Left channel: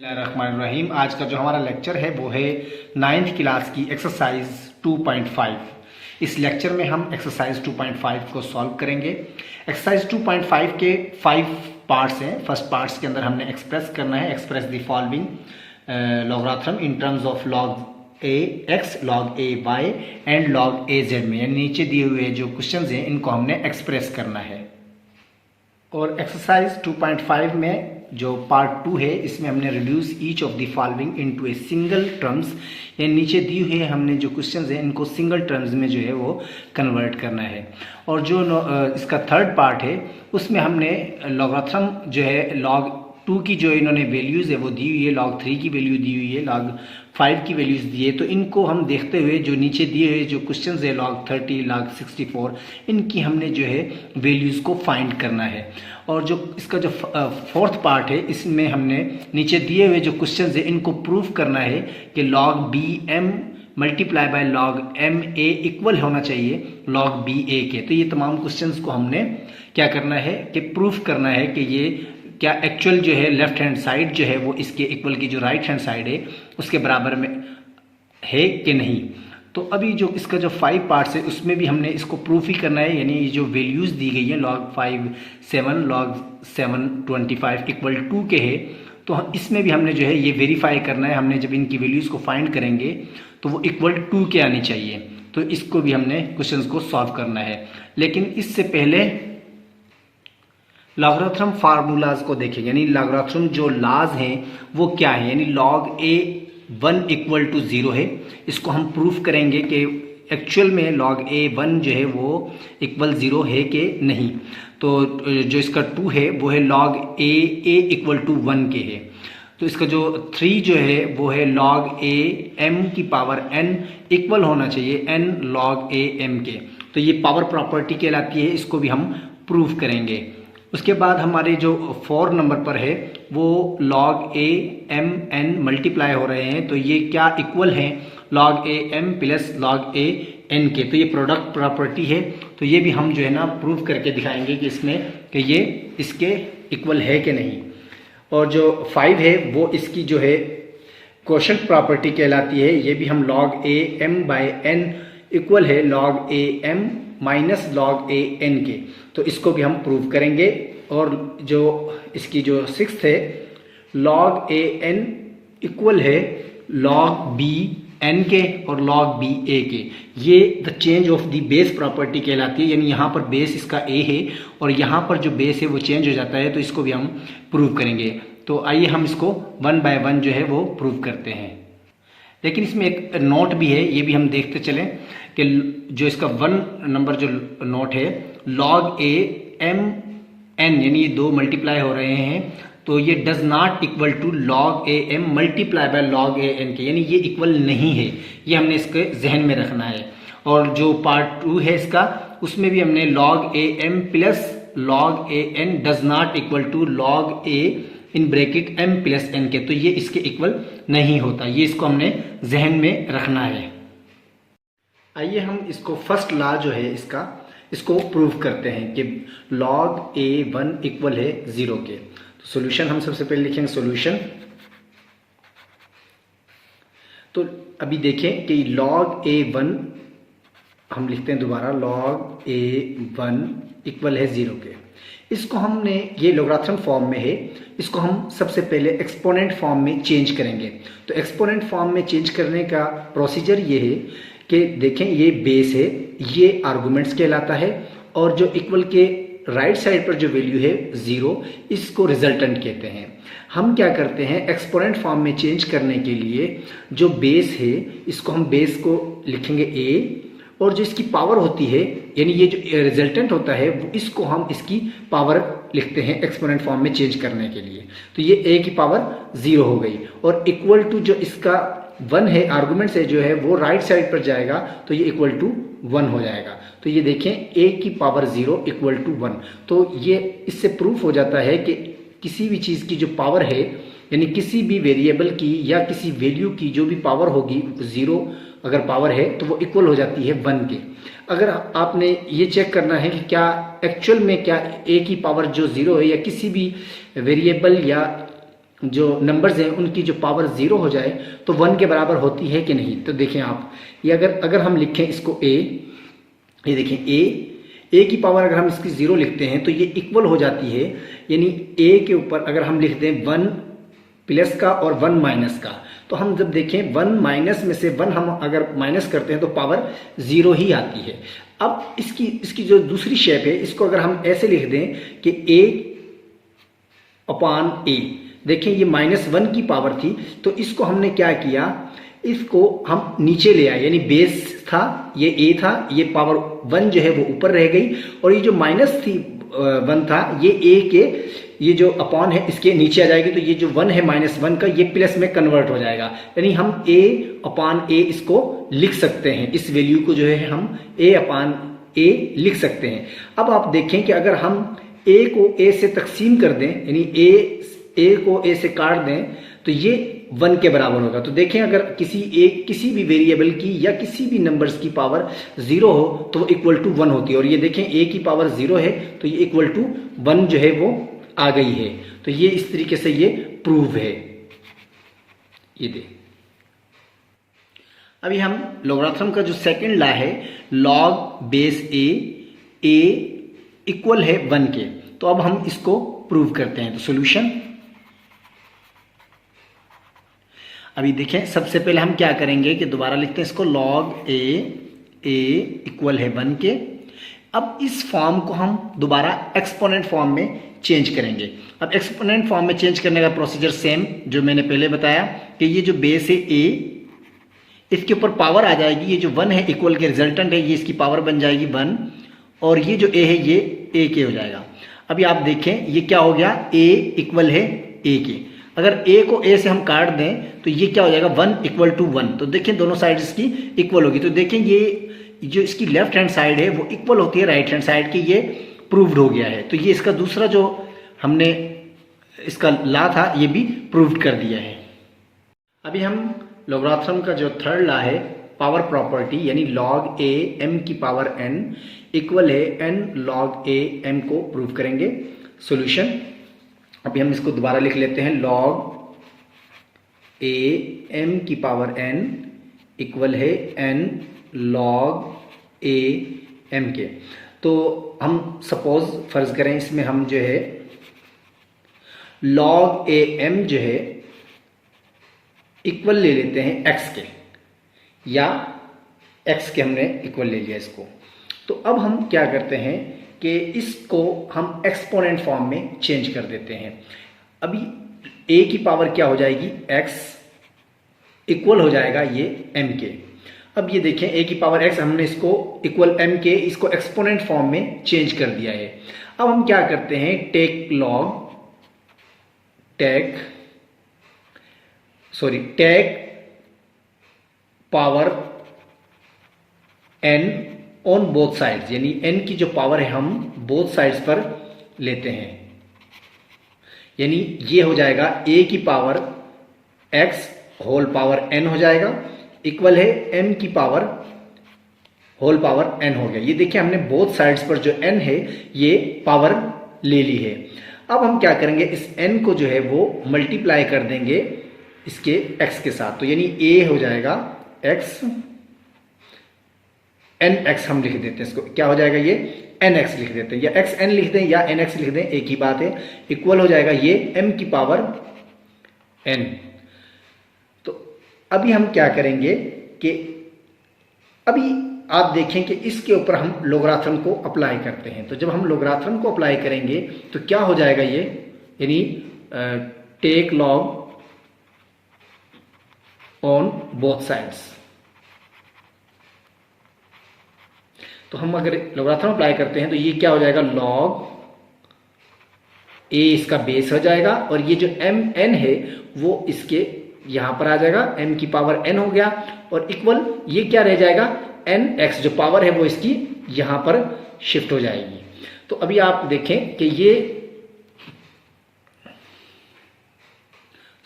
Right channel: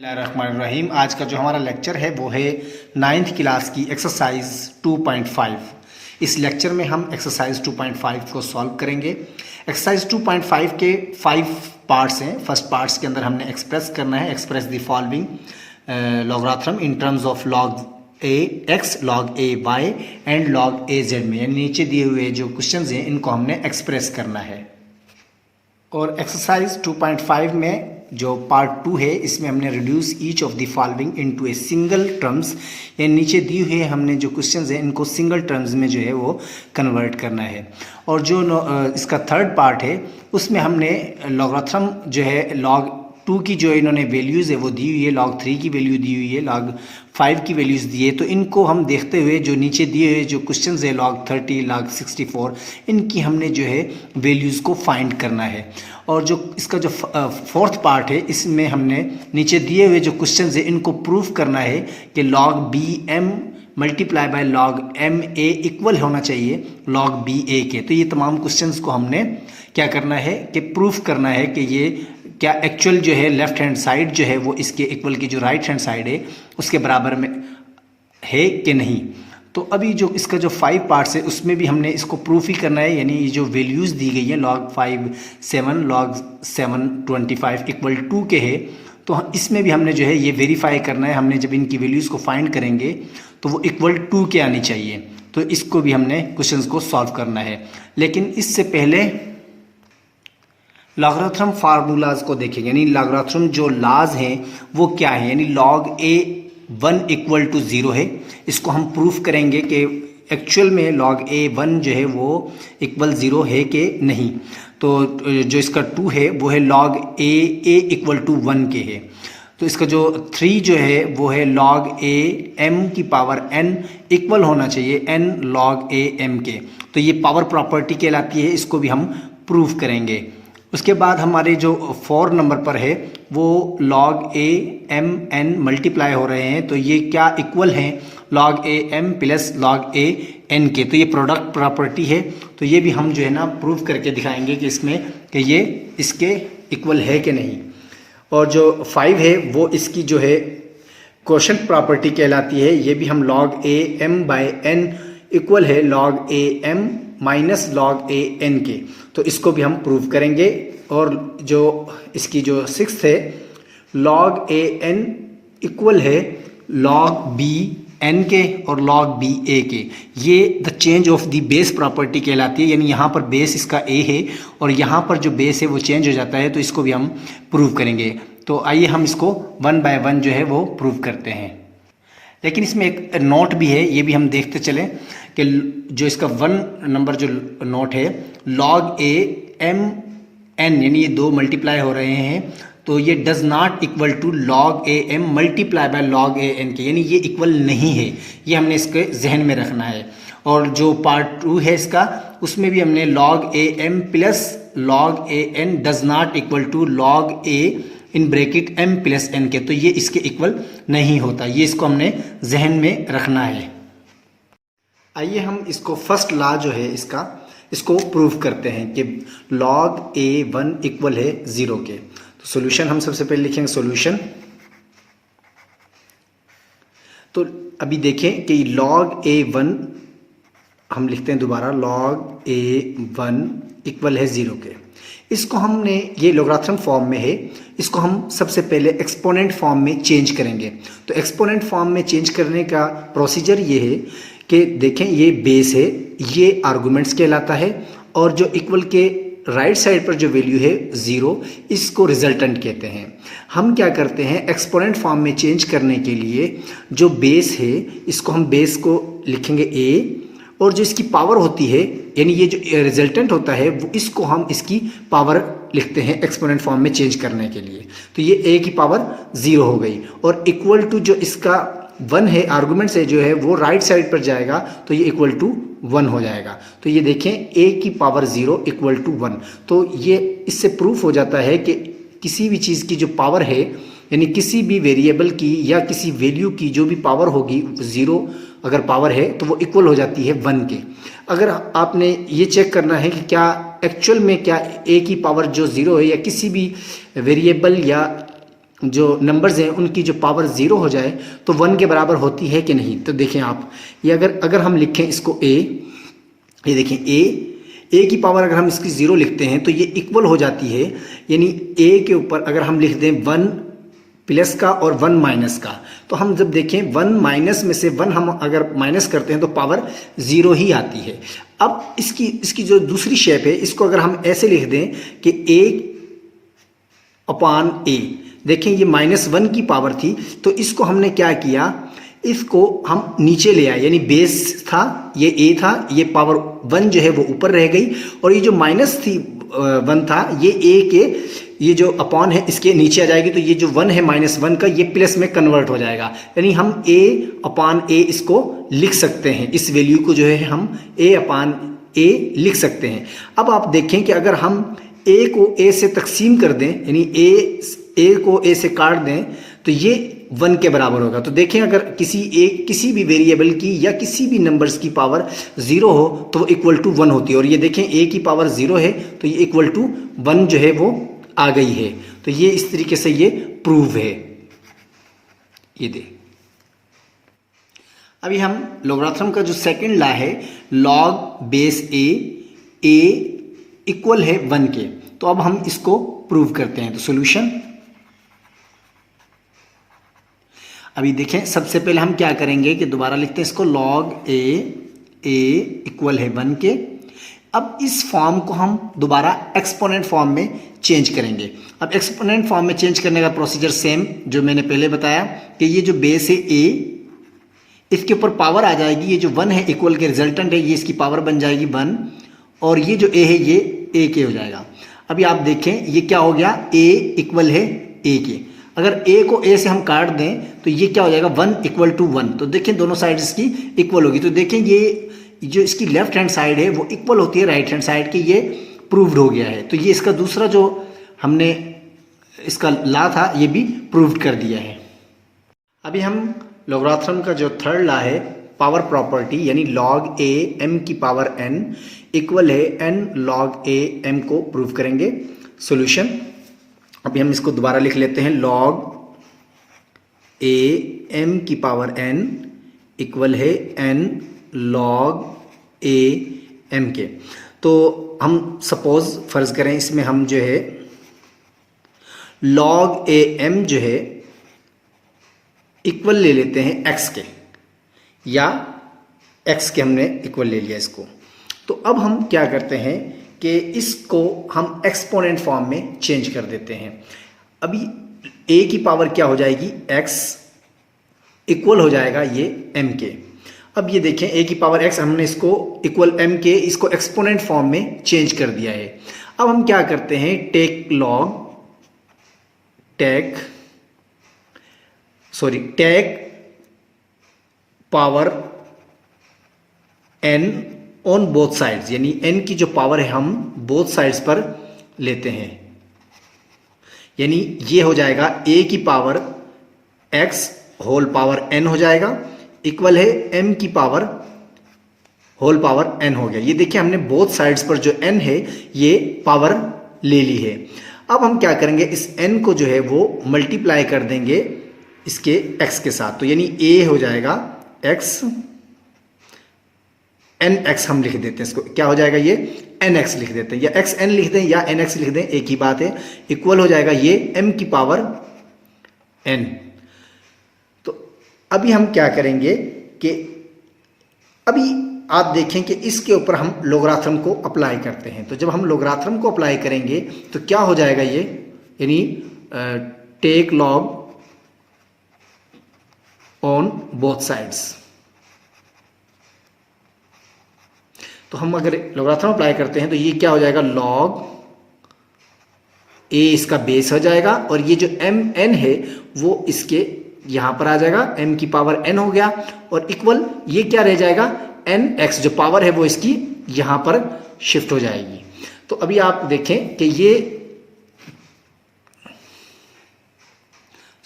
रहीम। आज का जो हमारा लेक्चर है वो है 9th क्लास की एक्सरसाइज 2.5। इस लेक्चर में हम एक्सरसाइज 2.5 को सॉल्व करेंगे। एक्सरसाइज 2.5 के 5 पार्ट्स हैं। फर्स्ट पार्ट्स के अंदर हमने एक्सप्रेस करना है, express the following logarithm in terms of log a x, log a y and log a z में, यानी नीचे दिए हुए जो क्वेश्चंस हैं इनको हमने एक्सप्रेस करना है। और एक्सरसाइज 2.5 में जो पार्ट 2 है इसमें हमने reduce each of the following into a single terms, यानी नीचे दी हुई है हमने जो क्वेश्चंस हैं इनको सिंगल टर्म्स में जो है वो कन्वर्ट करना है। और जो इसका थर्ड पार्ट है उसमें हमने लॉगरिथम जो है लॉग 2 की जो इन्होंने वैल्यूज़ है वो दी हुई है, लॉग 3 की वैल्यू दी हुई है, लॉग 5 की वैल्यूज़ दी है। तो इनको हम देखते हुए जो नीचे दिए हुए जो क्वेश्चंस है लॉग 30, लॉग 64, इनकी हमने जो है वैल्यूज़ को फाइंड करना है। और जो इसका जो फोर्थ पार्ट है इसमें हमने नीचे दिए हुए जो क्वेश्चंस है इनको प्रूफ करना है कि log b m multiply by log m a equal होना चाहिए लॉग बी ए के। तो ये तमाम क्वेश्चंस को हमने क्या करना है कि प्रूफ करना है कि ये क्या एक्चुअल जो है लेफ्ट हैंड साइड जो है वो इसके इक्वल की जो राइट हैंड साइड है उसके बराबर में है कि नहीं। तो अभी जो इसका जो 5 पार्ट्स है उसमें भी हमने इसको प्रूफ ही करना है, यानी ये जो वैल्यूज़ दी गई हैं लॉग 5 7, लॉग 7 25 इक्वल 2 के है, तो इसमें भी हमने जो है ये वेरीफाई करना है। हमने जब इनकी वैल्यूज़ को फाइंड करेंगे तो वो इक्वल 2 के आनी चाहिए। तो इसको भी हमने क्वेश्चंस को सॉल्व करना है। लेकिन इससे पहले लॉगरिथम फार्मूलाज को देखेंगे, यानी लॉगरिथम जो लाज हैं वो क्या है। यानी लॉग ए 1 इक्वल टू 0 है, इसको हम प्रूफ करेंगे कि एक्चुअल में लॉग ए 1 जो है वो इक्वल 0 है कि नहीं। तो जो इसका 2 है वो है लॉग ए इक्वल टू 1 के है। तो इसका जो 3 जो है वो है लॉग ए एम की पावर n इक्वल होना चाहिए n लॉग ए एम के। तो ये पावर प्रॉपर्टी कहलाती है, इसको भी हम प्रूफ करेंगे। उसके बाद हमारे जो 4 नंबर पर है वो लॉग ए एम एन मल्टीप्लाई हो रहे हैं, तो ये क्या इक्वल हैं log A m plus log A N के। तो ये प्रोडक्ट प्रॉपर्टी है, तो ये भी हम जो है ना प्रूफ करके दिखाएंगे कि इसमें कि ये इसके इक्वल है कि नहीं। और जो 5 है वो इसकी जो है क्वोशंट प्रॉपर्टी कहलाती है, ये भी हम log A M by N equal है log A M minus log A N के। तो इसको भी हम प्रूव करेंगे। और जो इसकी जो 6th है लॉग ए एन इक्वल है लॉग बी एन के और लॉग बी ए के। ये the change of the base property कहलाती है, यानी यहाँ पर बेस इसका ए है और यहाँ पर जो बेस है वो चेंज हो जाता है। तो इसको भी हम प्रूव करेंगे। तो आइए हम इसको 1 बाय 1 जो है वो प्रूव करते हैं। लेकिन इसमें एक नोट भी है, ये भी हम देखते चलें कि जो इसका 1 नंबर जो नोट है लॉग ए एम एन, यानी ये 2 मल्टीप्लाई हो रहे हैं, तो ये does not equal to log A m multiply by log A N के, यानी ये इक्वल नहीं है। ये हमने इसके जहन में रखना है। और जो पार्ट 2 है इसका उसमें भी हमने log A m plus log A n does not equal to log a in bracket m plus n के, तो ये इसके इक्वल नहीं होता। ये इसको हमने जहन में रखना है। आइए हम इसको फर्स्ट लॉ जो है इसको प्रूव करते हैं कि लॉग ए 1 इक्वल है 0 के। तो सॉल्यूशन हम सबसे पहले लिखेंगे सॉल्यूशन। तो अभी देखें कि लॉग ए 1 हम लिखते हैं दोबारा, लॉग ए 1 इक्वल है 0 के। इसको हमने ये लॉगरिथम फॉर्म में है, इसको हम सबसे पहले एक्सपोनेंट फॉर्म में चेंज करेंगे। तो एक्सपोनेंट फॉर्म में चेंज करने का प्रोसीजर ये है कि देखें ये बेस है, ये आर्गुमेंट्स कहलाता है, और जो इक्वल के राइट साइड पर जो वैल्यू है 0 इसको रिजल्टेंट कहते हैं। हम क्या करते हैं एक्सपोनेंट फॉर्म में चेंज करने के लिए जो बेस है इसको हम बेस को लिखेंगे a, और जो इसकी पावर होती है यानी ये जो रिजल्टेंट होता है वो इसको हम इसकी पावर लिखते हैं एक्सपोनेंट फॉर्म में चेंज करने के लिए। तो ये a की पावर 0 हो गई, और इक्वल टू जो इसका 1 है आर्गुमेंट से जो है वो राइट साइड पर जाएगा, तो ये इक्वल टू 1 हो जाएगा। तो ये देखें a की पावर 0 इक्वल टू 1। तो ये इससे प्रूफ हो जाता है कि किसी भी चीज़ की जो पावर है, यानी किसी भी वेरिएबल की या किसी वैल्यू की जो भी पावर होगी 0 अगर पावर है तो वो इक्वल हो जाती है 1 के। अगर आपने ये चेक करना है कि क्या एक्चुअल में क्या a की पावर जो 0 है या किसी भी वेरिएबल या जो नंबर्स हैं उनकी जो पावर ज़ीरो हो जाए तो 1 के बराबर होती है कि नहीं। तो देखें आप, ये अगर हम लिखें इसको ए, ये देखें ए की पावर अगर हम इसकी ज़ीरो लिखते हैं तो ये इक्वल हो जाती है, यानी ए के ऊपर अगर हम लिख दें 1 प्लस का और 1 माइनस का, तो हम जब देखें 1 माइनस में से 1 हम अगर माइनस करते हैं तो पावर ज़ीरो ही आती है। अब इसकी जो दूसरी शेप है इसको अगर हम ऐसे लिख दें कि ए अपान ए, देखें ये -1 की पावर थी, तो इसको हमने क्या किया, इसको हम नीचे ले आए, यानी बेस था ये ए था, ये पावर 1 जो है वो ऊपर रह गई, और ये जो माइनस थी 1 था ये ए के, ये जो अपॉन है इसके नीचे आ जाएगी, तो ये जो 1 है -1 का ये प्लस में कन्वर्ट हो जाएगा, यानी हम ए अपान ए इसको लिख सकते हैं, इस वैल्यू को जो है हम ए अपान ए लिख सकते हैं। अब आप देखें कि अगर हम ए को ए से तकसीम कर दें, यानी ए को ए से काट दें, तो ये 1 के बराबर होगा। तो देखें अगर किसी भी वेरिएबल की या किसी भी नंबर्स की पावर 0 हो तो वो इक्वल टू 1 होती है, और ये देखें ए की पावर 0 है तो ये इक्वल टू 1 जो है वो आ गई है। तो ये इस तरीके से ये प्रूव है। ये देख, अभी हम लोगरिथम का जो सेकंड लॉ है, लॉग बेस ए इक्वल है 1 के, तो अब हम इसको प्रूव करते हैं। तो सॉल्यूशन, अभी देखें सबसे पहले हम क्या करेंगे कि दोबारा लिखते हैं इसको, लॉग ए इक्वल है 1 के। अब इस फॉर्म को हम दोबारा एक्सपोनेंट फॉर्म में चेंज करेंगे। अब एक्सपोनेंट फॉर्म में चेंज करने का प्रोसीजर सेम जो मैंने पहले बताया, कि ये जो बेस है ए, इसके ऊपर पावर आ जाएगी, ये जो 1 है इक्वल के रिजल्टेंट है, ये इसकी पावर बन जाएगी 1, और ये जो ए है ये ए के हो जाएगा। अभी आप देखें ये क्या हो गया, ए इक्वल है ए के, अगर ए को ए से हम काट दें तो ये क्या हो जाएगा, 1 इक्वल टू 1। तो देखें दोनों साइड इसकी इक्वल होगी, तो देखें ये जो इसकी लेफ्ट हैंड साइड है वो इक्वल होती है राइट हैंड साइड की, ये प्रूव्ड हो गया है। तो ये इसका दूसरा जो हमने इसका लॉ था ये भी प्रूव्ड कर दिया है। अभी हम लोगरिथम का जो थर्ड लॉ है, पावर प्रॉपर्टी, यानी लॉग ए एम की पावर n इक्वल है n लॉग ए एम को प्रूव करेंगे। सॉल्यूशन, अभी हम इसको दोबारा लिख लेते हैं, लॉग ए एम की पावर n इक्वल है n लॉग ए एम के। तो हम सपोज फर्ज करें इसमें हम जो है लॉग ए एम जो है इक्वल ले लेते हैं x के, या x के हमने इक्वल ले लिया इसको। तो अब हम क्या करते हैं कि इसको हम एक्सपोनेंट फॉर्म में चेंज कर देते हैं। अभी a की पावर क्या हो जाएगी, x इक्वल हो जाएगा ये m के। अब ये देखें a की पावर x, हमने इसको इक्वल m के, इसको एक्सपोनेंट फॉर्म में चेंज कर दिया है। अब हम क्या करते हैं, take power n on both sides, यानी n की जो पावर है हम बोथ साइड्स पर लेते हैं, यानी ये हो जाएगा a की power x whole power n हो जाएगा, इक्वल है m की पावर होल पावर n हो गया। ये देखिए हमने बोथ साइड्स पर जो n है ये पावर ले ली है। अब हम क्या करेंगे, इस n को जो है वो मल्टीप्लाई कर देंगे इसके x के साथ, तो यानी a हो जाएगा x, nx हम लिख देते हैं इसको, क्या हो जाएगा ये nx लिख देते हैं, या xn लिख दें या nx लिख दें, एक ही बात है, इक्वल हो जाएगा ये m की पावर n। तो अभी हम क्या करेंगे कि अभी आप देखें कि इसके ऊपर हम लोगरिथम को अप्लाई करते हैं। तो जब हम लोगरिथम को अप्लाई करेंगे तो क्या हो जाएगा ये, यानी take log on both sides. तो हम अगर लोगरिथम अप्लाई करते हैं तो ये क्या हो जाएगा, लॉग ए इसका बेस हो जाएगा, और ये जो m n है वो इसके यहां पर आ जाएगा, m की पावर n हो गया, और इक्वल ये क्या रह जाएगा, nx जो पावर है वो इसकी यहां पर शिफ्ट हो जाएगी। तो अभी आप देखें कि ये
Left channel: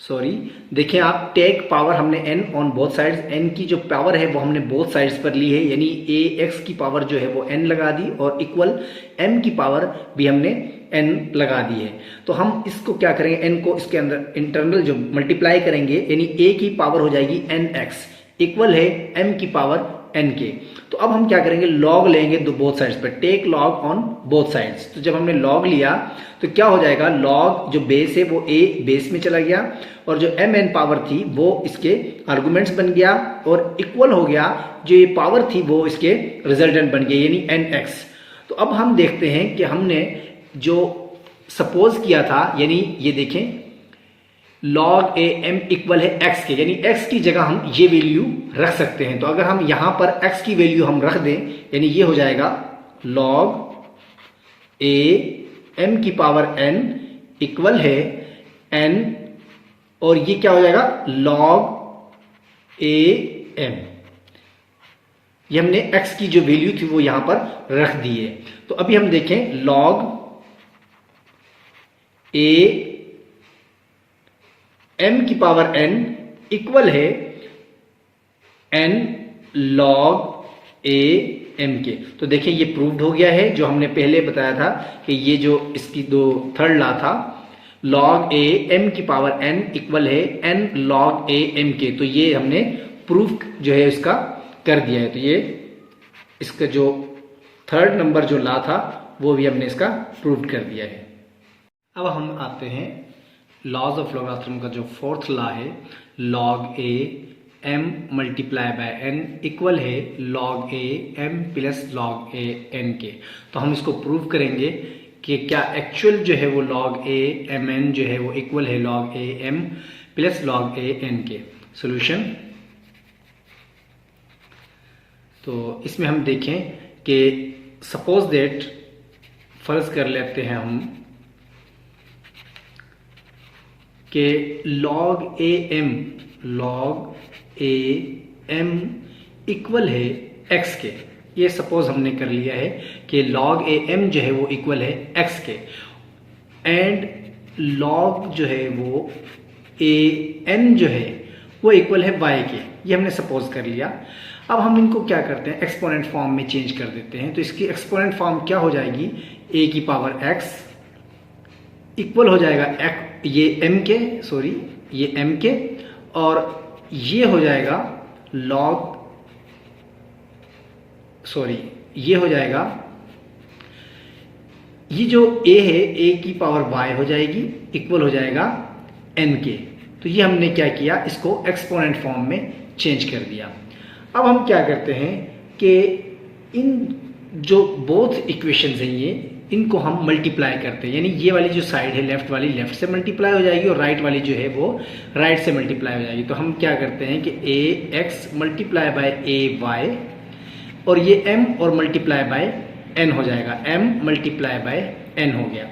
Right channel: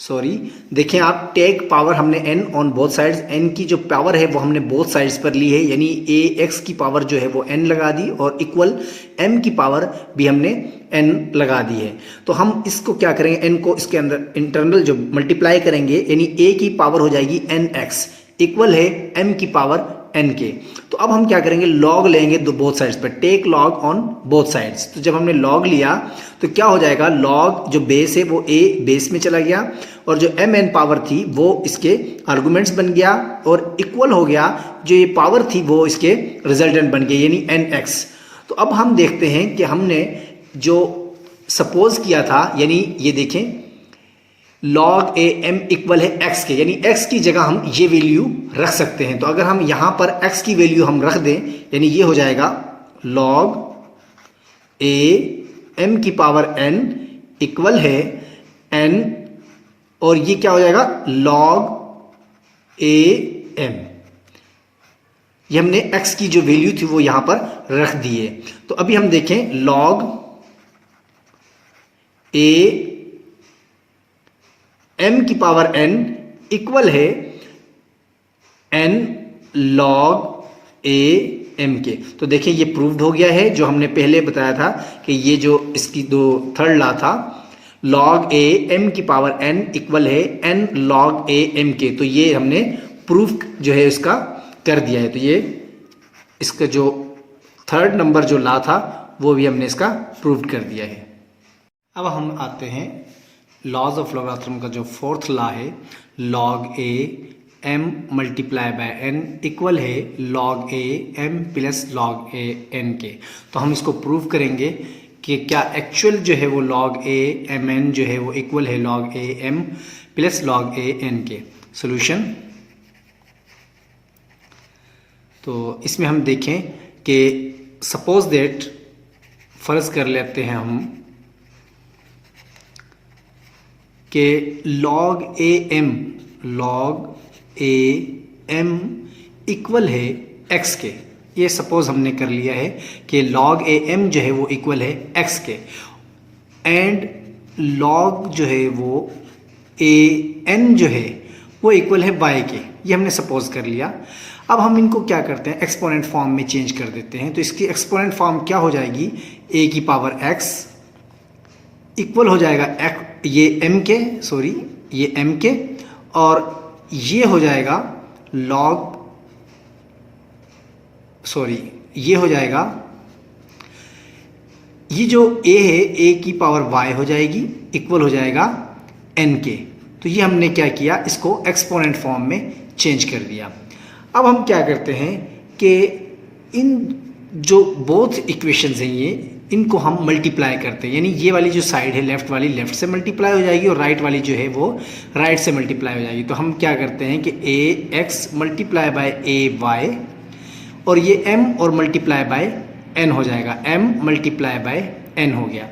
सॉरी, देखिए आप टेक पावर हमने n on both sides, n की जो पावर है वो हमने बोथ साइड्स पर ली है, यानी ax की पावर जो है वो n लगा दी और इक्वल m की पावर भी हमने n लगा दी है। तो हम इसको क्या करेंगे, n को इसके अंदर इंटरनल जो मल्टीप्लाई करेंगे, यानी a की पावर हो जाएगी nx इक्वल है m की पावर n के। तो अब हम क्या करेंगे, लॉग लेंगे दो बोथ साइड्स पर, take log on both sides. तो जब हमने लॉग लिया तो क्या हो जाएगा, लॉग जो बेस है वो a बेस में चला गया और जो mn पावर थी वो इसके आर्गुमेंट्स बन गया और इक्वल हो गया जो ये पावर थी वो इसके रिजल्टेंट बन गई, यानी nx। तो अब हम देखते हैं कि हमने जो सपोज किया था, यानी ये देखें log a m इक्वल है x के, यानी x की जगह हम ये वैल्यू रख सकते हैं। तो अगर हम यहाँ पर x की वैल्यू हम रख दें, यानी ये हो जाएगा log a m की पावर n इक्वल है n, और ये क्या हो जाएगा log a m, ये हमने x की जो वैल्यू थी वो यहाँ पर रख दी है। तो अभी हम देखें log a m की पावर n इक्वल है n log a m के। तो देखिए ये प्रूव्ड हो गया है, जो हमने पहले बताया था कि ये जो इसकी दो थर्ड लॉ था log a m की पावर n इक्वल है n log a m के। तो ये हमने प्रूफ जो है इसका कर दिया है। तो ये इसका जो थर्ड नंबर जो लॉ था वो भी हमने इसका प्रूव कर दिया है। अब हम आते हैं लॉज ऑफ लॉगरिथम का जो फोर्थ लॉ है, log a m multiply by n equal है log a m plus log a n के। तो हम इसको प्रूव करेंगे कि क्या एक्चुअल जो है वो log a m n जो है वो इक्वल है log a m plus log a n के। सॉल्यूशन, तो इसमें हम देखें कि सपोज दैट, फर्ज कर लेते हैं हम कि log a m इक्वल है x के। ये सपोज हमने कर लिया है कि log a m जो है वो इक्वल है x के, एंड log जो है वो a n जो है वो इक्वल है y के। ये हमने सपोज कर लिया। अब हम इनको क्या करते हैं, एक्सपोनेंट फॉर्म में चेंज कर देते हैं। तो इसकी एक्सपोनेंट फॉर्म क्या हो जाएगी, a की पावर x इक्वल हो जाएगा ये m के, सॉरी ये m के, और ये हो जाएगा log, सॉरी ये हो जाएगा, ये जो a है a की पावर y हो जाएगी इक्वल हो जाएगा n के। तो ये हमने क्या किया, इसको एक्सपोनेंट फॉर्म में चेंज कर दिया। अब हम क्या करते हैं कि इन जो बोथ इक्वेशंस हैं ये, इनको हम मल्टीप्लाई करते हैं, यानी ये वाली जो साइड है लेफ्ट वाली लेफ्ट से मल्टीप्लाई हो जाएगी और राइट वाली जो है वो राइट से मल्टीप्लाई हो जाएगी। तो हम क्या करते हैं कि a x multiply by a y, और ये m और मल्टीप्लाई बाय n हो जाएगा, m मल्टीप्लाई बाय n हो गया।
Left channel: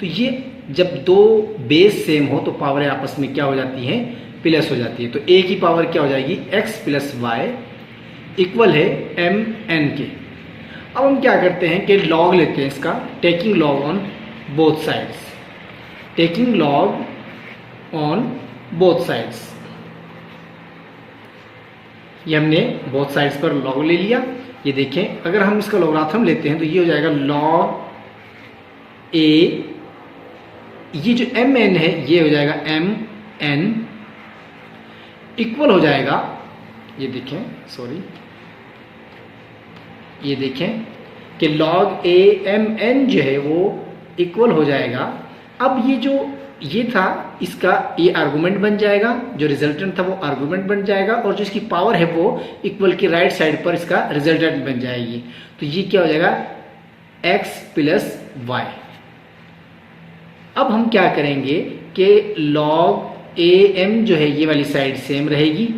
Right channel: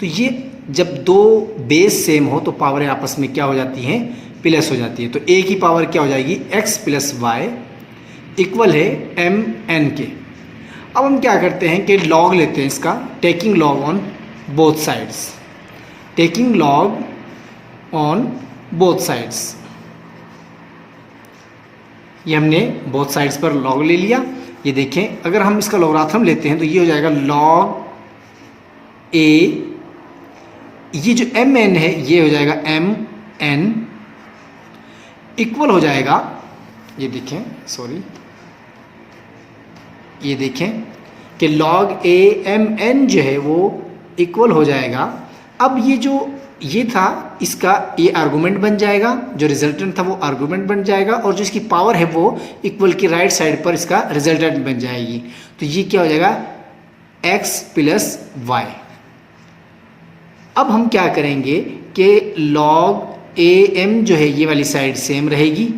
तो ये जब दो बेस सेम हो तो पावर आपस में क्या हो जाती हैं, प्लस हो जाती है। तो a की पावर क्या हो जाएगी, x प्लस वाई इक्वल है m n के। अब हम क्या करते हैं कि लॉग लेते हैं इसका, taking log on both sides, taking log on both sides. ये हमने बोथ साइड्स पर लॉग ले लिया। ये देखें, अगर हम इसका लॉगरिथम लेते हैं तो ये हो जाएगा log a, ये जो m n है ये हो जाएगा m n इक्वल हो जाएगा, ये देखें, सॉरी ये देखें कि log a m n जो है वो इक्वल हो जाएगा। अब ये जो ये था इसका ये आर्गुमेंट बन जाएगा, जो रिजल्टेंट था वो आर्गुमेंट बन जाएगा, और जो इसकी पावर है वो इक्वल की राइट साइड पर इसका रिजल्टेंट बन जाएगी। तो ये क्या हो जाएगा, x प्लस वाई। अब हम क्या करेंगे कि log a m जो है ये वाली साइड सेम रहेगी,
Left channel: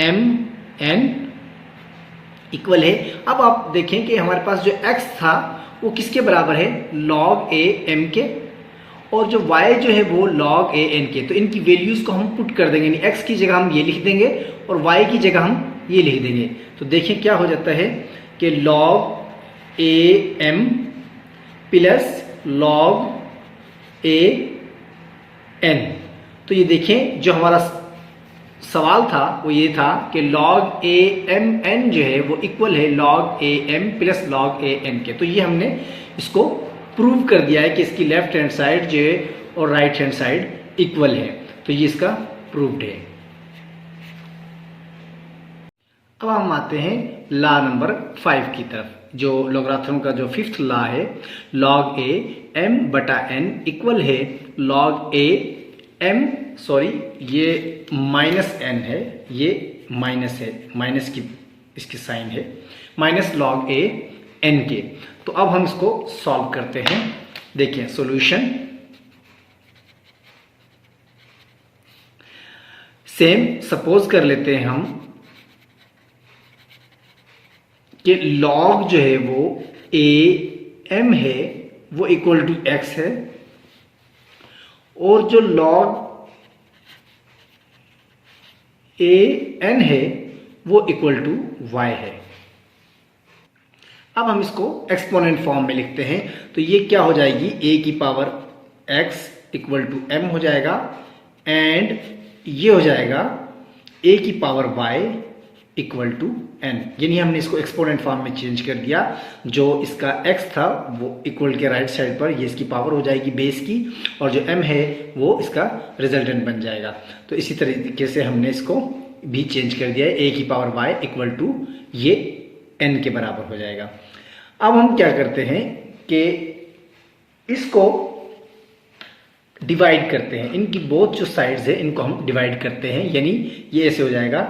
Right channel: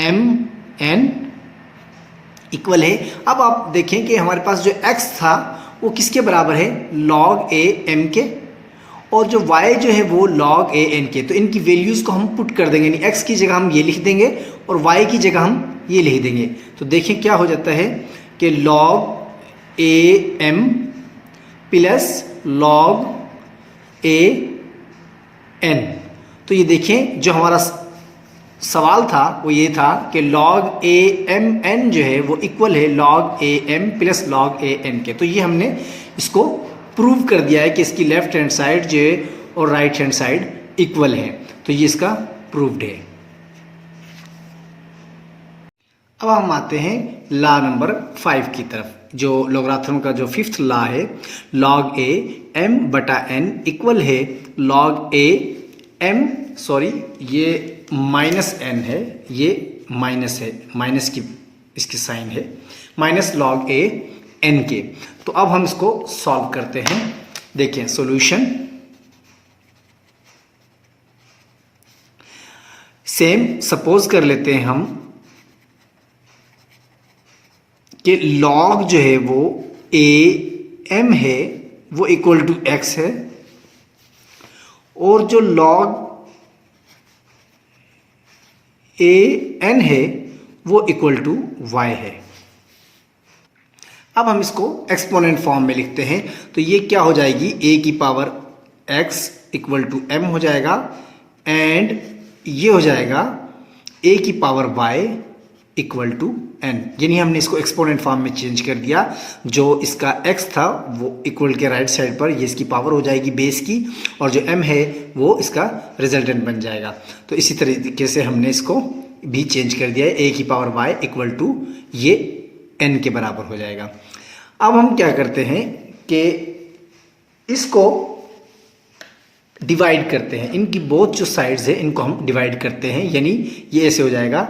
m n इक्वल है। अब आप देखें कि हमारे पास जो x था वो किसके बराबर है, log a m के, और जो y जो है वो log a n के। तो इनकी वैल्यूज को हम पुट कर देंगे, यानी x की जगह हम ये लिख देंगे और y की जगह हम ये लिख देंगे। तो देखें क्या हो जाता है कि log a m plus log a n, तो ये देखें, जो हमारा सवाल था वो ये था कि log a m n जो है वो इक्वल है log a m plus log a n के। तो ये हमने इसको प्रूव कर दिया है कि इसकी लेफ्ट हैंड साइड जो है और राइट हैंड साइड इक्वल है। तो ये इसका प्रूव्ड है। अब हम आते हैं लॉ नंबर 5 की तरफ, जो लोगारिथम का जो फिफ्थ लॉ है, log a m बटा n इक्वल है log a m, सॉरी ये माइनस n है, ये माइनस है, माइनस की इसकी साइन है, माइनस log a n के। तो अब हम इसको सॉल्व करते हैं। देखिए सॉल्यूशन, सेम सपोज कर लेते हैं हम कि log जो है वो a m है वो इक्वल टू x है, और जो log a n है वो इक्वल टू y है। अब हम इसको एक्सपोनेंट फॉर्म में लिखते हैं। तो ये क्या हो जाएगी, a की power x equal to m हो जाएगा, एंड ये हो जाएगा a की power y equal to n। यानी हमने इसको एक्सपोनेंट फॉर्म में चेंज कर दिया। जो इसका x था वो इक्वल के राइट साइड पर ये इसकी पावर हो जाएगी बेस की, और जो m है वो इसका रिजल्टेंट बन जाएगा। तो इसी तरीके से हमने इसको भी चेंज कर दिया है, a की पावर y इक्वल टू ये n के बराबर हो जाएगा। अब हम क्या करते हैं कि इसको डिवाइड करते हैं, इनकी बोथ जो साइड्स है इनको हम डिवाइड करते हैं। यानी ये ऐसे हो जाएगा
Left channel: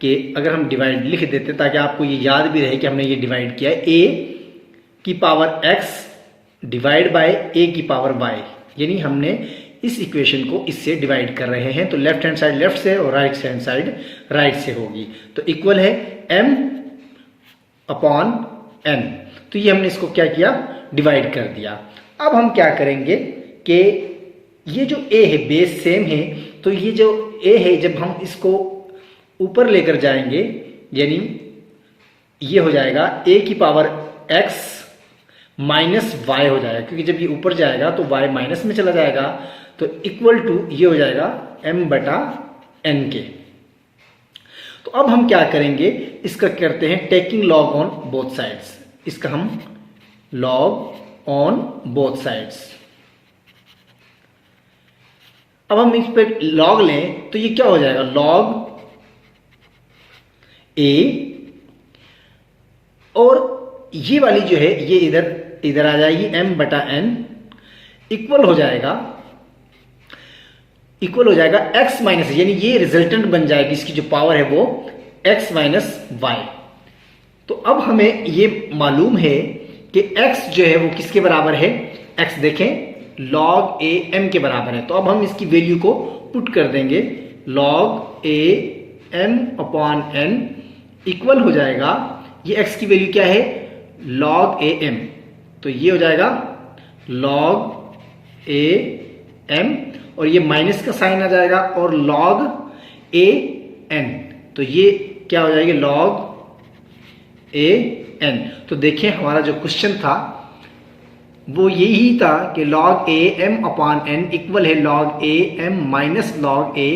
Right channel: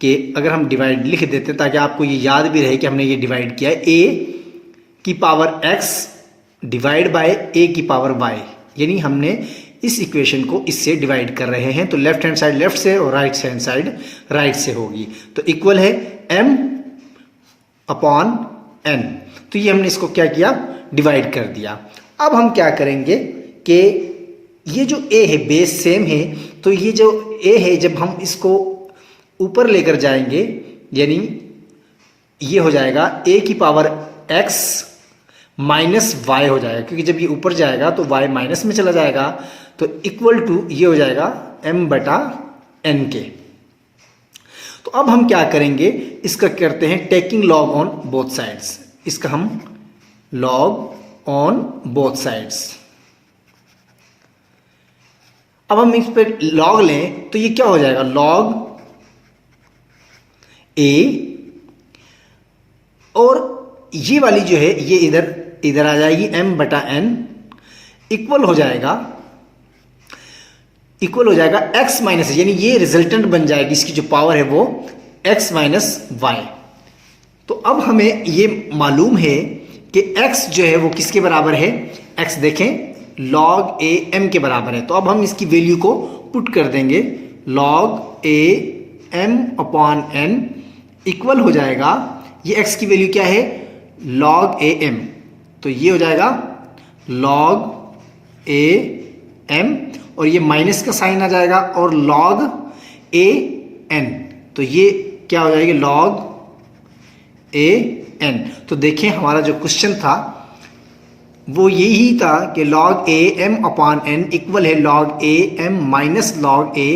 कि अगर हम डिवाइड लिख देते हैं ताकि आपको ये याद भी रहे कि हमने ये डिवाइड किया है, a की power x divide by a की पावर y, यानी हमने इस इक्वेशन को इससे डिवाइड कर रहे हैं। तो लेफ्ट हैंड साइड लेफ्ट से और राइट हैंड साइड राइट से होगी। तो इक्वल है m अपॉन n। तो ये हमने इसको क्या किया, डिवाइड कर दिया। अब हम क्या करेंगे कि ये जो a है बेस सेम है, तो ये जो a है जब हम इसको ऊपर लेकर जाएंगे, यानी ये हो जाएगा a की पावर x माइनस y हो जाएगा, क्योंकि जब ये ऊपर जाएगा तो y माइनस में चला जाएगा। तो इक्वल टू ये हो जाएगा m बटा n के। तो अब हम क्या करेंगे, इसका करते हैं taking log on both sides. इसका हम लॉग ऑन बोथ साइड्स। अब हम इस पर लॉग लें तो ये क्या हो जाएगा, लॉग a, और ये वाली जो है ये इधर आ जाएगी m बटा n, इक्वल हो जाएगा x माइनस, यानी ये रिजल्टेंट बन जाएगी, इसकी जो पावर है वो x माइनस y। तो अब हमें ये मालूम है कि x जो है वो किसके बराबर है, x देखें log a m के बराबर है। तो अब हम इसकी वैल्यू को पुट कर देंगे, log a m upon n equal हो जाएगा, ये x की वैल्यू क्या है, log a m। तो ये हो जाएगा log a m, और ये माइनस का साइन आ जाएगा, और log a n। तो ये क्या हो जाएगी, log a n। तो देखें हमारा जो क्वेश्चन था वो यही था कि log a m upon n equal है log a m minus log a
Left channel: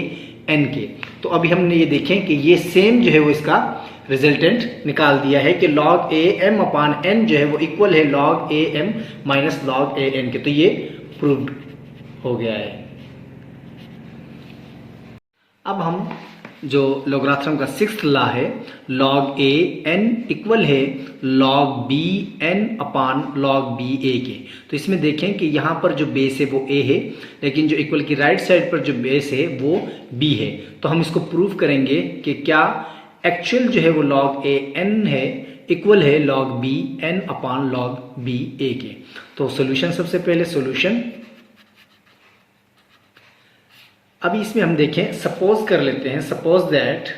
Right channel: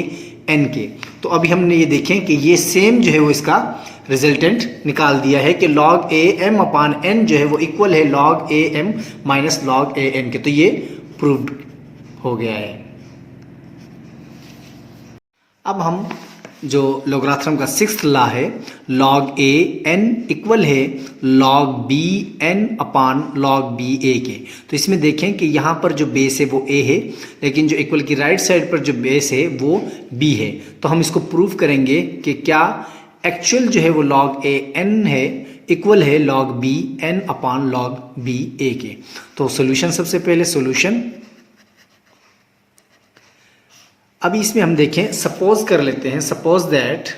n के। तो अभी हमने ये देखें कि ये सेम जो है वो इसका रिजल्टेंट निकाल दिया है कि log a m upon n जो है वो इक्वल है log a m minus log a n के। तो ये प्रूव्ड हो गया है। अब हम जो लोगारिथम का सिक्स्थ लॉ है, log a n इक्वल है log b n upon log b a के। तो इसमें देखें कि यहाँ पर जो बेस है वो a है, लेकिन जो इक्वल की राइट साइड पर जो बेस है वो b है। तो हम इसको प्रूव करेंगे कि क्या एक्चुअल जो है वो log a n है इक्वल है log b n upon log b a के। तो सॉल्यूशन, सबसे पहले सॉल्यूशन, अभी इसमें हम देखें, सपोज कर लेते हैं, सपोज दैट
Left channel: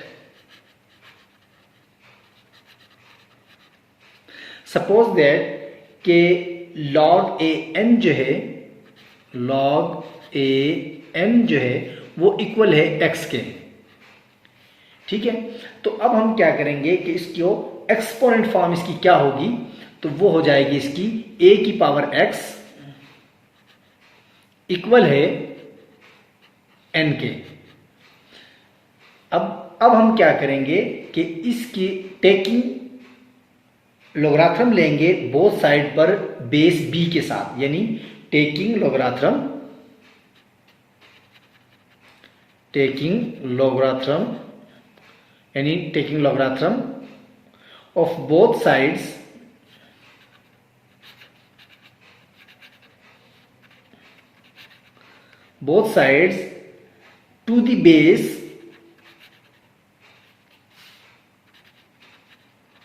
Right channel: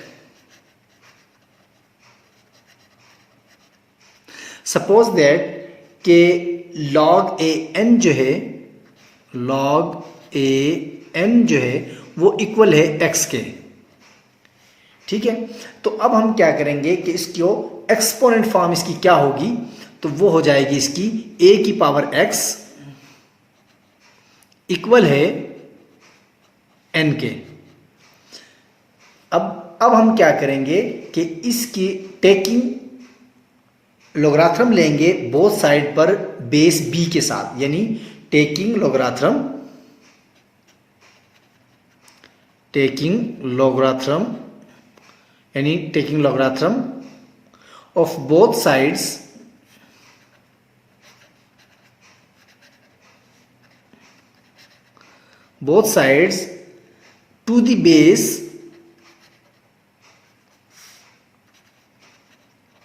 कि log a n जो है, log a n जो है वो इक्वल है x के। ठीक है, तो अब हम क्या करेंगे कि इसको एक्सपोनेंट फॉर्म इसकी क्या होगी, तो वो हो जाएगी इसकी a की पावर x इक्वल है एन के। अब हम क्या करेंगे कि इसकी टेकिंग लोगरिथम लेंगे बोथ साइड पर बेस बी के साथ, यानी taking logarithm of both sides to the base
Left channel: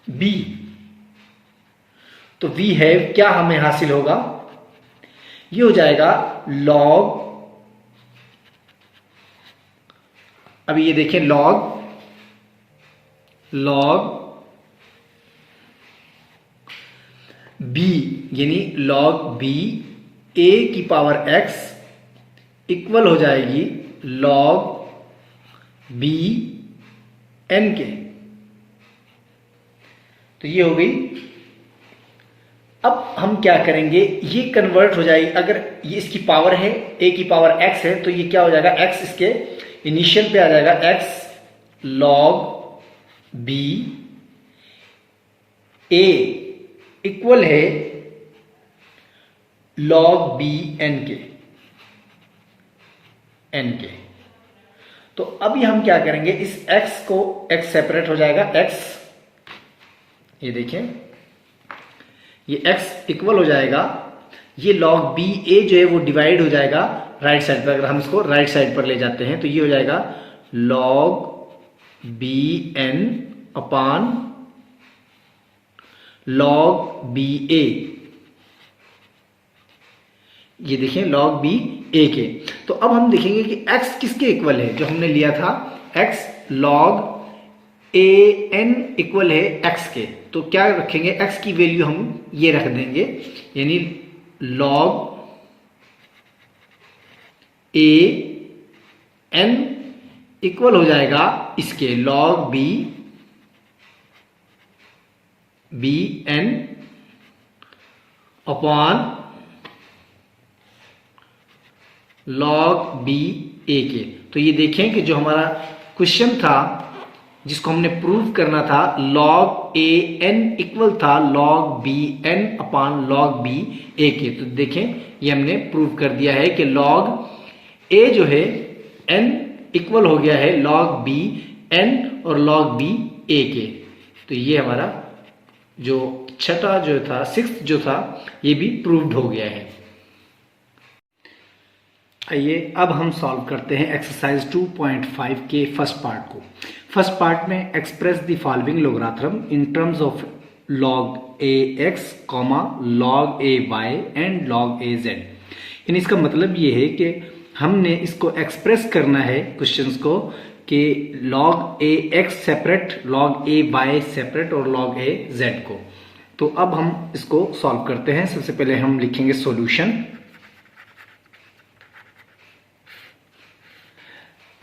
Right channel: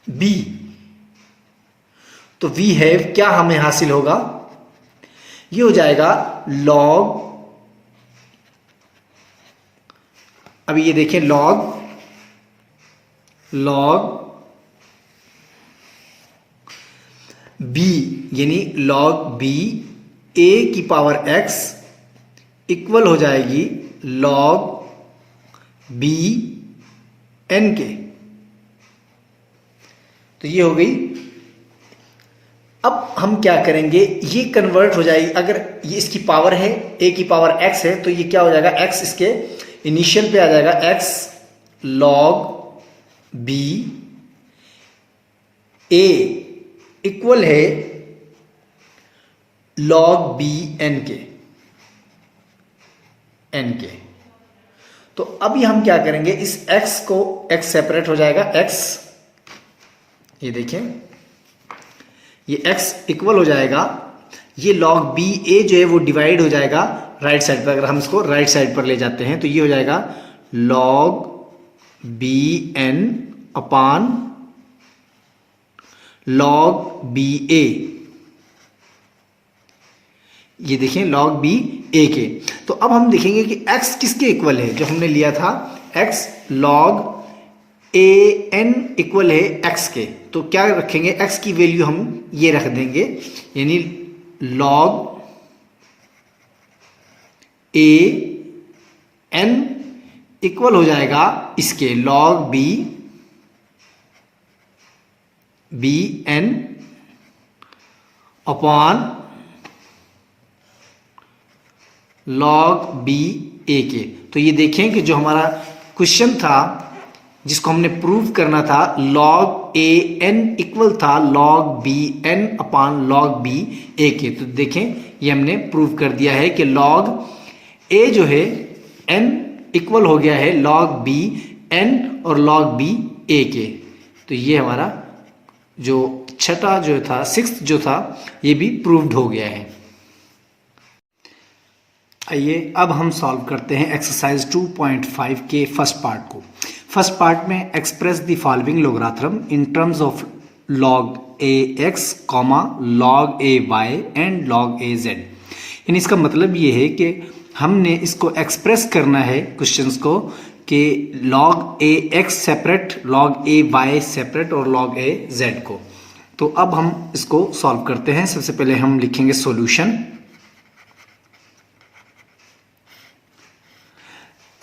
b. तो वी हैव क्या हमें हासिल होगा, ये हो जाएगा लॉग, अभी ये देखें लॉग बी, यानी लॉग बी ए की पावर एक्स इक्वल हो जाएगी लॉग बी एन के। तो ये हो गई। अब हम क्या करेंगे, ये कन्वर्ट हो जाएगी, अगर ये इसकी पावर है ए की पावर एक्स है तो ये क्या हो जाएगा, एक्स इसके इनिशियल पे आ जाएगा, एक्स लॉग बी ए इक्वल है लॉग बी एन के। तो अभी हम क्या करेंगे, इस x को, x सेपरेट हो जाएगा, x ये देखें, ये x इक्वल हो जाएगा, ये log b a जो है वो डिवाइड हो जाएगा राइट साइड पर। अगर हम इसको राइट साइड पर ले जाते हैं तो ये हो जाएगा log b n upon log b a, ये देखें log b a के। तो अब हम देखेंगे कि x किसके इक्वल है, जो हमने लिया था x log a n equal है x के। तो क्या रखेंगे, x की वैल्यू हम ये रख देंगे, यानी log a n इक्वल हो जाएगा इसके log b n upon log b a के। तो ये देखें कि जो हमारा क्वेश्चन था जिसको हमने प्रूव करना था, log a n इक्वल था log b n upon log b a के। तो देखें ये हमने प्रूव कर दिया है कि log a जो है n इक्वल हो गया है log b n और log b a के। तो ये हमारा जो छठा जो था, सिक्स्थ जो था, ये भी प्रूव्ड हो गया है। आइए अब हम सॉल्व करते हैं एक्सरसाइज 2.5 के फर्स्ट पार्ट को। फर्स्ट पार्ट में express the following logarithm in terms of log a x, log a y and log a z। यानी इसका मतलब ये है कि हमने इसको एक्सप्रेस करना है क्वेश्चंस को कि log a x separate, log a y separate और log a z को। तो अब हम इसको सॉल्व करते हैं। सबसे पहले हम लिखेंगे सॉल्यूशन।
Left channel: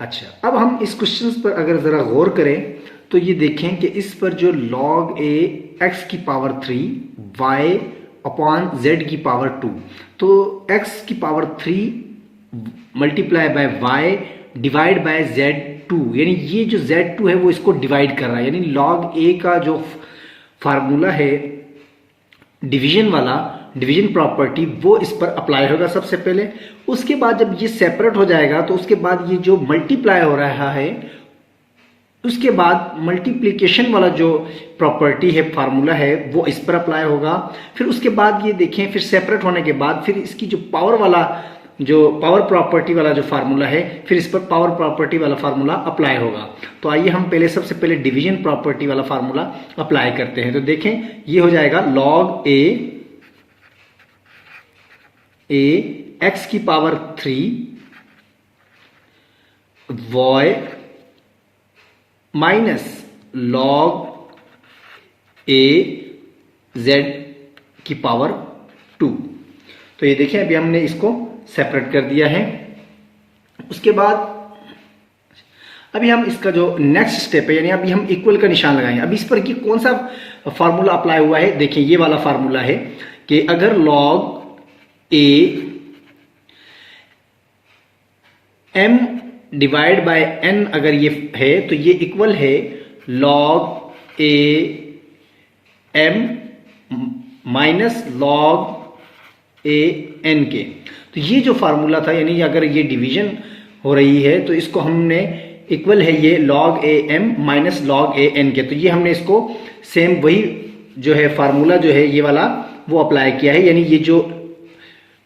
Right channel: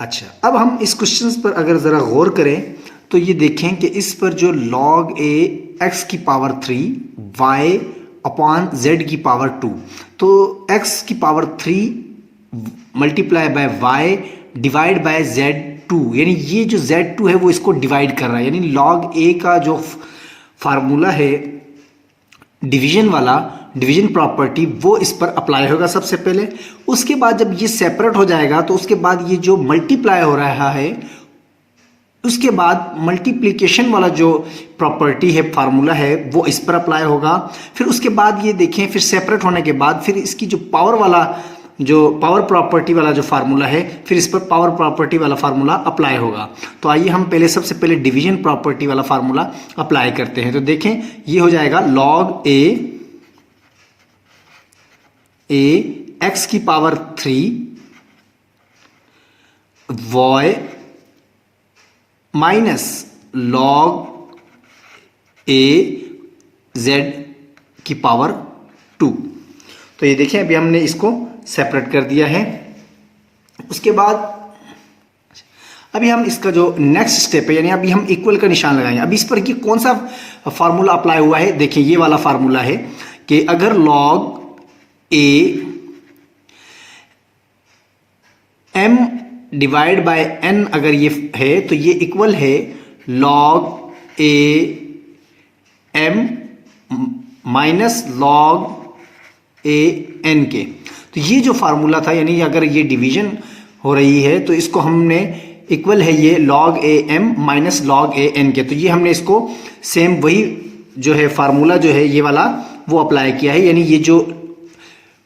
अच्छा, अब हम इस क्वेश्चन पर अगर ज़रा गौर करें तो ये देखें कि इस पर जो log a x की पावर 3 y अपॉन z की पावर 2, तो x की power 3 multiply by y divide by z2, यानी ये जो z2 है वो इसको डिवाइड कर रहा है। यानी log a का जो फार्मूला है डिवीजन वाला, डिवीजन प्रॉपर्टी, वो इस पर अप्लाई होगा सबसे पहले। उसके बाद जब ये सेपरेट हो जाएगा तो उसके बाद ये जो मल्टीप्लाई हो रहा है, उसके बाद मल्टीप्लिकेशन वाला जो प्रॉपर्टी है, फार्मूला है, वो इस पर अप्लाई होगा। फिर उसके बाद ये देखें, फिर सेपरेट होने के बाद फिर इसकी जो पावर वाला, जो पावर प्रॉपर्टी वाला जो फार्मूला है, फिर इस पर पावर प्रॉपर्टी वाला फार्मूला अप्लाई होगा। तो आइए हम पहले सबसे पहले डिवीजन प्रॉपर्टी वाला फार्मूला अप्लाई करते हैं। तो देखें ये हो जाएगा log a x की power 3 y minus log a z की पावर 2। तो ये देखें अभी हमने इसको सेपरेट कर दिया है। उसके बाद अभी हम इसका जो नेक्स्ट स्टेप है, यानी अभी हम इक्वल का निशान लगाएंगे। अभी इस पर कि कौन सा फार्मूला अप्लाई हुआ है, देखिए ये वाला फार्मूला है कि अगर log a m divide by n अगर ये है तो ये इक्वल है log a m minus log a n के। तो ये जो फार्मूला था, यानी अगर ये डिवीजन हो रही है तो इसको हमने इक्वल है ये log a m minus log a n के। तो ये हमने इसको सेम वही जो है फार्मूला जो है ये वाला वो अप्लाई किया है, यानी ये जो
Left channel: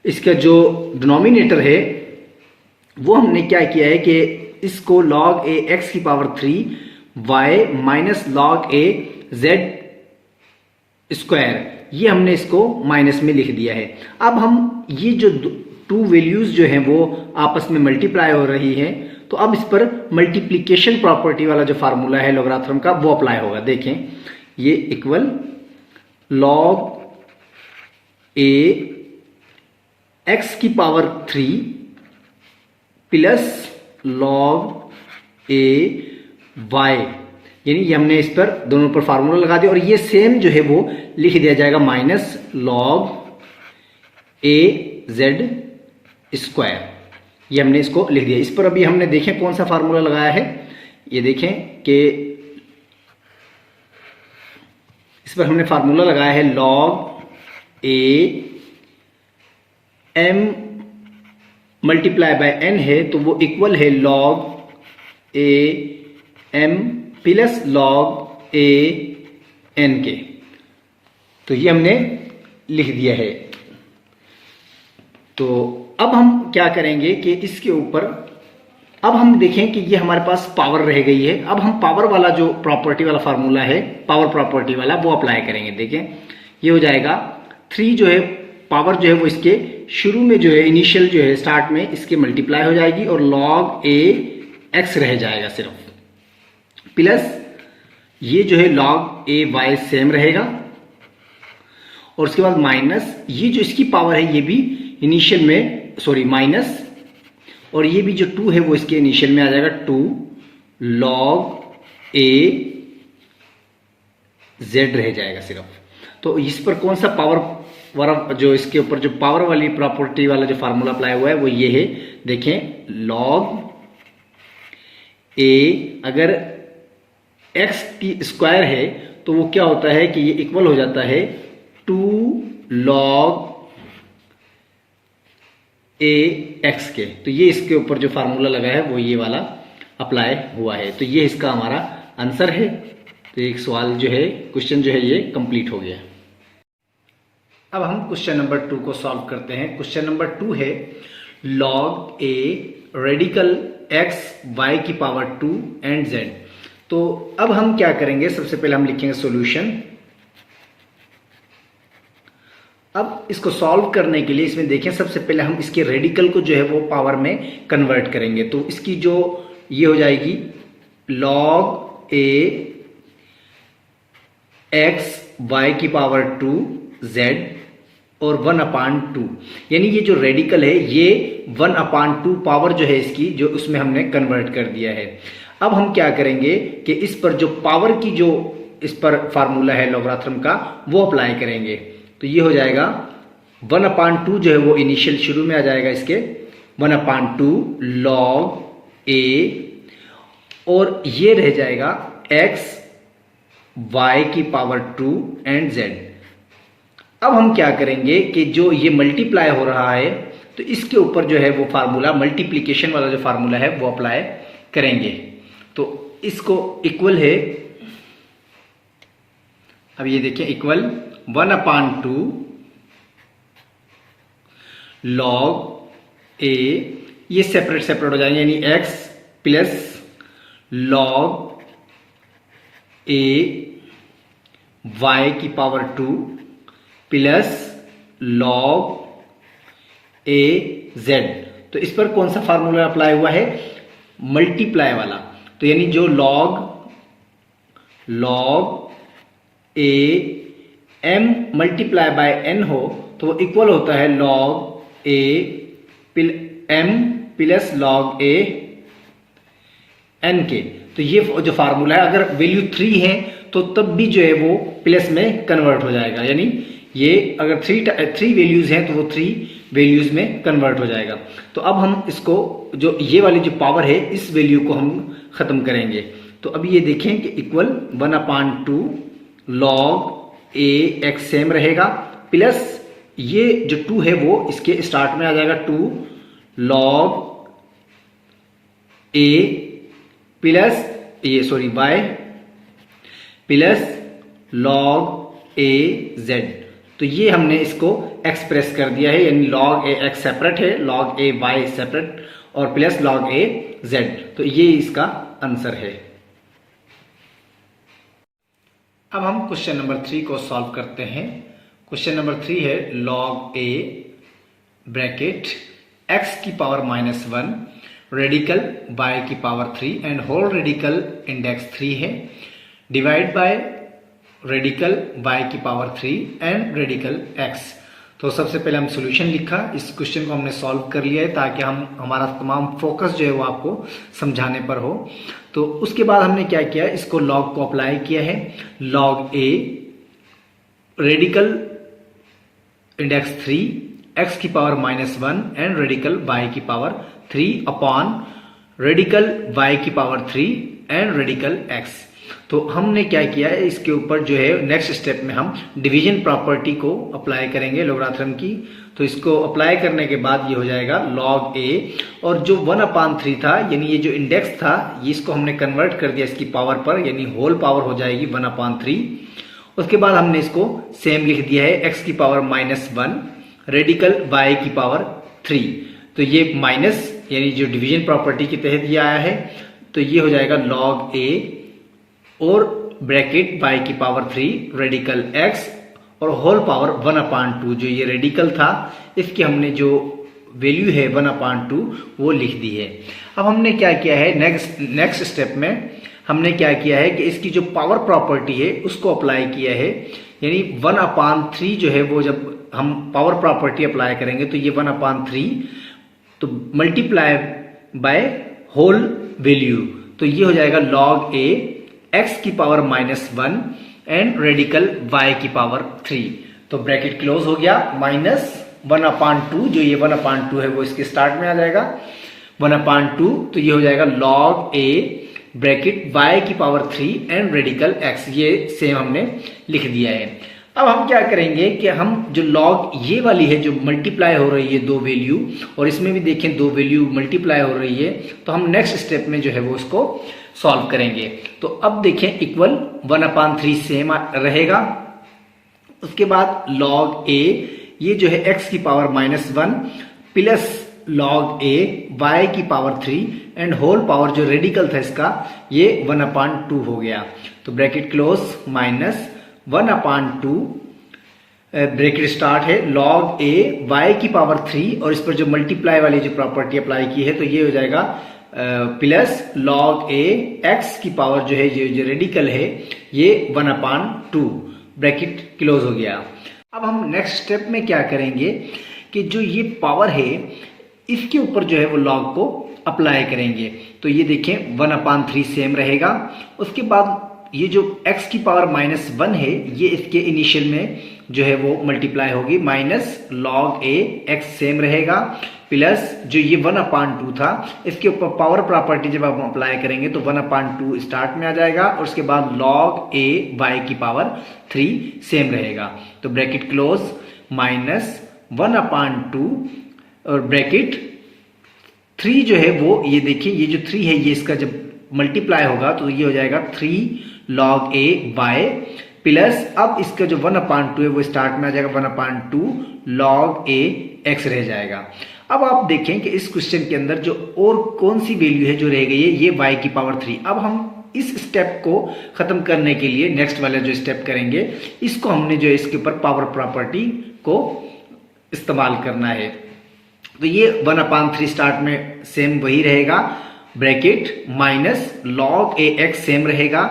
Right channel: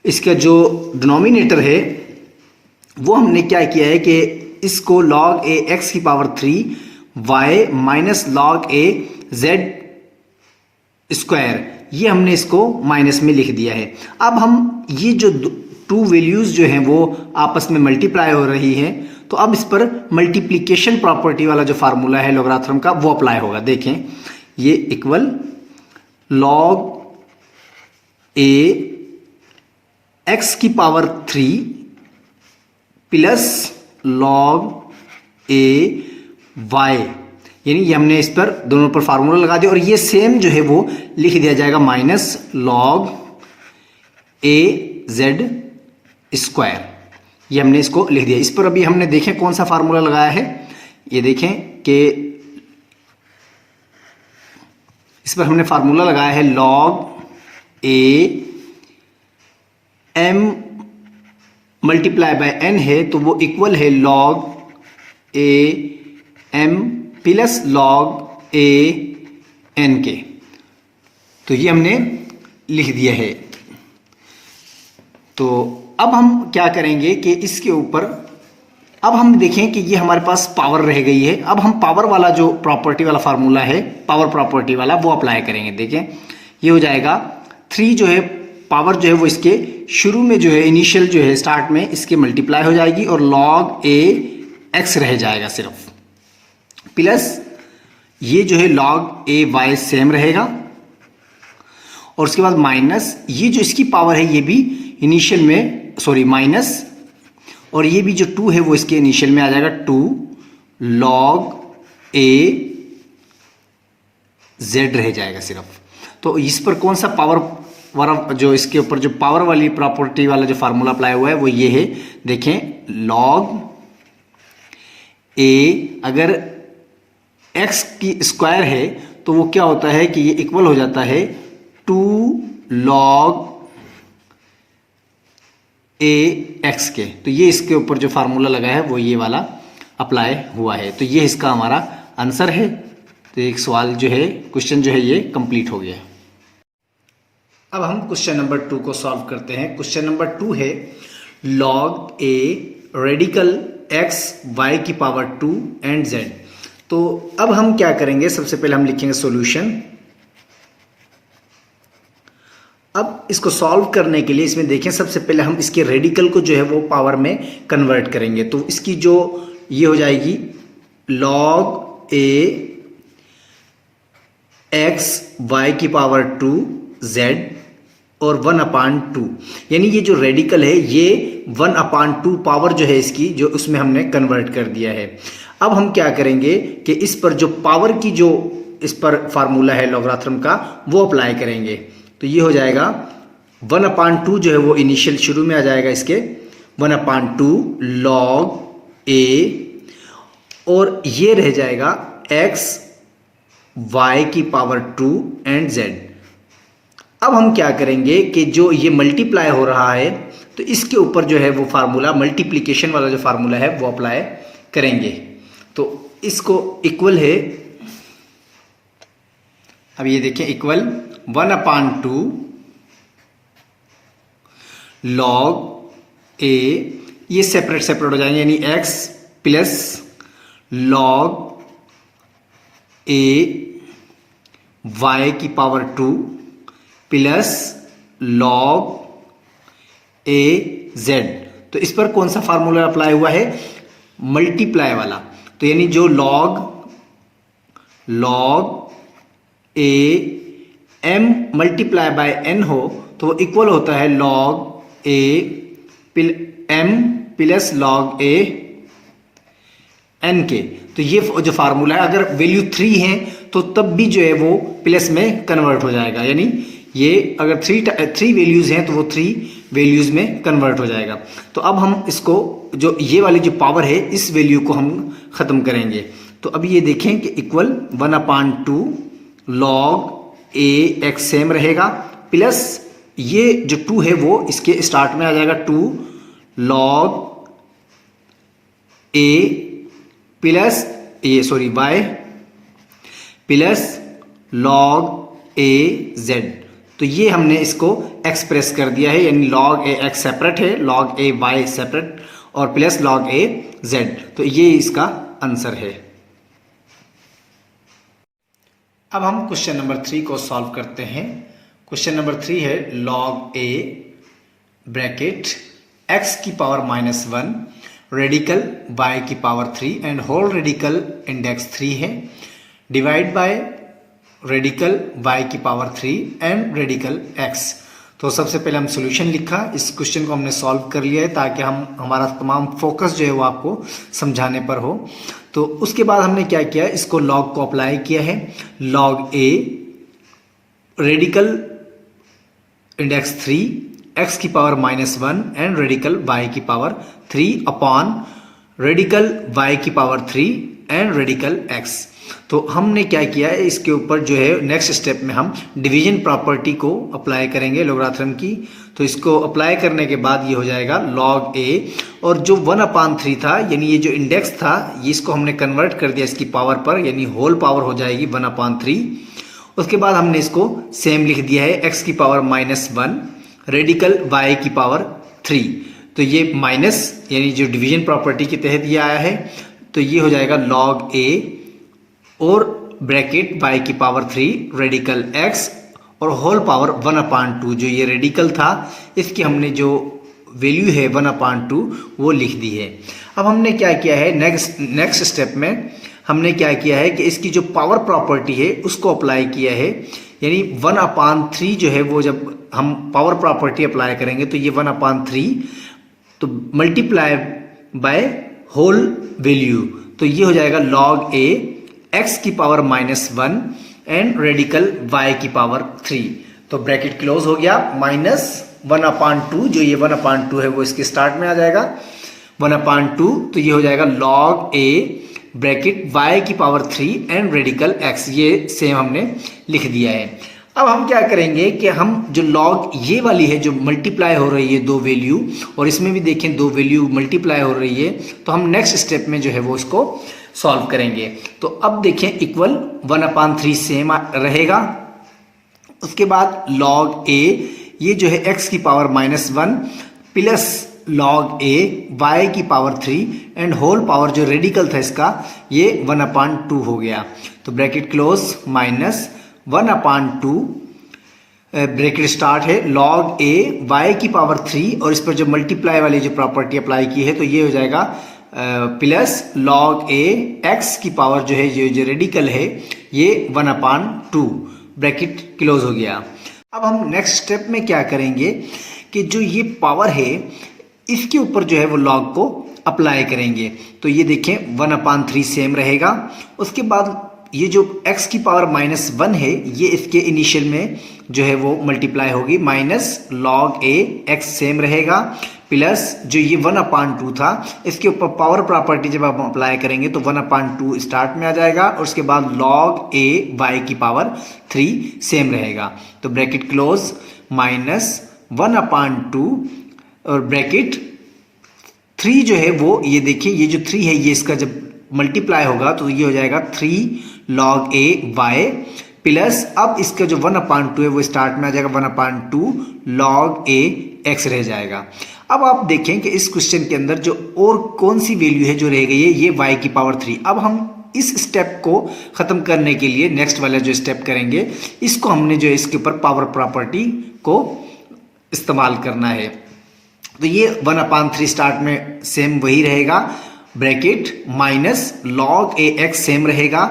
इसका जो डिनोमिनेटर है वो हमने क्या किया है कि इसको log a x की power 3 y minus log a z square, ये हमने इसको माइनस में लिख दिया है। अब हम ये जो टू वैल्यूज जो हैं वो आपस में मल्टीप्लाई हो रही हैं, तो अब इस पर मल्टीप्लिकेशन प्रॉपर्टी वाला जो फार्मूला है लॉगरिथम का वो अप्लाई होगा। देखें, ये इक्वल log a x की power 3 plus log a y, यानी ये हमने इस पर दोनों पर फार्मूला लगा दिया और ये सेम जो है वो लिख दिया जाएगा minus log a z square, ये हमने इसको लिख दिया। इस पर अभी हमने देखें कौन सा फार्मूला लगाया है, ये देखें कि इस पर हमने फार्मूला लगाया है log a m multiply by n है, तो वो इक्वल है log a m plus log a n के। तो ये हमने लिख दिया है। तो अब हम क्या करेंगे कि इसके ऊपर अब हम देखें कि ये हमारे पास पावर रह गई है। अब हम पावर वाला जो प्रॉपर्टी वाला फार्मूला है, पावर प्रॉपर्टी वाला, वो अप्लाई करेंगे। देखें, ये हो जाएगा 3 जो है पावर जो है वो इसके शुरू में जो है इनिशियल जो है स्टार्ट में इसके मल्टीप्लाई हो जाएगी और log a x रह जाएगा सिर्फ, प्लस ये जो है log a y सेम रहेगा और उसके बाद माइनस ये जो इसकी पावर है ये भी इनिशियल में माइनस, और ये भी जो 2 है वो इसके इनिशियल में आ जाएगा 2 log a z रह जाएगा सिर्फ। तो इस पर कौन सा पावर वाला जो इसके ऊपर जो पावर वाली प्रॉपर्टी वाला जो फार्मूला अप्लाई हुआ है वो ये है। देखें, log a अगर x की स्क्वायर है तो वो क्या होता है कि ये इक्वल हो जाता है 2 log a x के। तो ये इसके ऊपर जो फार्मूला लगा है वो ये वाला अप्लाई हुआ है। तो ये इसका हमारा आंसर है। तो एक सवाल जो है, क्वेश्चन जो है ये कंप्लीट हो गया। अब हम क्वेश्चन नंबर 2 को सॉल्व करते हैं। क्वेश्चन नंबर 2 है log a radical x y की पावर 2 एंड z। तो अब हम क्या करेंगे, सबसे पहले हम लिखेंगे सॉल्यूशन। अब इसको सॉल्व करने के लिए इसमें देखें, सबसे पहले हम इसके रेडिकल को जो है वो पावर में कन्वर्ट करेंगे। तो इसकी जो ये हो जाएगी log a x y की पावर 2 z और 1/2, यानी ये जो रेडिकल है ये 1/2 पावर जो है इसकी जो उसमें हमने कन्वर्ट कर दिया है। अब हम क्या करेंगे कि इस पर जो पावर की जो इस पर फार्मूला है लॉगरिथम का वो अप्लाई करेंगे। तो ये हो जाएगा 1/2 जो है वो इनिशियल शुरू में आ जाएगा इसके 1/2 log a और ये रह जाएगा x y की पावर 2 एंड z। अब हम क्या करेंगे कि जो ये मल्टीप्लाई हो रहा है तो इसके ऊपर जो है वो फार्मूला मल्टीप्लिकेशन वाला जो फार्मूला है वो अप्लाई करेंगे। तो इसको इक्वल है, अब ये देखिए इक्वल 1/2 log a, ये सेपरेट सेपरेट हो जाएंगे, यानी x plus log a y की power 2 plus log a z। तो इस पर कौन सा फार्मूला अप्लाई हुआ है, मल्टीप्लाई वाला। तो यानी जो log a m multiply by n हो तो वो इक्वल होता है log a m plus log a n के। तो ये जो फार्मूला है, अगर वैल्यू 3 है तो तब भी जो है वो प्लस में कन्वर्ट हो जाएगा, यानी ये अगर थ्री वैल्यूज़ हैं तो वो 3 वैल्यूज़ में कन्वर्ट हो जाएगा। तो अब हम इसको जो ये वाली जो पावर है इस वैल्यू को हम ख़त्म करेंगे। तो अब ये देखें कि equal 1/2 log a x same रहेगा, प्लस ये जो 2 है वो इसके स्टार्ट में आ जाएगा 2 log a प्लस ये sorry y plus log a z। तो ये हमने इसको एक्सप्रेस कर दिया है, यानी log a x सेपरेट है, log a y सेपरेट और प्लस log a z। तो ये इसका आंसर है। अब हम क्वेश्चन नंबर 3 को सॉल्व करते हैं। क्वेश्चन नंबर 3 है log a ब्रैकेट x की पावर -1 रेडिकल y की power 3 and whole radical index 3 है, डिवाइड बाय रेडिकल y की पावर 3 एंड रेडिकल x। तो सबसे पहले हम सॉल्यूशन लिखा, इस क्वेश्चन को हमने सॉल्व कर लिया है ताकि हमारा तमाम फोकस जो है वो आपको समझाने पर हो। तो उसके बाद हमने क्या किया, इसको log को अप्लाई किया है, log a radical index 3 x की पावर -1 एंड रेडिकल y की पावर 3 अपॉन रेडिकल y की पावर 3 एंड रेडिकल x। तो हमने क्या किया है, इसके ऊपर जो है नेक्स्ट स्टेप में हम डिवीजन प्रॉपर्टी को अप्लाई करेंगे लोगारिथम की। तो इसको अप्लाई करने के बाद ये हो जाएगा log a, और जो 1/3 था यानी ये जो इंडेक्स था ये इसको हमने कन्वर्ट कर दिया इसकी पावर पर, यानी होल पावर हो जाएगी 1/3। उसके बाद हमने इसको सेम लिख दिया है x की पावर -1 रेडिकल y की पावर 3। तो ये माइनस यानी जो डिवीजन प्रॉपर्टी के तहत ये आया है, तो ये हो जाएगा log a और ब्रैकेट y की पावर 3 रेडिकल x और होल पावर 1/2। जो ये रेडिकल था इसकी हमने जो वैल्यू है 1/2 वो लिख दी है। अब हमने क्या किया है, नेक्स्ट स्टेप में हमने क्या किया है कि इसकी जो पावर प्रॉपर्टी है उसको अप्लाई किया है, यानी 1/3 जो है वो जब हम पावर प्रॉपर्टी अप्लाई करेंगे तो ये 1/3 तो मल्टीप्लाई बाय होल वैल्यू, तो ये हो जाएगा log a x की पावर -1 एंड रेडिकल y की पावर 3। तो ब्रैकेट क्लोज हो गया, -1/2 जो ये 1/2 है वो इसके स्टार्ट में आ जाएगा 1/2। तो ये हो जाएगा log a ब्रैकेट y की पावर 3 एंड रेडिकल x, ये सेम हमने लिख दिया है। अब हम क्या करेंगे कि हम जो log ये वाली है जो मल्टीप्लाई हो रही है दो वैल्यू, और इसमें भी देखें दो वैल्यू मल्टीप्लाई हो रही है, तो हम नेक्स्ट स्टेप में जो है वो इसको सॉल्व करेंगे। तो अब देखें इक्वल 1/3 सेम रहेगा। उसके बाद log a ये जो है x की power -1 plus log a y की पावर 3 एंड होल पावर जो रेडिकल था इसका ये 1/2 हो गया। तो ब्रैकेट क्लोज -1/2 ब्रैकेट स्टार्ट है log a y की पावर 3 और इस पर जो मल्टीप्लाई वाली जो प्रॉपर्टी अप्लाई की है तो ये हो जाएगा प्लस log a x की पावर जो है जो रेडिकल है ये 1/2 ब्रैकेट क्लोज हो गया। अब हम नेक्स्ट स्टेप में क्या करेंगे कि जो ये पावर है इसके ऊपर जो है वो log को अप्लाई करेंगे। तो ये देखें 1/3 सेम रहेगा। उसके बाद ये जो x की पावर -1 है ये इसके इनिशियल में जो है वो मल्टीप्लाई होगी, minus log a x same रहेगा, प्लस जो ये 1/2 था इसके ऊपर पावर प्रॉपर्टी जब आप अप्लाई करेंगे तो 1/2 स्टार्ट में आ जाएगा, और उसके बाद log a y की पावर 3 सेम रहेगा। तो ब्रैकेट क्लोज -1/2 और ब्रैकेट 3 जो है वो ये देखिए ये जो 3 है ये इसका जब मल्टीप्लाई होगा तो ये हो जाएगा 3 log a y प्लस अब इसका जो 1/2 है वो स्टार्ट में आ जाएगा 1/2 log a x रह जाएगा। अब आप देखें कि इस क्वेश्चन के अंदर जो और कौन सी वैल्यू है जो रह गई है ये y की पावर 3। अब हम इस स्टेप को खत्म करने के लिए नेक्स्ट वाला जो स्टेप करेंगे इसको हमने जो इसके ऊपर पावर प्रॉपर्टी को इस्तेमाल करना है। तो ये 1/3 स्टार्ट में सेम वही रहेगा, bracket minus log a x same रहेगा,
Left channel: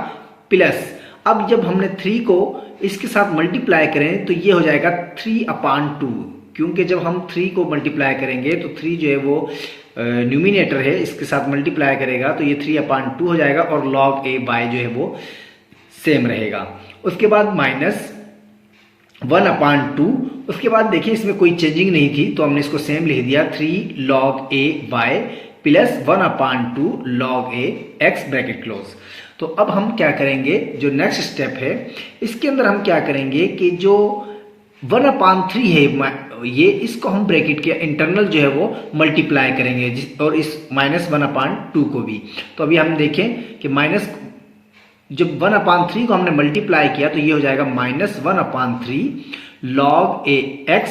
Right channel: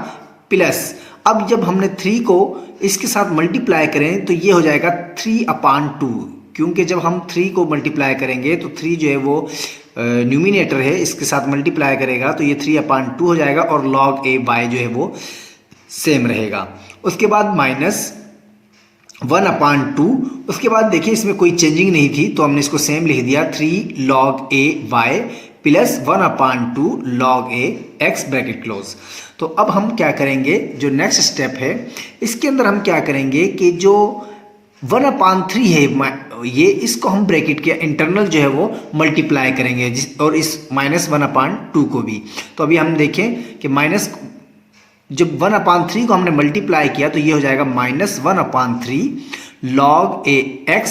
प्लस अब जब हमने 3 को इसके साथ मल्टीप्लाई करें तो ये हो जाएगा 3/2, क्योंकि जब हम 3 को मल्टीप्लाई करेंगे तो 3 जो है वो न्यूमिनेटर है इसके साथ मल्टीप्लाई करेगा तो ये 3/2 हो जाएगा और log a y जो है वो सेम रहेगा। उसके बाद माइनस 1/2। उसके बाद देखिए इसमें कोई चेंजिंग नहीं थी तो हमने इसको सेम लिख दिया 3 log a y plus 1/2 log a x bracket close. तो अब हम क्या करेंगे, जो नेक्स्ट स्टेप है इसके अंदर हम क्या करेंगे कि जो 1/3 है ये, इसको हम ब्रैकेट के इंटरनल जो है वो मल्टीप्लाई करेंगे और इस -1/2 को भी। तो अभी हम देखें कि माइनस जब 1/3 को हमने मल्टीप्लाई किया तो ये हो जाएगा -1/3 log a x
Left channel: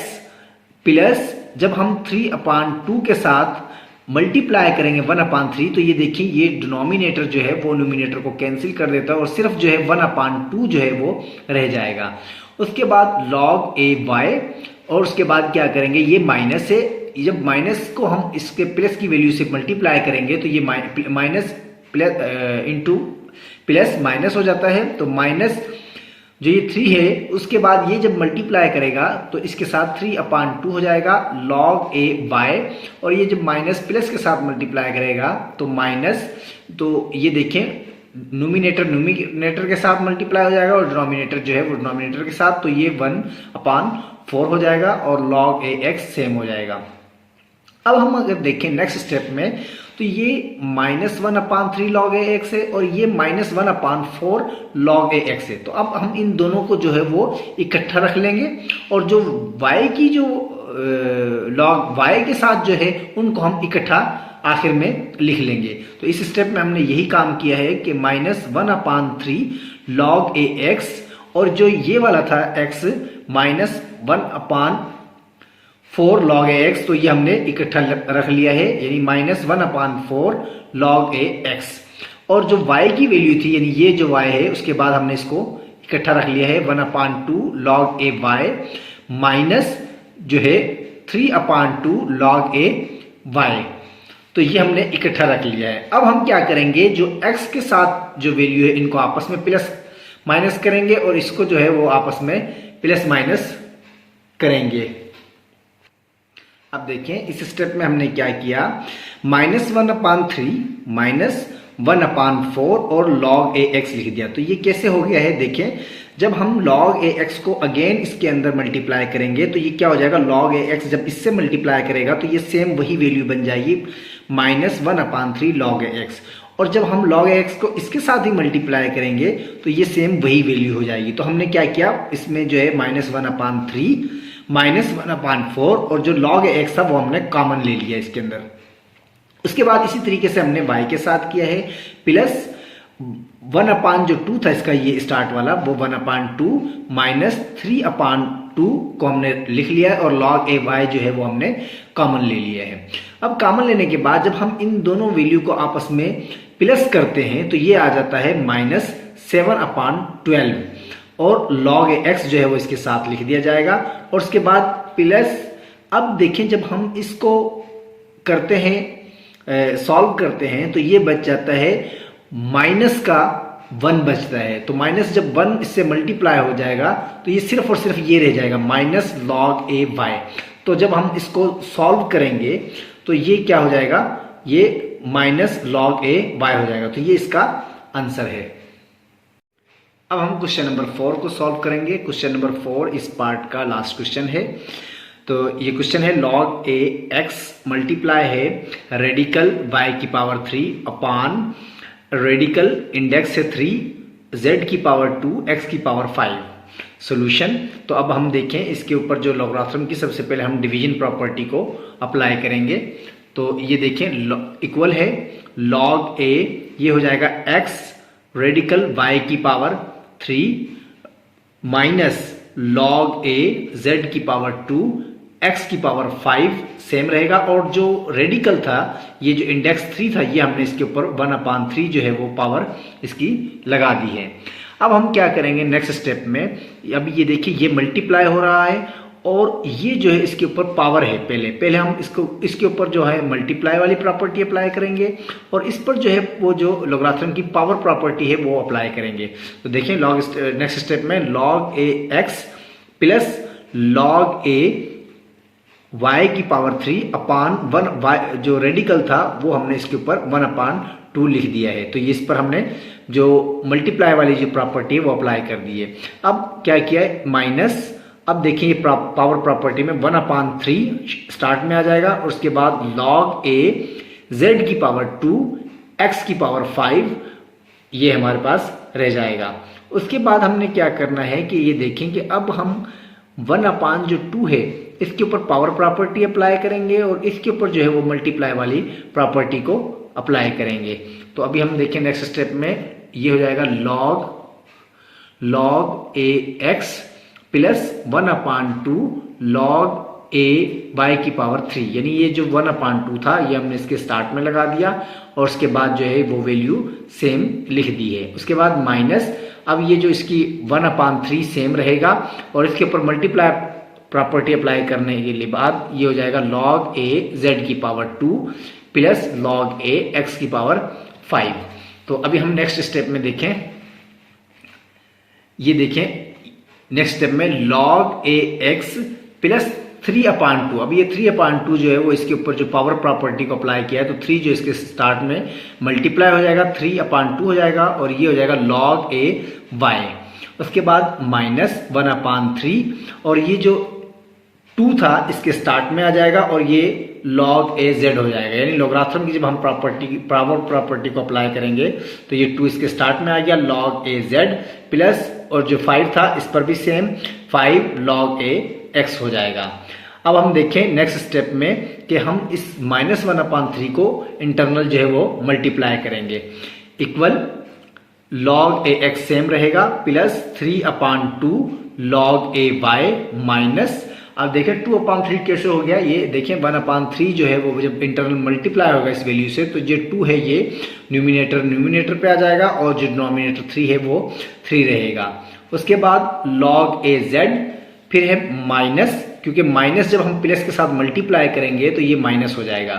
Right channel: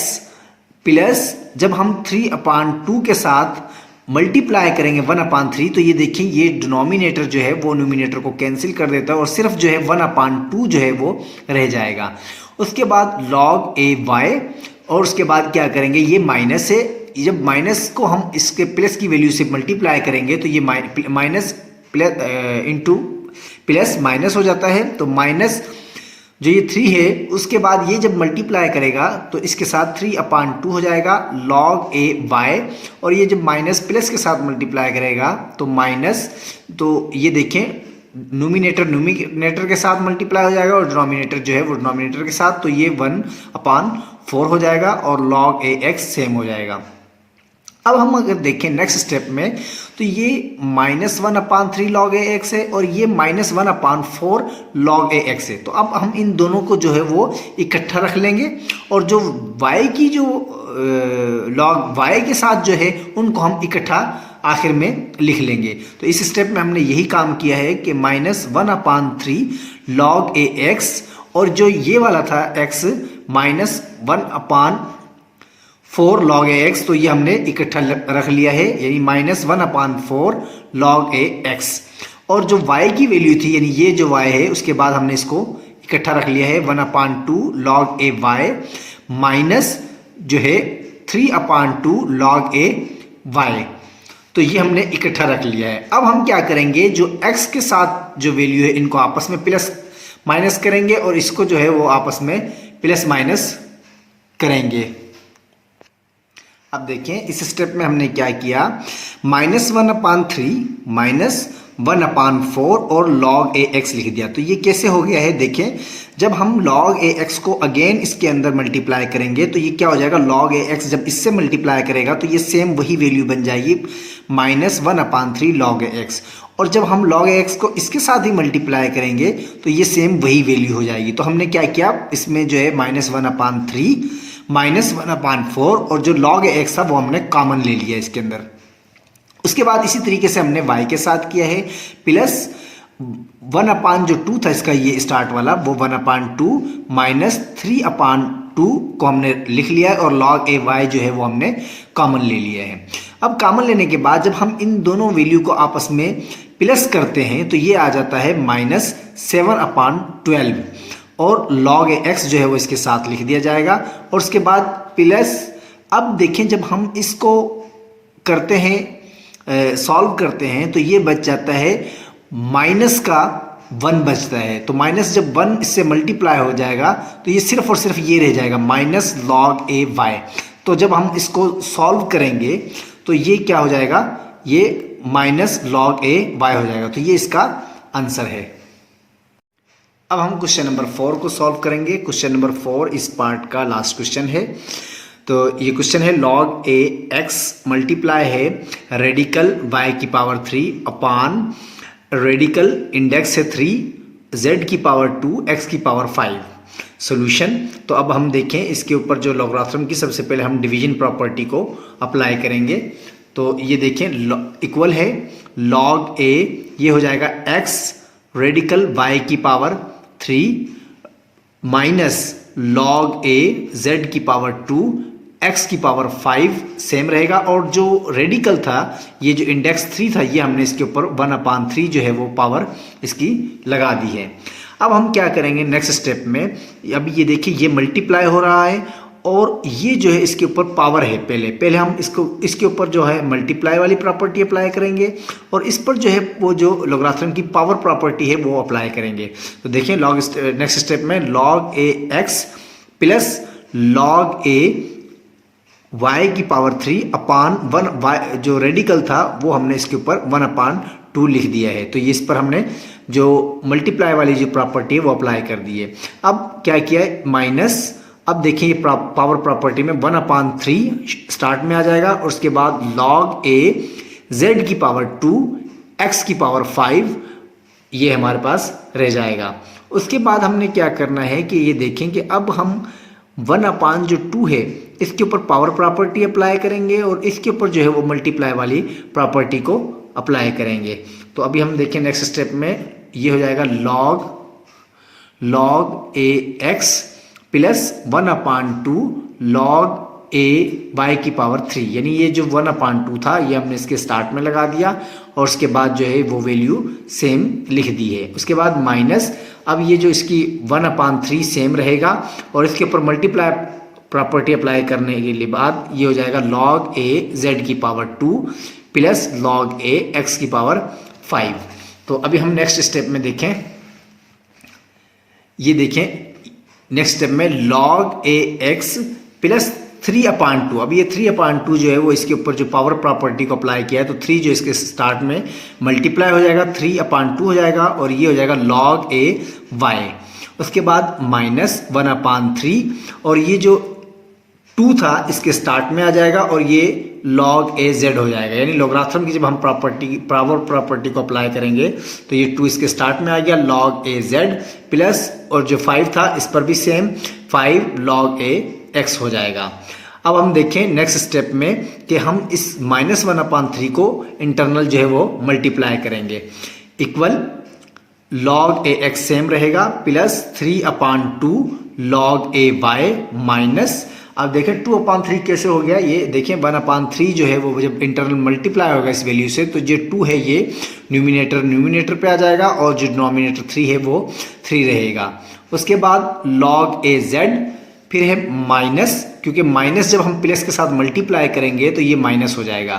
प्लस जब हम 3/2 के साथ मल्टीप्लाई करेंगे 1/3 तो ये देखिए ये डिनोमिनेटर जो है वो न्यूमिनेटर को कैंसिल कर देता है और सिर्फ जो है 1/2 जो है वो रह जाएगा। उसके बाद log a y और उसके बाद क्या करेंगे, ये माइनस है, जब माइनस को हम इसके प्लस की वैल्यू से मल्टीप्लाई करेंगे तो ये minus plus into plus minus हो जाता है। तो माइनस जो ये 3 है उसके बाद ये जब मल्टीप्लाई करेगा तो इसके साथ 3/2 हो जाएगा log a y, और ये जब माइनस प्लस के साथ मल्टीप्लाई करेगा तो माइनस, तो ये देखें न्यूमिनेटर के साथ मल्टीप्लाई हो जाएगा और डिनोमिनेटर जो है वो डिनोमिनेटर के साथ, तो ये 1/4 हो जाएगा और log a x सेम हो जाएगा। अब हम अगर देखें नेक्स्ट स्टेप में तो ये -1/3 log a x है और ये -1/4 log a x है। तो अब हम इन दोनों को जो है वो इकट्ठा रख लेंगे और जो y की जो log y के साथ जो है उनको हम इकट्ठा आखिर में लिख लेंगे। तो इस स्टेप में हमने यही काम किया है कि -1/3 log a x और जो ये वाला था x -1/4 log a x, तो ये हमने इकट्ठा रख लिया है, यानी -1/4 log a x। और जो y की वैल्यू थी यानी ये जो y है उसके बाद हमने इसको इकट्ठा रख लिया है 1/2 log a y माइनस जो है 3/2 log a y। तो ये हमने इकट्ठा रख लिया है। अब हम क्या करेंगे, जो x के साथ जो वैल्यू है इनको आपस में प्लस माइनस करेंगे और इसको जो है वो आपस में प्लस माइनस करेंगे। अब देखें इस स्टेप में हमने क्या किया, -1/3 -1/4 और log a x लिख दिया। तो ये कैसे हो गया है, देखें जब हम log a x को अगेन इसके अंदर मल्टीप्लाई करेंगे तो ये क्या हो जाएगा, log a x जब इससे मल्टीप्लाई करेगा तो ये सेम वही वैल्यू बन जाएगी -1/3 log a x, और जब हम log a x को इसके साथ ही मल्टीप्लाई करेंगे तो ये सेम वही वैल्यू हो जाएगी। तो हमने क्या किया, इसमें जो है -1/3 -1/4 और जो log a x था वो हमने कॉमन ले लिया इसके अंदर। उसके बाद इसी तरीके से हमने y के साथ किया है प्लस 1/2 था इसका ये स्टार्ट वाला, वो 1/2 माइनस 3/2 को हमने लिख लिया है और log a y जो है वो हमने कॉमन ले लिया है। अब कॉमन लेने के बाद जब हम इन दोनों वैल्यू को आपस में प्लस करते हैं तो ये आ जाता है -7/12 और log a x जो है वो इसके साथ लिख दिया जाएगा। और उसके बाद प्लस, अब देखें जब हम इसको करते हैं सॉल्व करते हैं तो ये बच जाता है माइनस का 1 बचता है। तो माइनस जब 1 इससे मल्टीप्लाई हो जाएगा तो ये सिर्फ और सिर्फ ये रह जाएगा माइनस log a y। तो जब हम इसको सॉल्व करेंगे तो ये क्या हो जाएगा, ये माइनस log a y हो जाएगा। तो ये इसका आंसर है। अब हम क्वेश्चन नंबर 4 को सॉल्व करेंगे। क्वेश्चन नंबर 4 इस पार्ट का लास्ट क्वेश्चन है। तो ये क्वेश्चन है log a x मल्टीप्लाई है रेडिकल y की पावर 3 अपॉन रेडिकल इंडेक्स है 3 z की पावर 2 x की पावर 5। सॉल्यूशन, तो अब हम देखें इसके ऊपर जो लॉगरिथम की सबसे पहले हम डिवीजन प्रॉपर्टी को अप्लाई करेंगे। तो ये देखें इक्वल है log a, ये हो जाएगा x रेडिकल y की power 3 minus log a z की पावर 2 x की पावर 5 सेम रहेगा, और जो रेडिकल था ये जो इंडेक्स 3 था ये हमने इसके ऊपर 1/3 जो है वो पावर इसकी लगा दी है। अब हम क्या करेंगे नेक्स्ट स्टेप में, अब ये देखिए ये मल्टीप्लाई हो रहा है और ये जो है इसके ऊपर पावर है। पहले हम इसके ऊपर जो है मल्टीप्लाई वाली प्रॉपर्टी अप्लाई करेंगे और इस पर जो है वो जो लॉगरिथम की पावर प्रॉपर्टी है वो अप्लाई करेंगे। तो देखिए नेक्स्ट स्टेप में log a x plus log a y की पावर 3 अपॉन 1 जो रेडिकल था वो हमने इसके ऊपर 1/2 लिख दिया है। तो ये इस पर हमने जो मल्टीप्लाई वाली जो प्रॉपर्टी है वो अप्लाई कर दी है। अब क्या किया है, माइनस अब देखिए ये पावर प्रॉपर्टी में 1/3 स्टार्ट में आ जाएगा और उसके बाद log a z की पावर 2 x की पावर 5 ये हमारे पास रह जाएगा। उसके बाद हमने क्या करना है कि ये देखें कि अब हम 1/2 है इसके ऊपर पावर प्रॉपर्टी अप्लाई करेंगे और इसके ऊपर जो है वो मल्टीप्लाई वाली प्रॉपर्टी को अप्लाई करेंगे। तो अभी हम देखें नेक्स्ट स्टेप में ये हो जाएगा log a x plus 1/2 log a y की पावर 3, यानी ये जो 1/2 था ये हमने इसके स्टार्ट में लगा दिया और उसके बाद जो है वो वैल्यू सेम लिख दी है। उसके बाद माइनस, अब ये जो इसकी 1/3 सेम रहेगा और इसके ऊपर मल्टीप्लाई प्रॉपर्टी अप्लाई करने के बाद ये हो जाएगा log a z की power 2 plus log a x की पावर 5। तो अभी हम नेक्स्ट स्टेप में देखें, ये देखें नेक्स्ट स्टेप में log a x प्लस 3/2। अब ये 3/2 जो है वो इसके ऊपर जो पावर प्रॉपर्टी को अप्लाई किया है तो 3 जो इसके स्टार्ट में मल्टीप्लाई हो जाएगा 3/2 हो जाएगा और ये हो जाएगा log a y। उसके बाद माइनस 1/3 और ये जो 2 था इसके स्टार्ट में आ जाएगा और ये log a z हो जाएगा, यानी लॉगरिथम की जब हम पावर प्रॉपर्टी को अप्लाई करेंगे तो ये 2 इसके स्टार्ट में आ गया log a z प्लस और जो 5 था इस पर भी सेम 5 log a x हो जाएगा। अब हम देखें नेक्स्ट स्टेप में कि हम इस माइनस 1/3 को इंटरनल जो है वो मल्टीप्लाई करेंगे, equal log a x same रहेगा plus 3/2 log a y minus, अब देखें 2/3 कैसे हो गया, ये देखें 1/3 जो है वो जब इंटरनल मल्टीप्लाई होगा इस वैल्यू से तो जो 2 है ये न्यूमिनेटर पे आ जाएगा और जो डिनोमिनेटर 3 है वो 3 रहेगा। उसके बाद log a z फिर है माइनस, क्योंकि माइनस जब हम प्लस के साथ मल्टीप्लाई करेंगे तो ये माइनस हो जाएगा,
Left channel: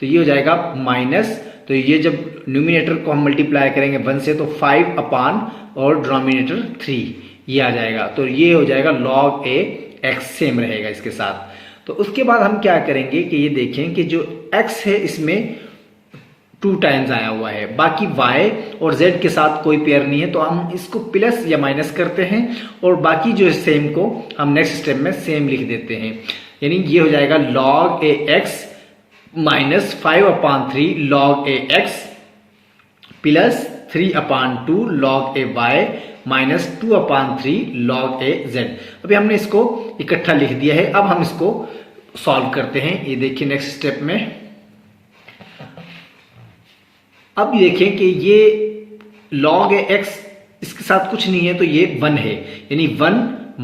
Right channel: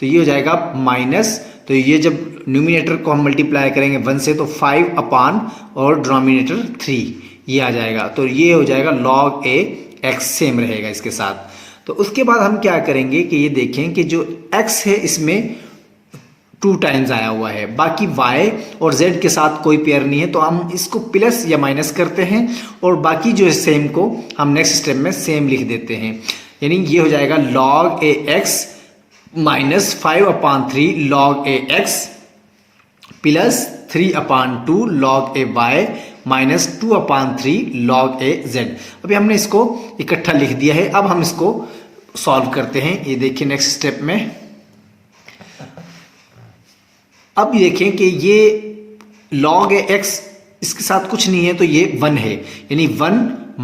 तो ये हो जाएगा माइनस, तो ये जब न्यूमिनेटर को हम मल्टीप्लाई करेंगे 1 से तो 5 और डिनोमिनेटर 3 ये आ जाएगा, तो ये हो जाएगा log a x सेम रहेगा इसके साथ। तो उसके बाद हम क्या करेंगे कि ये देखें कि जो x है इसमें 2 टाइम्स आया हुआ है, बाकी y और z के साथ कोई पेयर नहीं है तो हम इसको प्लस या माइनस करते हैं और बाकी जो है सेम को हम नेक्स्ट स्टेप में सेम लिख देते हैं, यानी ये हो जाएगा log a x minus 5/3 log a x plus 3/2 log a y minus 2/3 log a z। अभी हमने इसको इकट्ठा लिख दिया है, अब हम इसको सॉल्व करते हैं। ये देखिए नेक्स्ट स्टेप में, अब देखें कि ये log a x इसके साथ कुछ नहीं है तो ये 1 है, यानी 1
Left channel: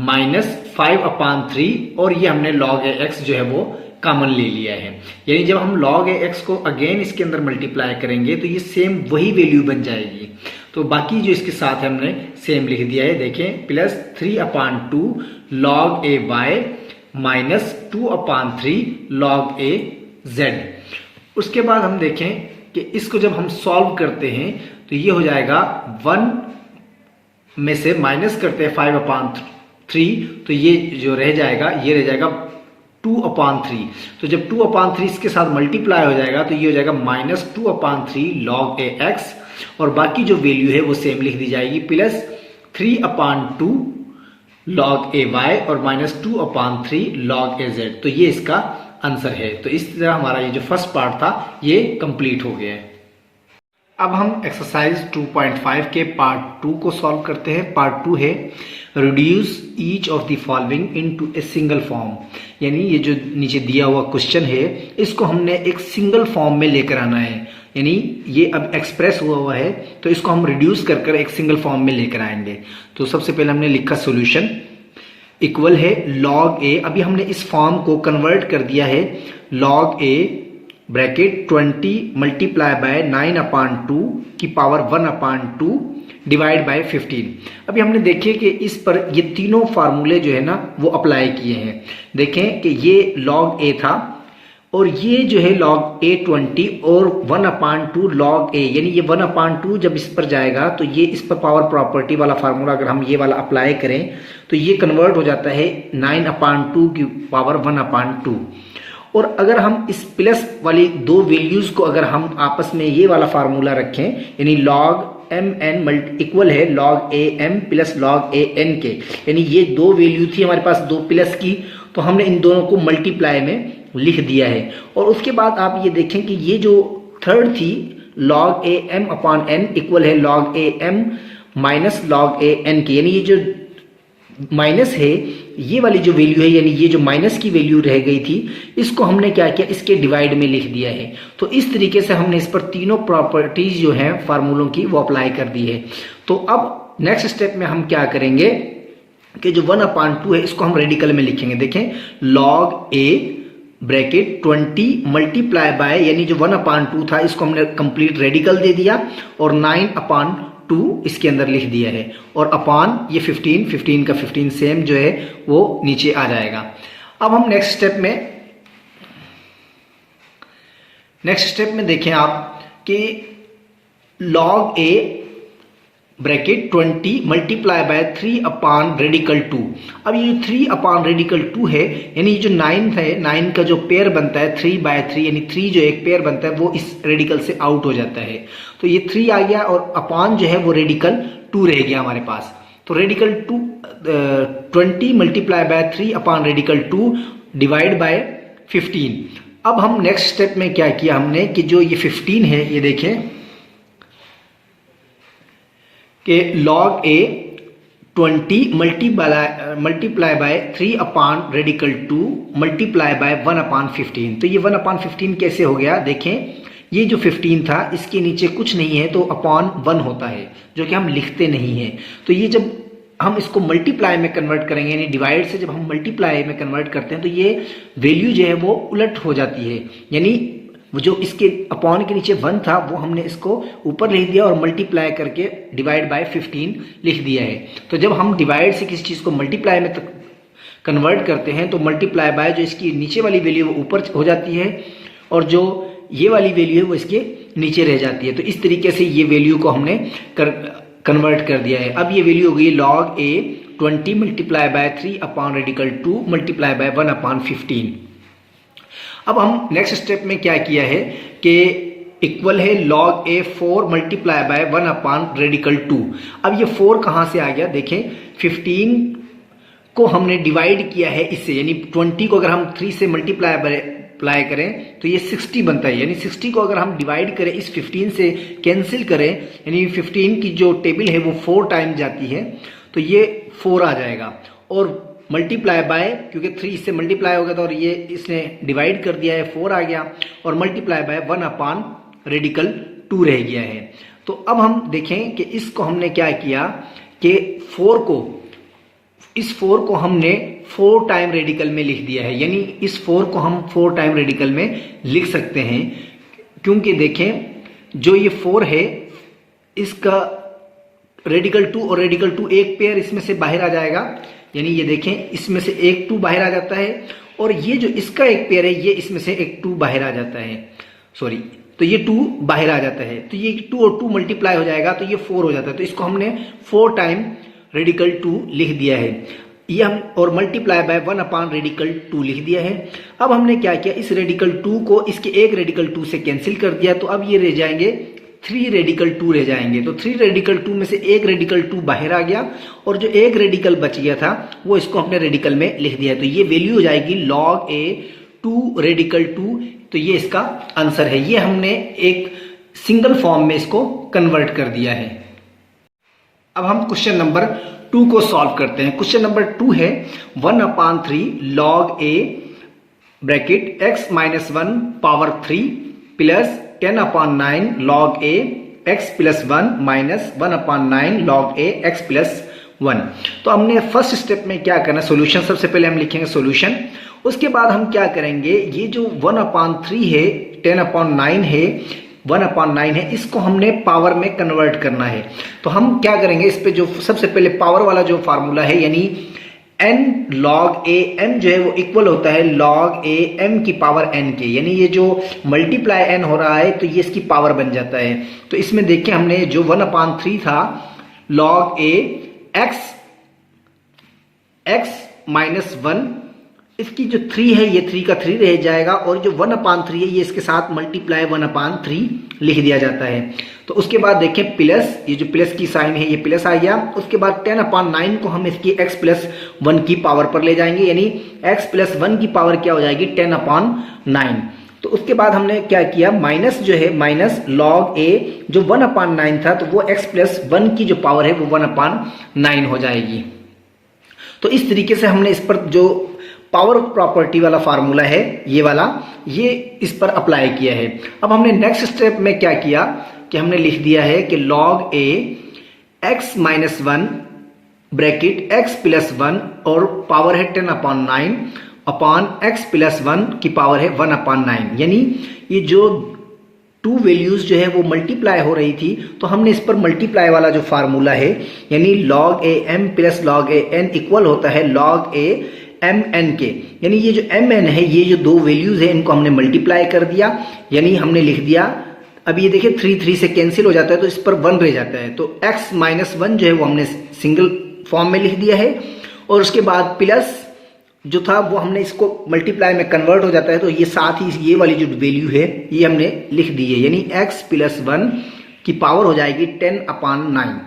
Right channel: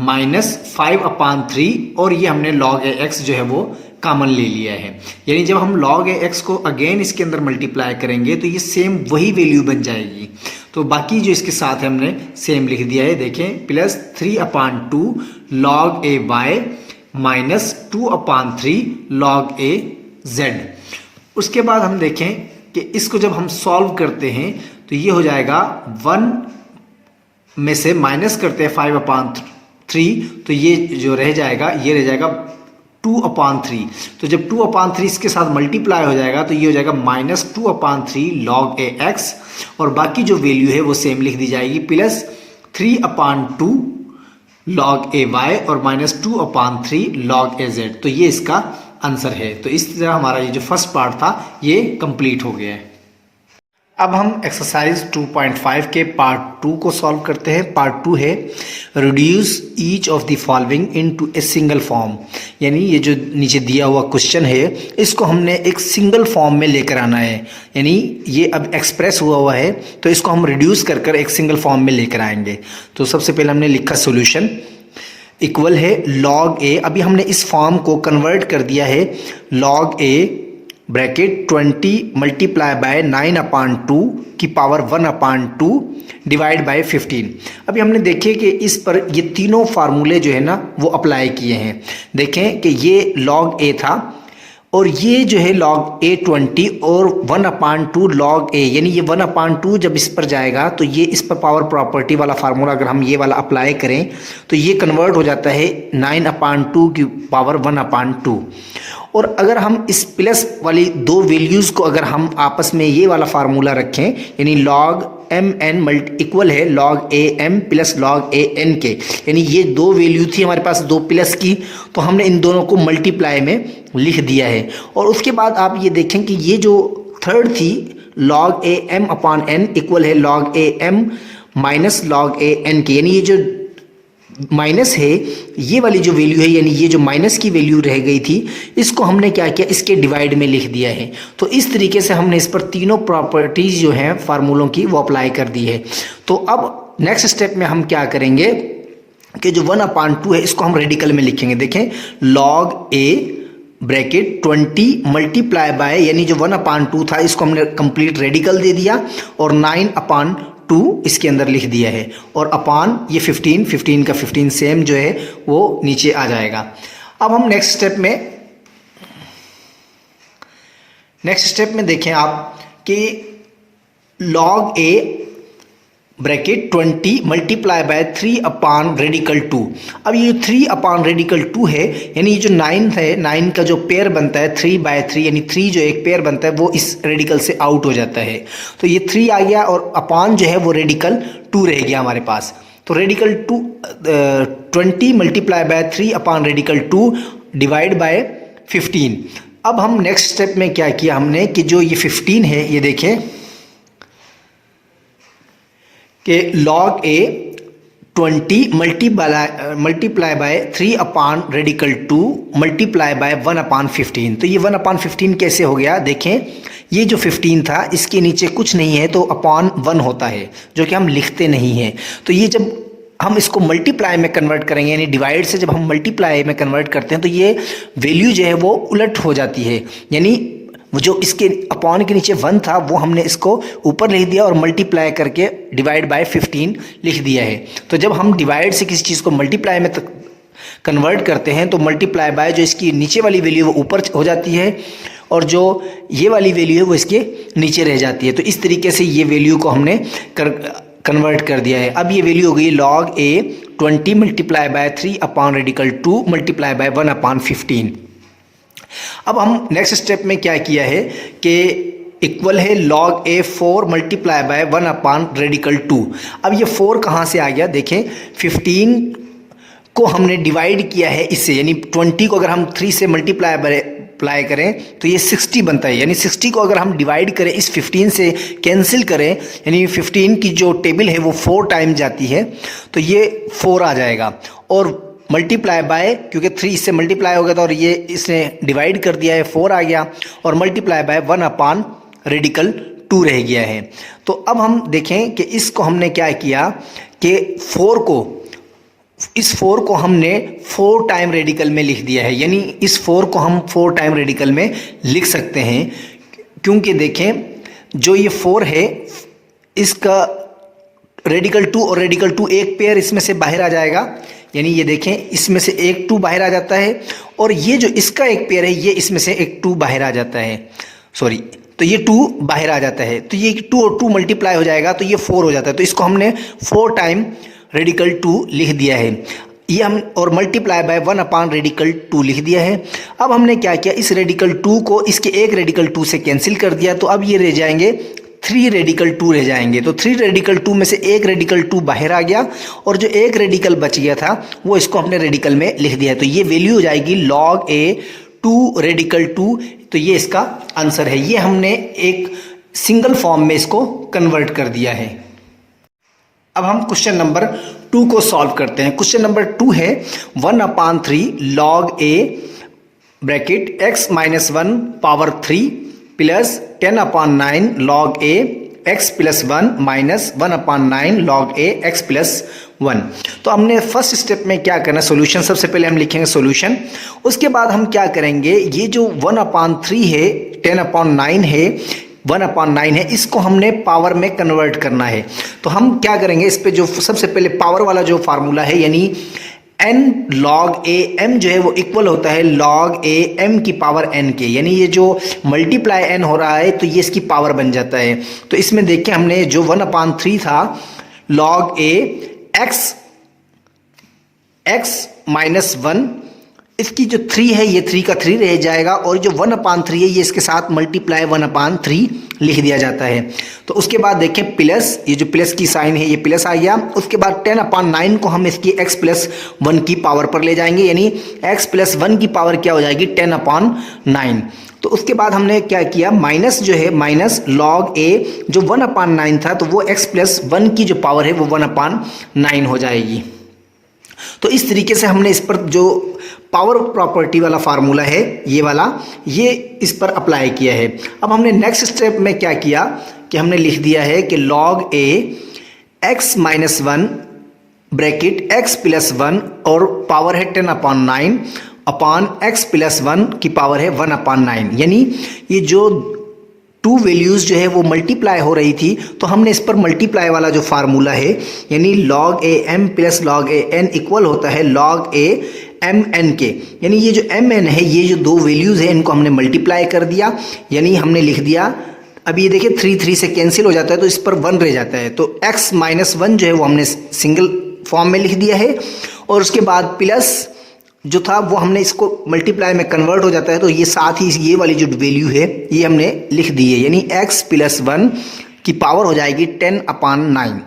माइनस 5/3 और ये हमने log a x जो है वो कॉमन ले लिया है, यानी जब हम log a x को अगेन इसके अंदर मल्टीप्लाई करेंगे तो ये सेम वही वैल्यू बन जाएगी। तो बाकी जो इसके साथ है हमने सेम लिख दिया है, देखें plus 3/2 log a y minus 2/3 log a z। उसके बाद हम देखें कि इसको जब हम सॉल्व करते हैं तो ये हो जाएगा 1 में से माइनस करते हैं 5/3 तो ये जो रह जाएगा ये रह जाएगा 2/3, तो जब 2/3 इसके साथ मल्टीप्लाई हो जाएगा तो ये हो जाएगा माइनस 2/3 log a x और बाकी जो वैल्यू है वो सेम लिख दी जाएगी प्लस 3/2 log a y और माइनस 2/3 log a z। तो ये इसका आंसर है। तो इस तरह हमारा ये जो फर्स्ट पार्ट था ये कंप्लीट हो गया है। अब हम एक्सरसाइज 2.5 के पार्ट 2 को सॉल्व करते हैं। पार्ट 2 है reduce each of the following into a single form, यानी ये जो नीचे दिया हुआ क्वेश्चन है इसको हमने एक सिंगल फॉर्म में लेकर आना है, यानी ये अब एक्सप्रेस हुआ है तो इसको हम रिड्यूस कर एक सिंगल फॉर्म में लेकर आएंगे। तो सबसे पहले हमने लिखा सोल्यूशन इक्वल है log a, अभी हमने इस फॉर्म को कन्वर्ट कर दिया है log a bracket 20 multiply by 9/2 की पावर 1/2 डिवाइड बाय 15। अभी हमने देखे कि इस पर ये तीनों फार्मूले जो है ना वो अप्लाई किए हैं। देखें कि ये log a था और ये जो है log a 20 और 1/2 log a, यानी ये 1/2 जब इस पर जाएगा तो ये इस पर पावर प्रॉपर्टी वाला फार्मूला अगर हम ये वाला अप्लाई करें तो ये कन्वर्ट हो जाता है 9/2 की पावर 1/2। और अगर हम इस प्लस वाली दो वैल्यूज़ को अगर हम आपस में ये वाला फार्मूला रखें, यानी log एम एन इक्वल है log A m plus log A N के, यानी ये दो वैल्यू थी हमारे पास दो प्लस की, तो हमने इन दोनों को मल्टीप्लाई में लिख दिया है। और उसके बाद आप ये देखें कि ये जो थर्ड थी लॉग ए एम अपॉन एन इक्वल है log A M minus log A N के, यानी ये जो माइनस है ये वाली जो वैल्यू है, यानी ये जो माइनस की वैल्यू रह गई थी इसको हमने क्या किया, इसके डिवाइड में लिख दिया है। तो इस तरीके से हमने इस पर तीनों प्रॉपर्टीज जो हैं फार्मूलों की वो अप्लाई कर दी है। तो अब नेक्स्ट स्टेप में हम क्या करेंगे कि जो 1/2 है इसको हम रेडिकल में लिखेंगे। देखें log A bracket 20 multiply by, यानी जो 1/2 था इसको हमने कंप्लीट रेडिकल दे दिया और 9/2 इसके अंदर लिख दिया है, और अपॉन ये 15 का 15 सेम जो है वो नीचे आ जाएगा। अब हम नेक्स्ट स्टेप में देखें आप कि log a bracket 20 multiply by 3/2। अब ये 3/2 है, यानी ये जो 9 है 9 का जो पेयर बनता है 3/3, यानी 3 जो एक पेयर बनता है वो इस रेडिकल से आउट हो जाता है। तो ये 3 आ गया और अपॉन जो है वो रेडिकल 2 रह गया हमारे पास। तो radical 20 multiply by 3/2 divide by 15। अब हम नेक्स्ट स्टेप में क्या किया हमने कि जो ये 15 है ये देखें कि log a 20 multiply by 3/2 multiply by 1/15। तो ये 1/15 कैसे हो गया, देखें ये जो 15 था इसके नीचे कुछ नहीं है तो अपॉन 1 होता है जो कि हम लिखते नहीं हैं। तो ये जब हम इसको मल्टीप्लाई में कन्वर्ट करेंगे, यानी डिवाइड से जब हम मल्टीप्लाई में कन्वर्ट करते हैं तो ये वैल्यू जो है वो उलट हो जाती है, यानी जो इसके अपॉन के नीचे 1 था वो हमने इसको ऊपर लिख दिया और मल्टीप्लाई करके डिवाइड बाय 15 लिख दिया है। तो जब हम डिवाइड से किसी चीज़ को मल्टीप्लाई में कन्वर्ट करते हैं तो मल्टीप्लाई बाय जो इसकी नीचे वाली वैल्यू वो ऊपर हो जाती है और जो ये वाली वैल्यू है वो इसके नीचे रह जाती है। तो इस तरीके से ये वैल्यू को हमने कन्वर्ट कर दिया है। अब ये वैल्यू हो गई log a 20 multiply by 3/2 multiply by 1/15। अब हम नेक्स्ट स्टेप में क्या किया है कि इक्वल है log a 4 मल्टीप्लाई बाय 1/2। अब ये 4 कहाँ से आ गया, देखें 15 को हमने डिवाइड किया है इससे, यानी 20 को अगर हम 3 से मल्टीप्लाई करें तो ये 60 बनता है, यानी 60 को अगर हम डिवाइड करें इस 15 से कैंसिल करें, यानी 15 की जो टेबल है वो 4 टाइम जाती है तो ये 4 आ जाएगा। और मल्टीप्लाई बाय, क्योंकि 3 इससे मल्टीप्लाई हो गया था और ये इसने डिवाइड कर दिया है 4 आ गया, और मल्टीप्लाई बाय 1/2 रह गया है। तो अब हम देखें कि इसको हमने क्या किया कि इस 4 को हमने 4 टाइम रेडिकल में लिख दिया है, यानी इस 4 को हम 4 टाइम रेडिकल में लिख सकते हैं, क्योंकि देखें जो ये 4 है इसका रेडिकल 2 और रेडिकल 2 एक पेयर इसमें से बाहर आ जाएगा, यानी ये देखें इसमें से एक 2 बाहर आ जाता है और ये जो इसका एक पेयर है ये इसमें से एक 2 बाहर आ जाता है, सॉरी, तो ये 2 बाहर आ जाता है, तो ये 2 और 2 मल्टीप्लाई हो जाएगा तो ये 4 हो जाता है। तो इसको हमने 4 टाइम रेडिकल 2 लिख दिया है, ये हम और मल्टीप्लाई बाय 1/2 लिख दिया है। अब हमने क्या किया, इस रेडिकल 2 को इसके एक रेडिकल 2 से कैंसिल कर दिया, तो अब ये रह जाएंगे 3 रेडिकल 2 रह जाएंगे। तो 3 रेडिकल 2 में से एक रेडिकल 2 बाहर आ गया और जो एक रेडिकल बच गया था वो इसको अपने रेडिकल में लिख दिया है। तो ये वैल्यू हो जाएगी log a 2 रेडिकल 2। तो ये इसका आंसर है, ये हमने एक सिंगल फॉर्म में इसको कन्वर्ट कर दिया है। अब हम क्वेश्चन नंबर 2 को सॉल्व करते हैं। क्वेश्चन नंबर 2 है 1/3 log a bracket x - 1 power 3 plus 10/9 log a x + 1 minus 1/9 log a x + 1। तो हमने फर्स्ट स्टेप में क्या करना है, सॉल्यूशन सबसे पहले हम लिखेंगे सॉल्यूशन, उसके बाद हम क्या करेंगे, ये जो 1/3 है 10/9 है 1/9 है, इसको हमने पावर में कन्वर्ट करना है। तो हम क्या करेंगे, इस पे जो सबसे पहले पावर वाला जो फार्मूला है यानी n log a m जो है वो इक्वल होता है log a m की पावर n के, यानी ये जो मल्टीप्लाई n हो रहा है तो ये इसकी पावर बन जाता है। तो इसमें देखिए हमने जो 1/3 था log a x - 1 इसकी जो 3 है ये 3 का 3 रह जाएगा और जो 1/3 है ये इसके साथ मल्टीप्लाई 1/3 लिख दिया जाता है। तो उसके बाद देखें प्लस, ये जो प्लस की साइन है ये प्लस आ गया। उसके बाद 10/9 को हम इसकी x + 1 की पावर पर ले जाएंगे, यानी x + 1 की पावर क्या हो जाएगी 10/9। तो उसके बाद हमने क्या किया, माइनस जो है माइनस log a जो 1/9 था तो वो x + 1 की जो पावर है वो 1/9 हो जाएगी। तो इस तरीके से हमने इस पर जो पावर प्रॉपर्टी वाला फार्मूला है ये वाला, ये इस पर अप्लाई किया है। अब हमने नेक्स्ट स्टेप में क्या किया कि हमने लिख दिया है कि log a x - 1 bracket x + 1 और पावर है 10/9 अपॉन x + 1 की पावर है 1/9, यानी ये जो टू वैल्यूज जो है वो मल्टीप्लाई हो रही थी तो हमने इस पर मल्टीप्लाई वाला जो फार्मूला है यानी log a m + log a n equal होता है log a m n के, यानी ये जो m n है ये जो दो वैल्यूज है इनको हमने मल्टीप्लाई कर दिया, यानी हमने लिख दिया। अब ये देखिए 3 3 से कैंसिल हो जाता है तो इस पर 1 रह जाता है, तो x - 1 जो है वो हमने सिंगल फॉर्म में लिख दिया है और उसके बाद प्लस जो था वो हमने इसको मल्टीप्लाई में कन्वर्ट हो जाता है, तो ये साथ ही ये वाली जो वैल्यू है ये हमने लिख दी है, यानी x + 1 की पावर हो जाएगी 10/9।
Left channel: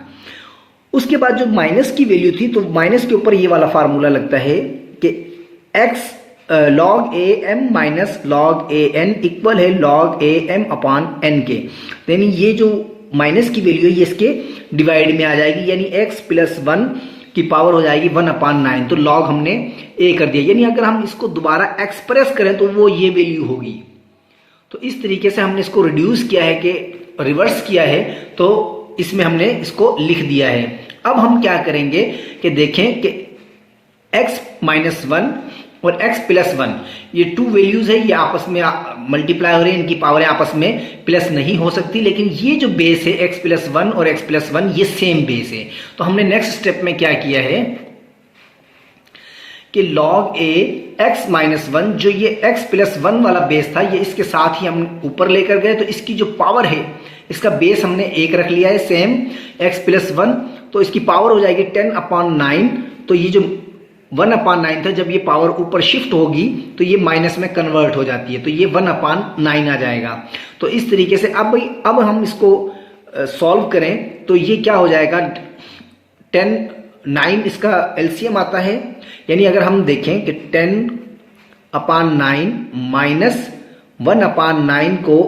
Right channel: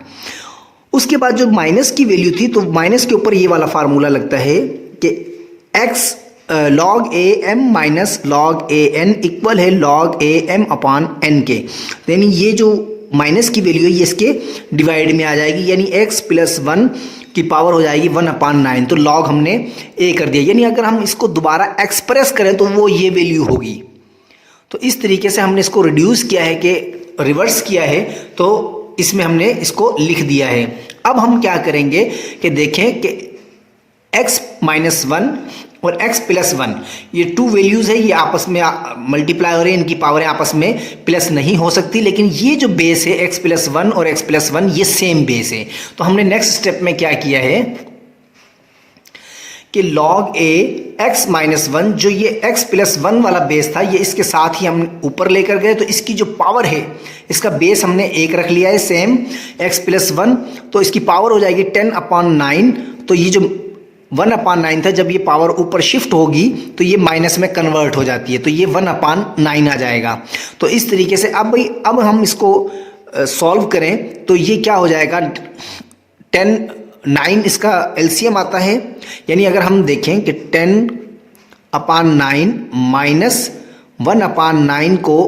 उसके बाद जो माइनस की वैल्यू थी तो माइनस के ऊपर ये वाला फार्मूला लगता है कि x log a m - log a n equal है log a m/n के, यानी ये जो माइनस की वैल्यू है ये इसके डिवाइड में आ जाएगी, यानी x + 1 की पावर हो जाएगी 1/9। तो log हमने a कर दिया, यानी अगर हम इसको दोबारा एक्सप्रेस करें तो वो ये वैल्यू होगी। तो इस तरीके से हमने इसको रिड्यूस किया है कि रिवर्स किया है, तो इसमें हमने इसको लिख दिया है। अब हम क्या करेंगे कि देखें कि x - 1 और x + 1 ये टू वैल्यूज है, ये आपस में मल्टीप्लाई हो रहे हैं, इनकी पावरें आपस में प्लस नहीं हो सकती, लेकिन ये जो बेस है x + 1 और x + 1 ये सेम बेस है। तो हमने नेक्स्ट स्टेप में क्या किया है कि log a x - 1 जो ये x + 1 वाला बेस था ये इसके साथ ही हम ऊपर लेकर गए, तो इसकी जो पावर है इसका बेस हमने 1 रख लिया है सेम x + 1, तो इसकी पावर हो जाएगी 10/9। तो ये जो 1/9 था जब ये पावर ऊपर शिफ्ट होगी तो ये माइनस में कन्वर्ट हो जाती है, तो ये 1/9 आ जाएगा। तो इस तरीके से अब हम इसको सॉल्व करें तो ये क्या हो जाएगा 9 इसका एलसीएम आता है, यानी अगर हम देखें कि 10/9 माइनस 1/9 को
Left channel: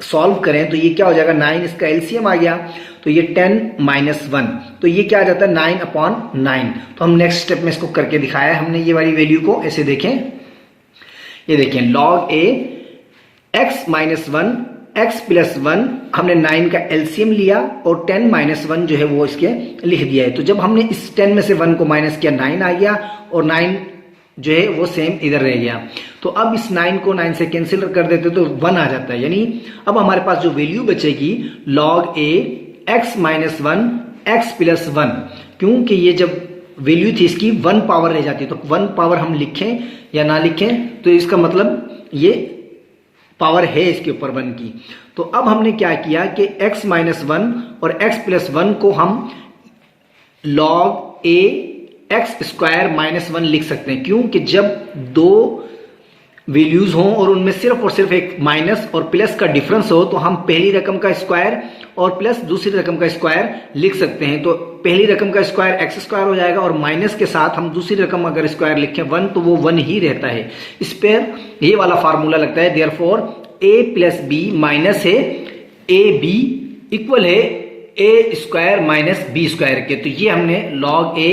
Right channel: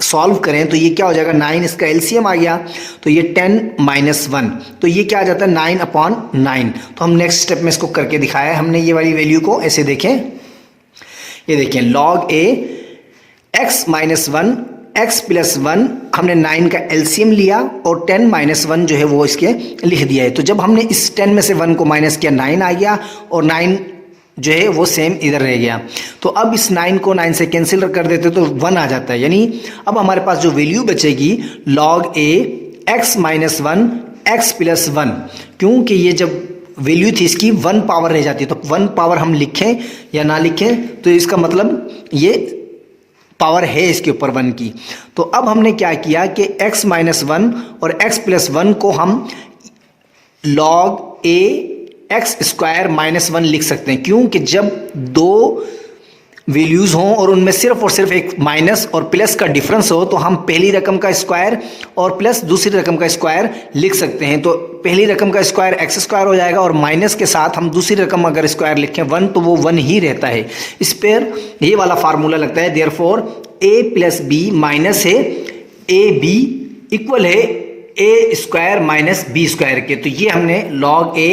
सॉल्व करें तो ये क्या हो जाएगा 9 इसका एलसीएम आ गया, तो ये 10 - 1 तो ये क्या आ जाता है 9/9। तो हम नेक्स्ट स्टेप में इसको करके दिखाया है हमने ये वाली वैल्यू को, ऐसे देखें, ये देखें log a x - 1 x + 1 हमने 9 का एलसीएम लिया और 10 - 1 जो है वो इसके लिख दिया है। तो जब हमने इस 10 में से 1 को माइनस किया 9 आ गया और 9 जो है वो सेम इधर रह गया। तो अब इस 9 को 9 से कैंसिल कर देते तो 1 आ जाता है, यानी अब हमारे पास जो वैल्यू बचेगी log a x - 1 x + 1, क्योंकि ये जब वैल्यू थी इसकी 1 पावर रह जाती है, तो 1 पावर हम लिखें या ना लिखें तो इसका मतलब ये पावर है इसके ऊपर 1 की। तो अब हमने क्या किया कि x - 1 और x + 1 को हम log a x² - 1 लिख सकते हैं, क्योंकि जब दो वैल्यूज हों और उनमें सिर्फ और सिर्फ एक माइनस और प्लस का डिफरेंस हो तो हम पहली रकम का स्क्वायर और प्लस दूसरी रकम का स्क्वायर लिख सकते हैं। तो पहली रकम का स्क्वायर x² हो जाएगा और माइनस के साथ हम दूसरी रकम अगर स्क्वायर लिखें 1 तो वो 1 ही रहता है। इस पर ये वाला फार्मूला लगता है, देयरफॉर a + b माइनस है ab इक्वल है a² - b² के। तो ये हमने log a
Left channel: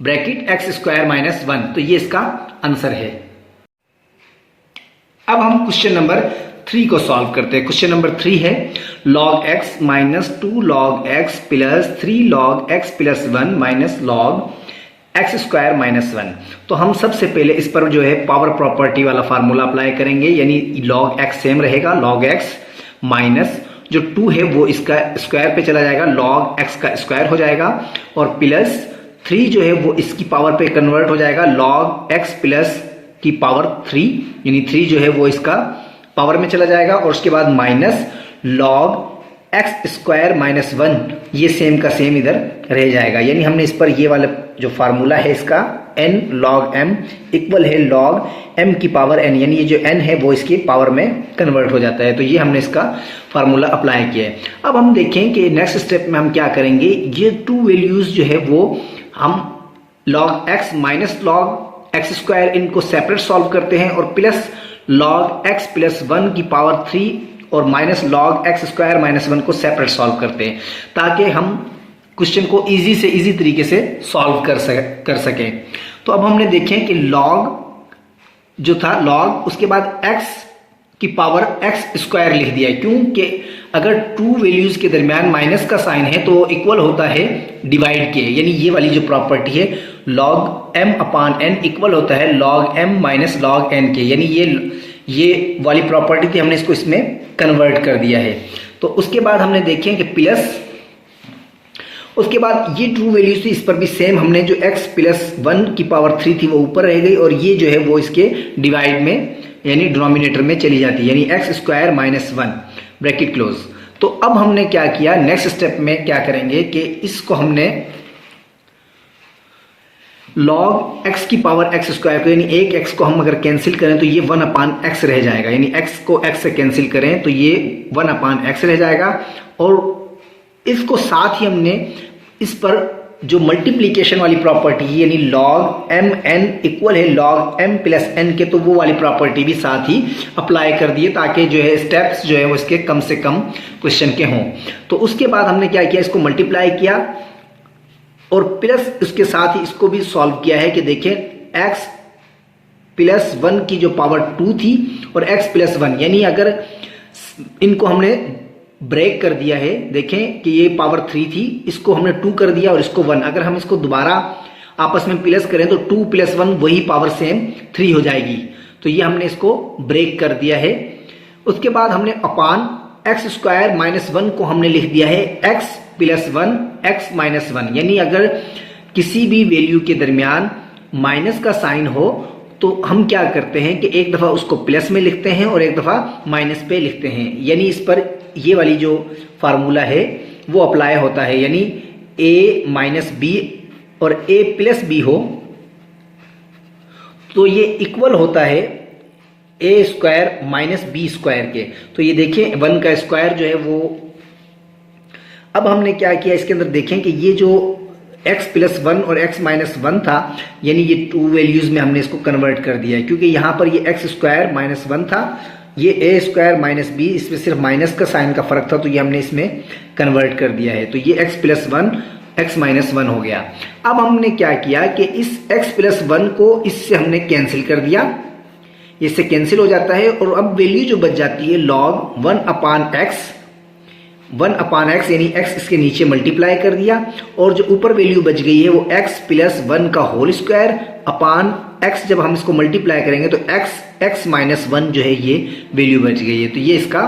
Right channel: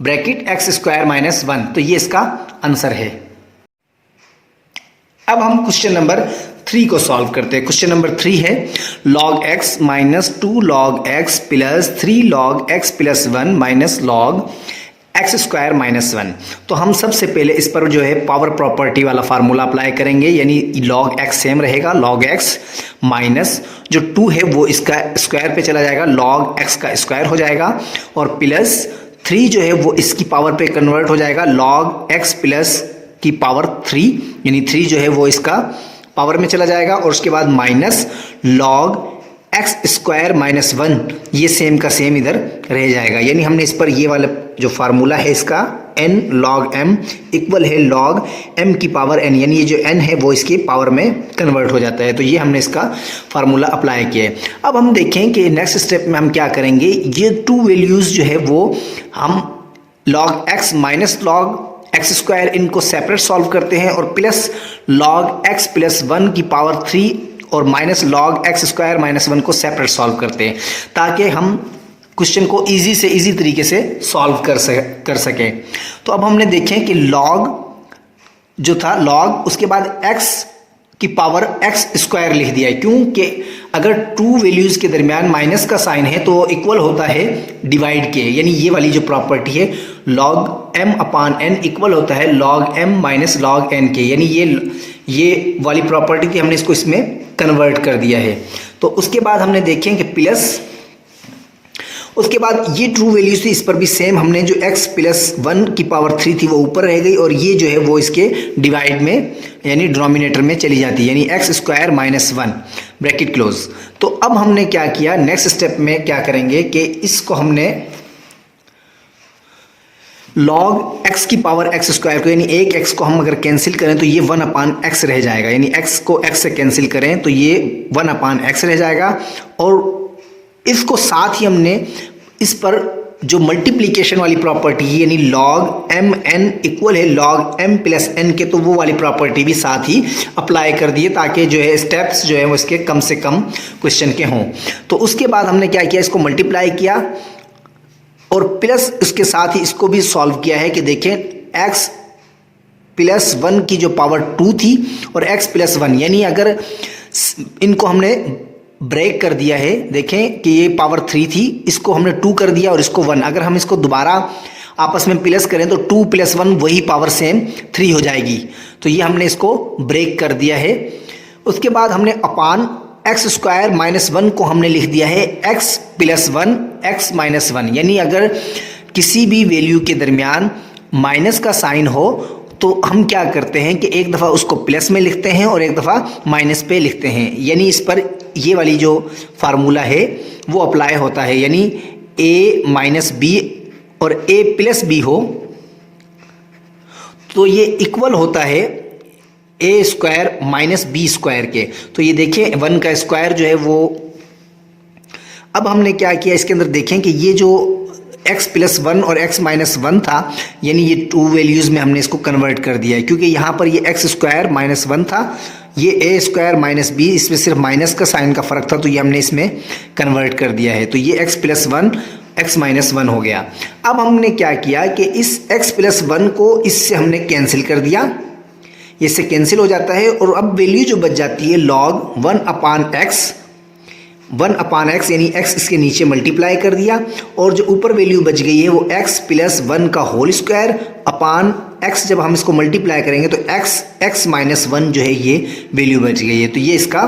ब्रैकेट x² - 1, तो ये इसका आंसर है। अब हम क्वेश्चन नंबर 3 को सॉल्व करते हैं। क्वेश्चन नंबर 3 है log x - 2 log x + 3 log x + 1 - log x² - 1। तो हम सबसे पहले इस पर जो है पावर प्रॉपर्टी वाला फार्मूला अप्लाई करेंगे, यानी log x सेम रहेगा, log x माइनस जो 2 है वो इसका स्क्वायर पे चला जाएगा, log x का स्क्वायर हो जाएगा, और प्लस 3 जो है वो इसकी पावर पे कन्वर्ट हो जाएगा log x + की पावर 3, यानी 3 जो है वो इसका पावर में चला जाएगा, और उसके बाद माइनस log x² - 1 ये सेम का सेम इधर रह जाएगा, यानी हमने इस पर ये वाला जो फार्मूला है इसका n log m इक्वल है log m की पावर n, यानी ये जो n है वो इसकी पावर में कन्वर्ट हो जाता है। तो ये हमने इसका फार्मूला अप्लाई किया है। अब हम देखें कि नेक्स्ट स्टेप में हम क्या करेंगे, ये टू वैल्यूज़ जो है वो हम log x minus log x square इनको सेपरेट सॉल्व करते हैं और प्लस log x प्लस 1 की पावर 3 और minus log x square minus 1 को सेपरेट सॉल्व करते हैं, ताकि हम क्वेश्चन को इजी से इजी तरीके से सॉल्व कर सकें। तो अब हमने देखें कि log जो था log, उसके बाद x की पावर x स्क्वायर लिख दिया है, क्योंकि अगर टू वैल्यूज के दरमियान माइनस का साइन है तो इक्वल होता है डिवाइड के, यानी ये वाली जो प्रॉपर्टी है log m अपान n इक्वल होता है log m minus log n के, यानी ये वाली प्रॉपर्टी थी, हमने इसको इसमें कन्वर्ट कर दिया है। तो उसके बाद हमने देखें कि प्लस, उसके बाद ये ट्रू वैल्यूज थी, इस पर भी सेम हमने जो x प्लस 1 की पावर 3 थी वो ऊपर रह गई और ये जो है वो इसके डिवाइड में यानी डिनोमिनेटर में चली जाती है, यानी x square minus 1 bracket close. तो अब हमने क्या किया, नेक्स्ट स्टेप में क्या करेंगे कि इसको हमने log x की पावर x स्क्वायर को, यानी एक x को हम अगर कैंसिल करें तो ये 1 अपान x रह जाएगा, यानी x को x से कैंसिल करें तो ये 1 अपान x रह जाएगा। और इसको साथ ही हमने इस पर जो मल्टीप्लिकेशन वाली प्रॉपर्टी है यानी log m n इक्वल है log m प्लस n के, तो वो वाली प्रॉपर्टी भी साथ ही अप्लाई कर दिए, ताकि जो है स्टेप्स जो है वो इसके कम से कम क्वेश्चन के हों। तो उसके बाद हमने क्या किया, इसको मल्टीप्लाई किया और प्लस उसके साथ ही इसको भी सॉल्व किया है कि देखें x प्लस 1 की जो पावर 2 थी और x प्लस 1, यानी अगर इनको हमने ब्रेक कर दिया है, देखें कि ये पावर 3 थी, इसको हमने 2 कर दिया और इसको 1, अगर हम इसको दोबारा आपस में प्लस करें तो 2 प्लस 1 वही पावर सेम 3 हो जाएगी। तो ये हमने इसको ब्रेक कर दिया है। उसके बाद हमने अपान x स्क्वायर माइनस 1 को हमने लिख दिया है x प्लस 1 x माइनस 1, यानी अगर किसी भी वैल्यू के दरमियान माइनस का साइन हो तो हम क्या करते हैं कि एक दफ़ा उसको प्लस में लिखते हैं और एक दफ़ा माइनस पे लिखते हैं, यानी इस पर ये वाली जो फार्मूला है वो अप्लाई होता है, यानी a माइनस बी और a प्लस बी हो तो ये इक्वल होता है a square minus b square के। तो ये देखिए 1 का स्क्वायर जो है वो, अब हमने क्या किया इसके अंदर, देखें कि ये जो x प्लस 1 और x माइनस 1 था, यानी ये टू वैल्यूज़ में हमने इसको कन्वर्ट कर दिया है, क्योंकि यहाँ पर ये x स्क्वायर माइनस 1 था, ये a स्क्वायर माइनस बी, इसमें सिर्फ माइनस का साइन का फ़र्क था, तो ये हमने इसमें कन्वर्ट कर दिया है। तो ये x प्लस 1 x माइनस 1 हो गया। अब हमने क्या किया कि इस x प्लस 1 को इससे हमने कैंसिल कर दिया, इससे कैंसिल हो जाता है और अब वैल्यू जो बच जाती है log 1 अपान x, यानी x इसके नीचे मल्टीप्लाई कर दिया और जो ऊपर वैल्यू बच गई है वो x प्लस 1 का होल स्क्वायर अपान x, जब हम इसको मल्टीप्लाई करेंगे तो x माइनस 1 जो है ये वैल्यू बच गई है। तो ये इसका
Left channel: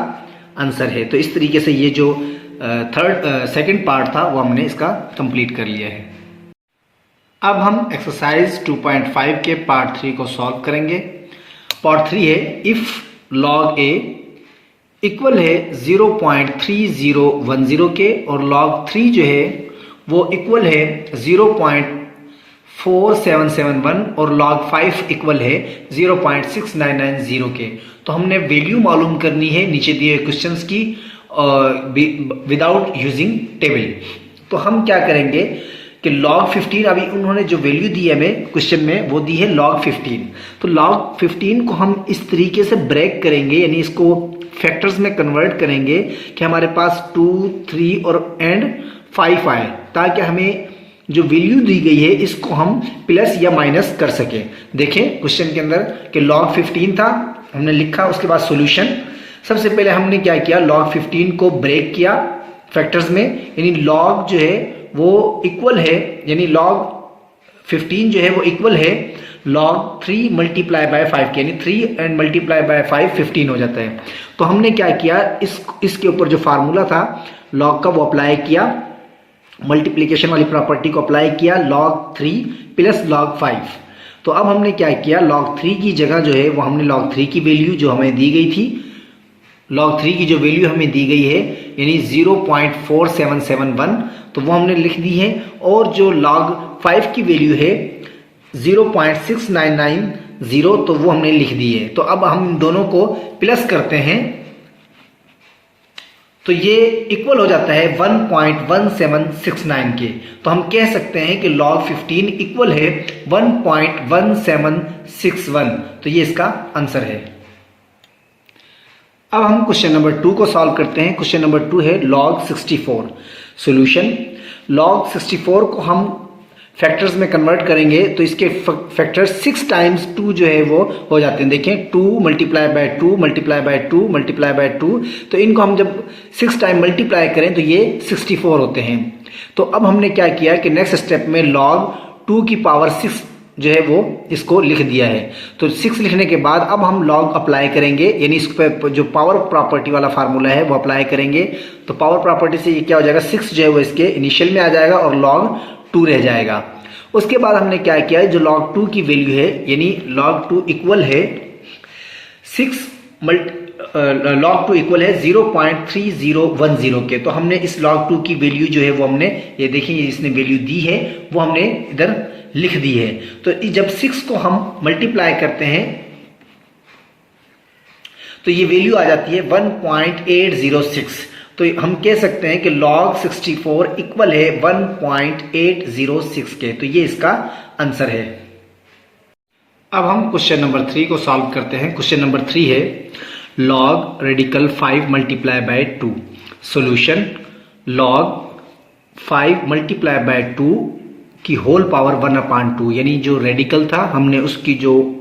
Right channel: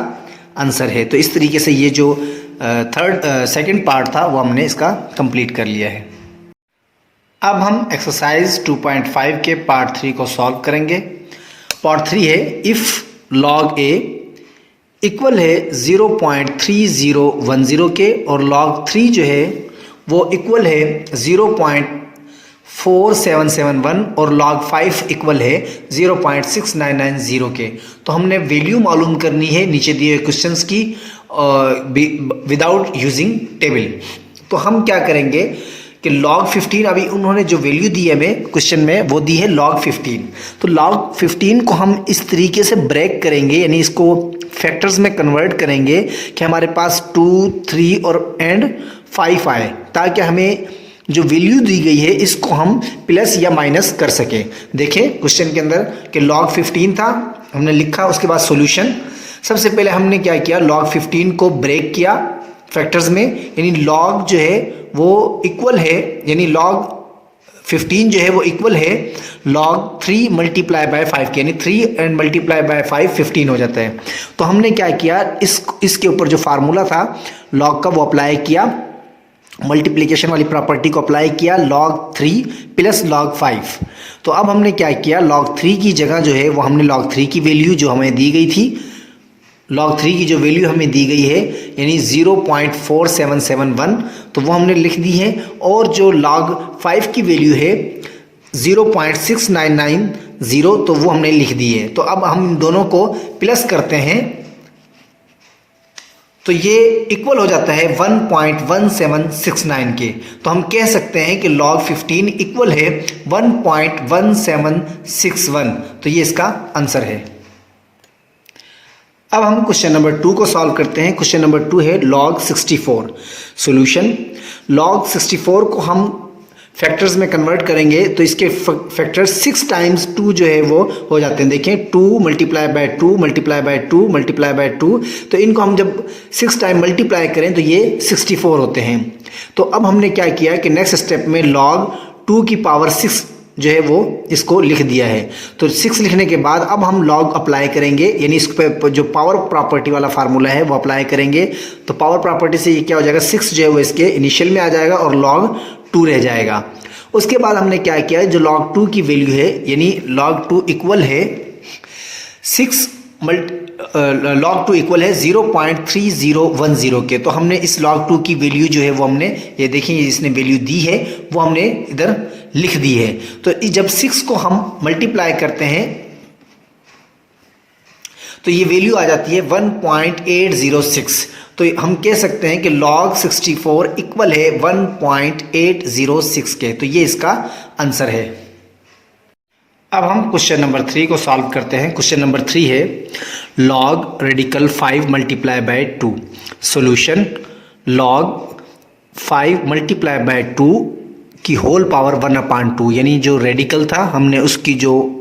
आंसर है। तो इस तरीके से ये जो सेकंड पार्ट था वो हमने इसका कंप्लीट कर लिया है। अब हम एक्सरसाइज 2.5 के पार्ट 3 को सॉल्व करेंगे। पार्ट 3 है इफ़ log a इक्वल है 0.3010 के और log 3 जो है वो इक्वल है 0.4771 और log 5 इक्वल है 0.6990 के। तो हमने वैल्यू मालूम करनी है नीचे दिए क्वेश्चंस की विदाउट यूजिंग टेबल। तो हम क्या करेंगे कि log 15, अभी उन्होंने जो वैल्यू दी है हमें क्वेश्चन में वो दी है log 15। तो log 15 को हम इस तरीके से ब्रेक करेंगे, यानी इसको फैक्टर्स में कन्वर्ट करेंगे कि हमारे पास 2, 3 और एंड 5 आए, ताकि हमें जो वैल्यू दी गई है इसको हम प्लस या माइनस कर सकें। देखें क्वेश्चन के अंदर कि log 15 था, हमने लिखा, उसके बाद सॉल्यूशन। सबसे पहले हमने क्या किया, log 15 को ब्रेक किया फैक्टर्स में, यानी log जो है वो इक्वल है, यानी log 15 जो है वो इक्वल है log 3 मल्टीप्लाई बाय 5 के, यानी 3 एंड मल्टीप्लाई बाय 5 15 हो जाता है। तो हमने क्या किया, इसके ऊपर जो फार्मूला था log का वो अप्लाई किया, मल्टीप्लिकेशन वाली प्रॉपर्टी को अप्लाई किया, log 3 प्लस log 5। तो अब हमने क्या किया, log 3 की जगह जो है वो हमने log 3 की वैल्यू जो हमें दी गई थी, log 3 की जो वैल्यू हमें दी गई है यानी 0.4771, तो वो हमने लिख दी है। और जो log 5 की वैल्यू है 0.6990 तो वो हमने लिख दी है। तो अब हम दोनों को प्लस करते हैं तो ये इक्वल हो जाता है 1.1769 के। तो हम कह सकते हैं कि log 15 इक्वल है 1.1761। तो ये इसका आंसर है। अब हम क्वेश्चन नंबर 2 को सॉल्व करते हैं। क्वेश्चन नंबर 2 है log 64। सॉल्यूशन, log 64 को हम फैक्टर्स में कन्वर्ट करेंगे तो इसके फैक्टर 6 टाइम्स 2 जो है वो हो जाते हैं। देखें 2 multiply by 2 multiply by 2 multiply by 2, तो इनको हम जब 6 टाइम मल्टीप्लाई करें तो ये 64 होते हैं। तो अब हमने क्या किया कि नेक्स्ट स्टेप में log 2 की पावर 6 जो है वो इसको लिख दिया है। तो 6 लिखने के बाद अब हम log अप्लाई करेंगे, यानी इस पर जो पावर प्रॉपर्टी वाला फार्मूला है वो अप्लाई करेंगे। तो पावर प्रॉपर्टी से ये क्या हो जाएगा, 6 जो है वो इसके इनिशियल में आ जाएगा और log 2 रह जाएगा। उसके बाद हमने क्या किया, जो log 2 की वैल्यू है, यानी log 2 इक्वल है 0.3010 के। तो हमने इस log 2 की वैल्यू जो है वो हमने, ये देखिए इसने वैल्यू दी है वो हमने इधर लिख दी है। तो जब 6 को हम मल्टीप्लाई करते हैं तो ये वैल्यू आ जाती है 1.806। तो हम कह सकते हैं कि log 64 इक्वल है 1.806 के। तो ये इसका आंसर है। अब हम क्वेश्चन नंबर 3 को सॉल्व करते हैं। क्वेश्चन नंबर 3 है log radical 5 multiply by 2। Solution, log 5 multiply by 2 की होल पावर 1/2, यानी जो रेडिकल था हमने उसकी जो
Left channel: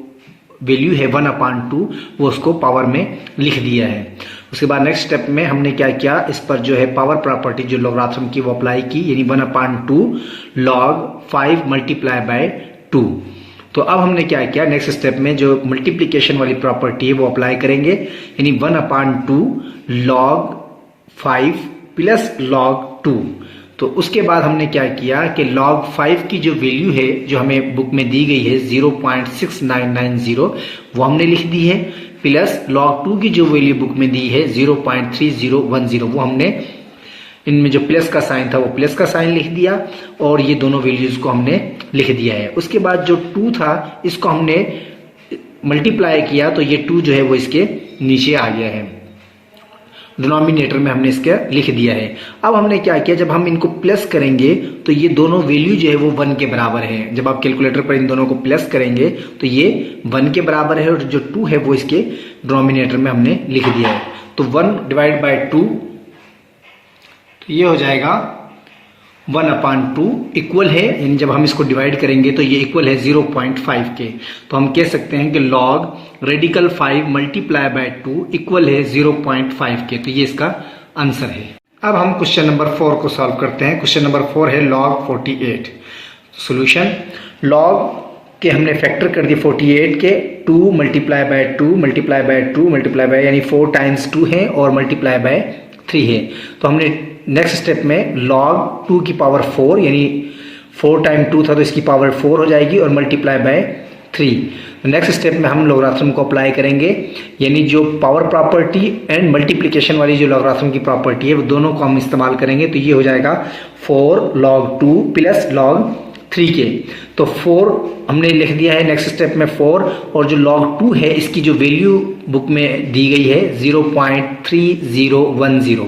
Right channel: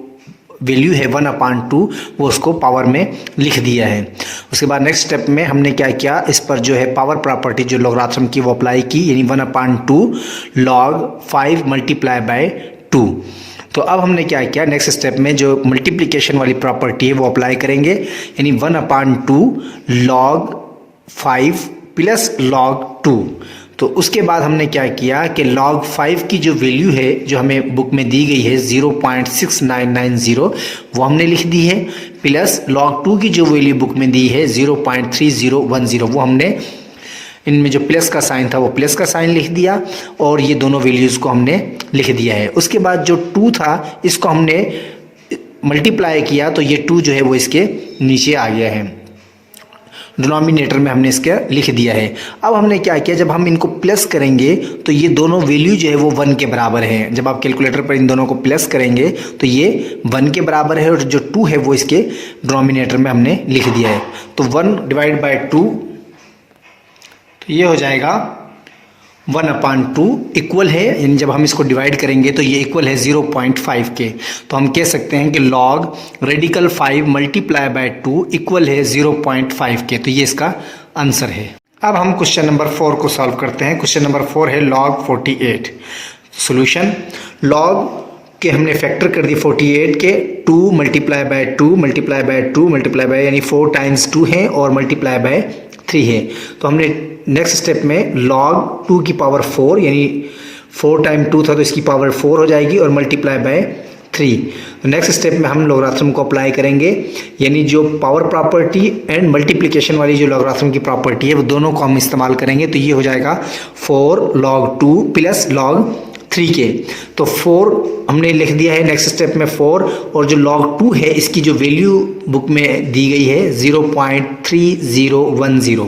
वैल्यू है 1/2 वो उसको पावर में लिख दिया है। उसके बाद नेक्स्ट स्टेप में हमने क्या किया, इस पर जो है पावर प्रॉपर्टी जो लॉगरिथम की वो अप्लाई की, यानी 1/2 log 5 मल्टीप्लाई बाय 2। तो अब हमने क्या किया, नेक्स्ट स्टेप में जो मल्टीप्लिकेशन वाली प्रॉपर्टी है वो अप्लाई करेंगे, यानी 1/2 log 5 प्लस log 2। तो उसके बाद हमने क्या किया कि log 5 की जो वैल्यू है जो हमें बुक में दी गई है 0.6990 वो हमने लिख दी है, प्लस log 2 की जो वैल्यू बुक में दी है 0.3010 वो हमने, इनमें जो प्लस का साइन था वो प्लस का साइन लिख दिया और ये दोनों वैल्यूज़ को हमने लिख दिया है। उसके बाद जो 2 था इसको हमने मल्टीप्लाई किया तो ये 2 जो है वो इसके नीचे आ गया है, डिनोमिनेटर में हमने इसका लिख दिया है। अब हमने क्या किया, जब हम इनको प्लस करेंगे तो ये दोनों वैल्यू जो है वो 1 के बराबर है। जब आप कैलकुलेटर पर इन दोनों को प्लस करेंगे तो ये 1 के बराबर है और जो 2 है वो इसके डिनोमिनेटर में हमने लिख दिया है। तो 1 डिवाइड बाय 2, तो ये हो जाएगा 1/2 इक्वल है, यानी जब हम इसको डिवाइड करेंगे तो ये इक्वल है 0.5 के। तो हम कह सकते हैं कि log radical 5 multiply by 2 equal है 0.5 के। तो ये इसका आंसर है। अब हम क्वेश्चन नंबर 4 को सॉल्व करते हैं। क्वेश्चन नंबर 4 है log 48। सॉल्यूशन, log के हमने फैक्टर कर दिए 48 के, 2 multiply by 2 multiply by 2 multiply by, यानी 4 टाइम्स 2 है और मल्टीप्लाई बाय 3 है। तो हमने नेक्स्ट स्टेप में log 2 की पावर 4, यानी 4 टाइम 2 था तो इसकी पावर 4 हो जाएगी और मल्टीप्लाई बाय 3। नेक्स्ट स्टेप में हम लॉगरिथम को अप्लाई करेंगे, यानी जो पावर प्रॉपर्टी एंड मल्टीप्लिकेशन वाली जो लॉगरिथम की प्रॉपर्टी है वो दोनों को हम इस्तेमाल करेंगे। तो ये हो जाएगा 4 log 2 प्लस log 3 के। तो 4 हमने लिख दिया है नेक्स्ट स्टेप में 4, और जो log 2 है इसकी जो वैल्यू बुक में दी गई है 0.3010।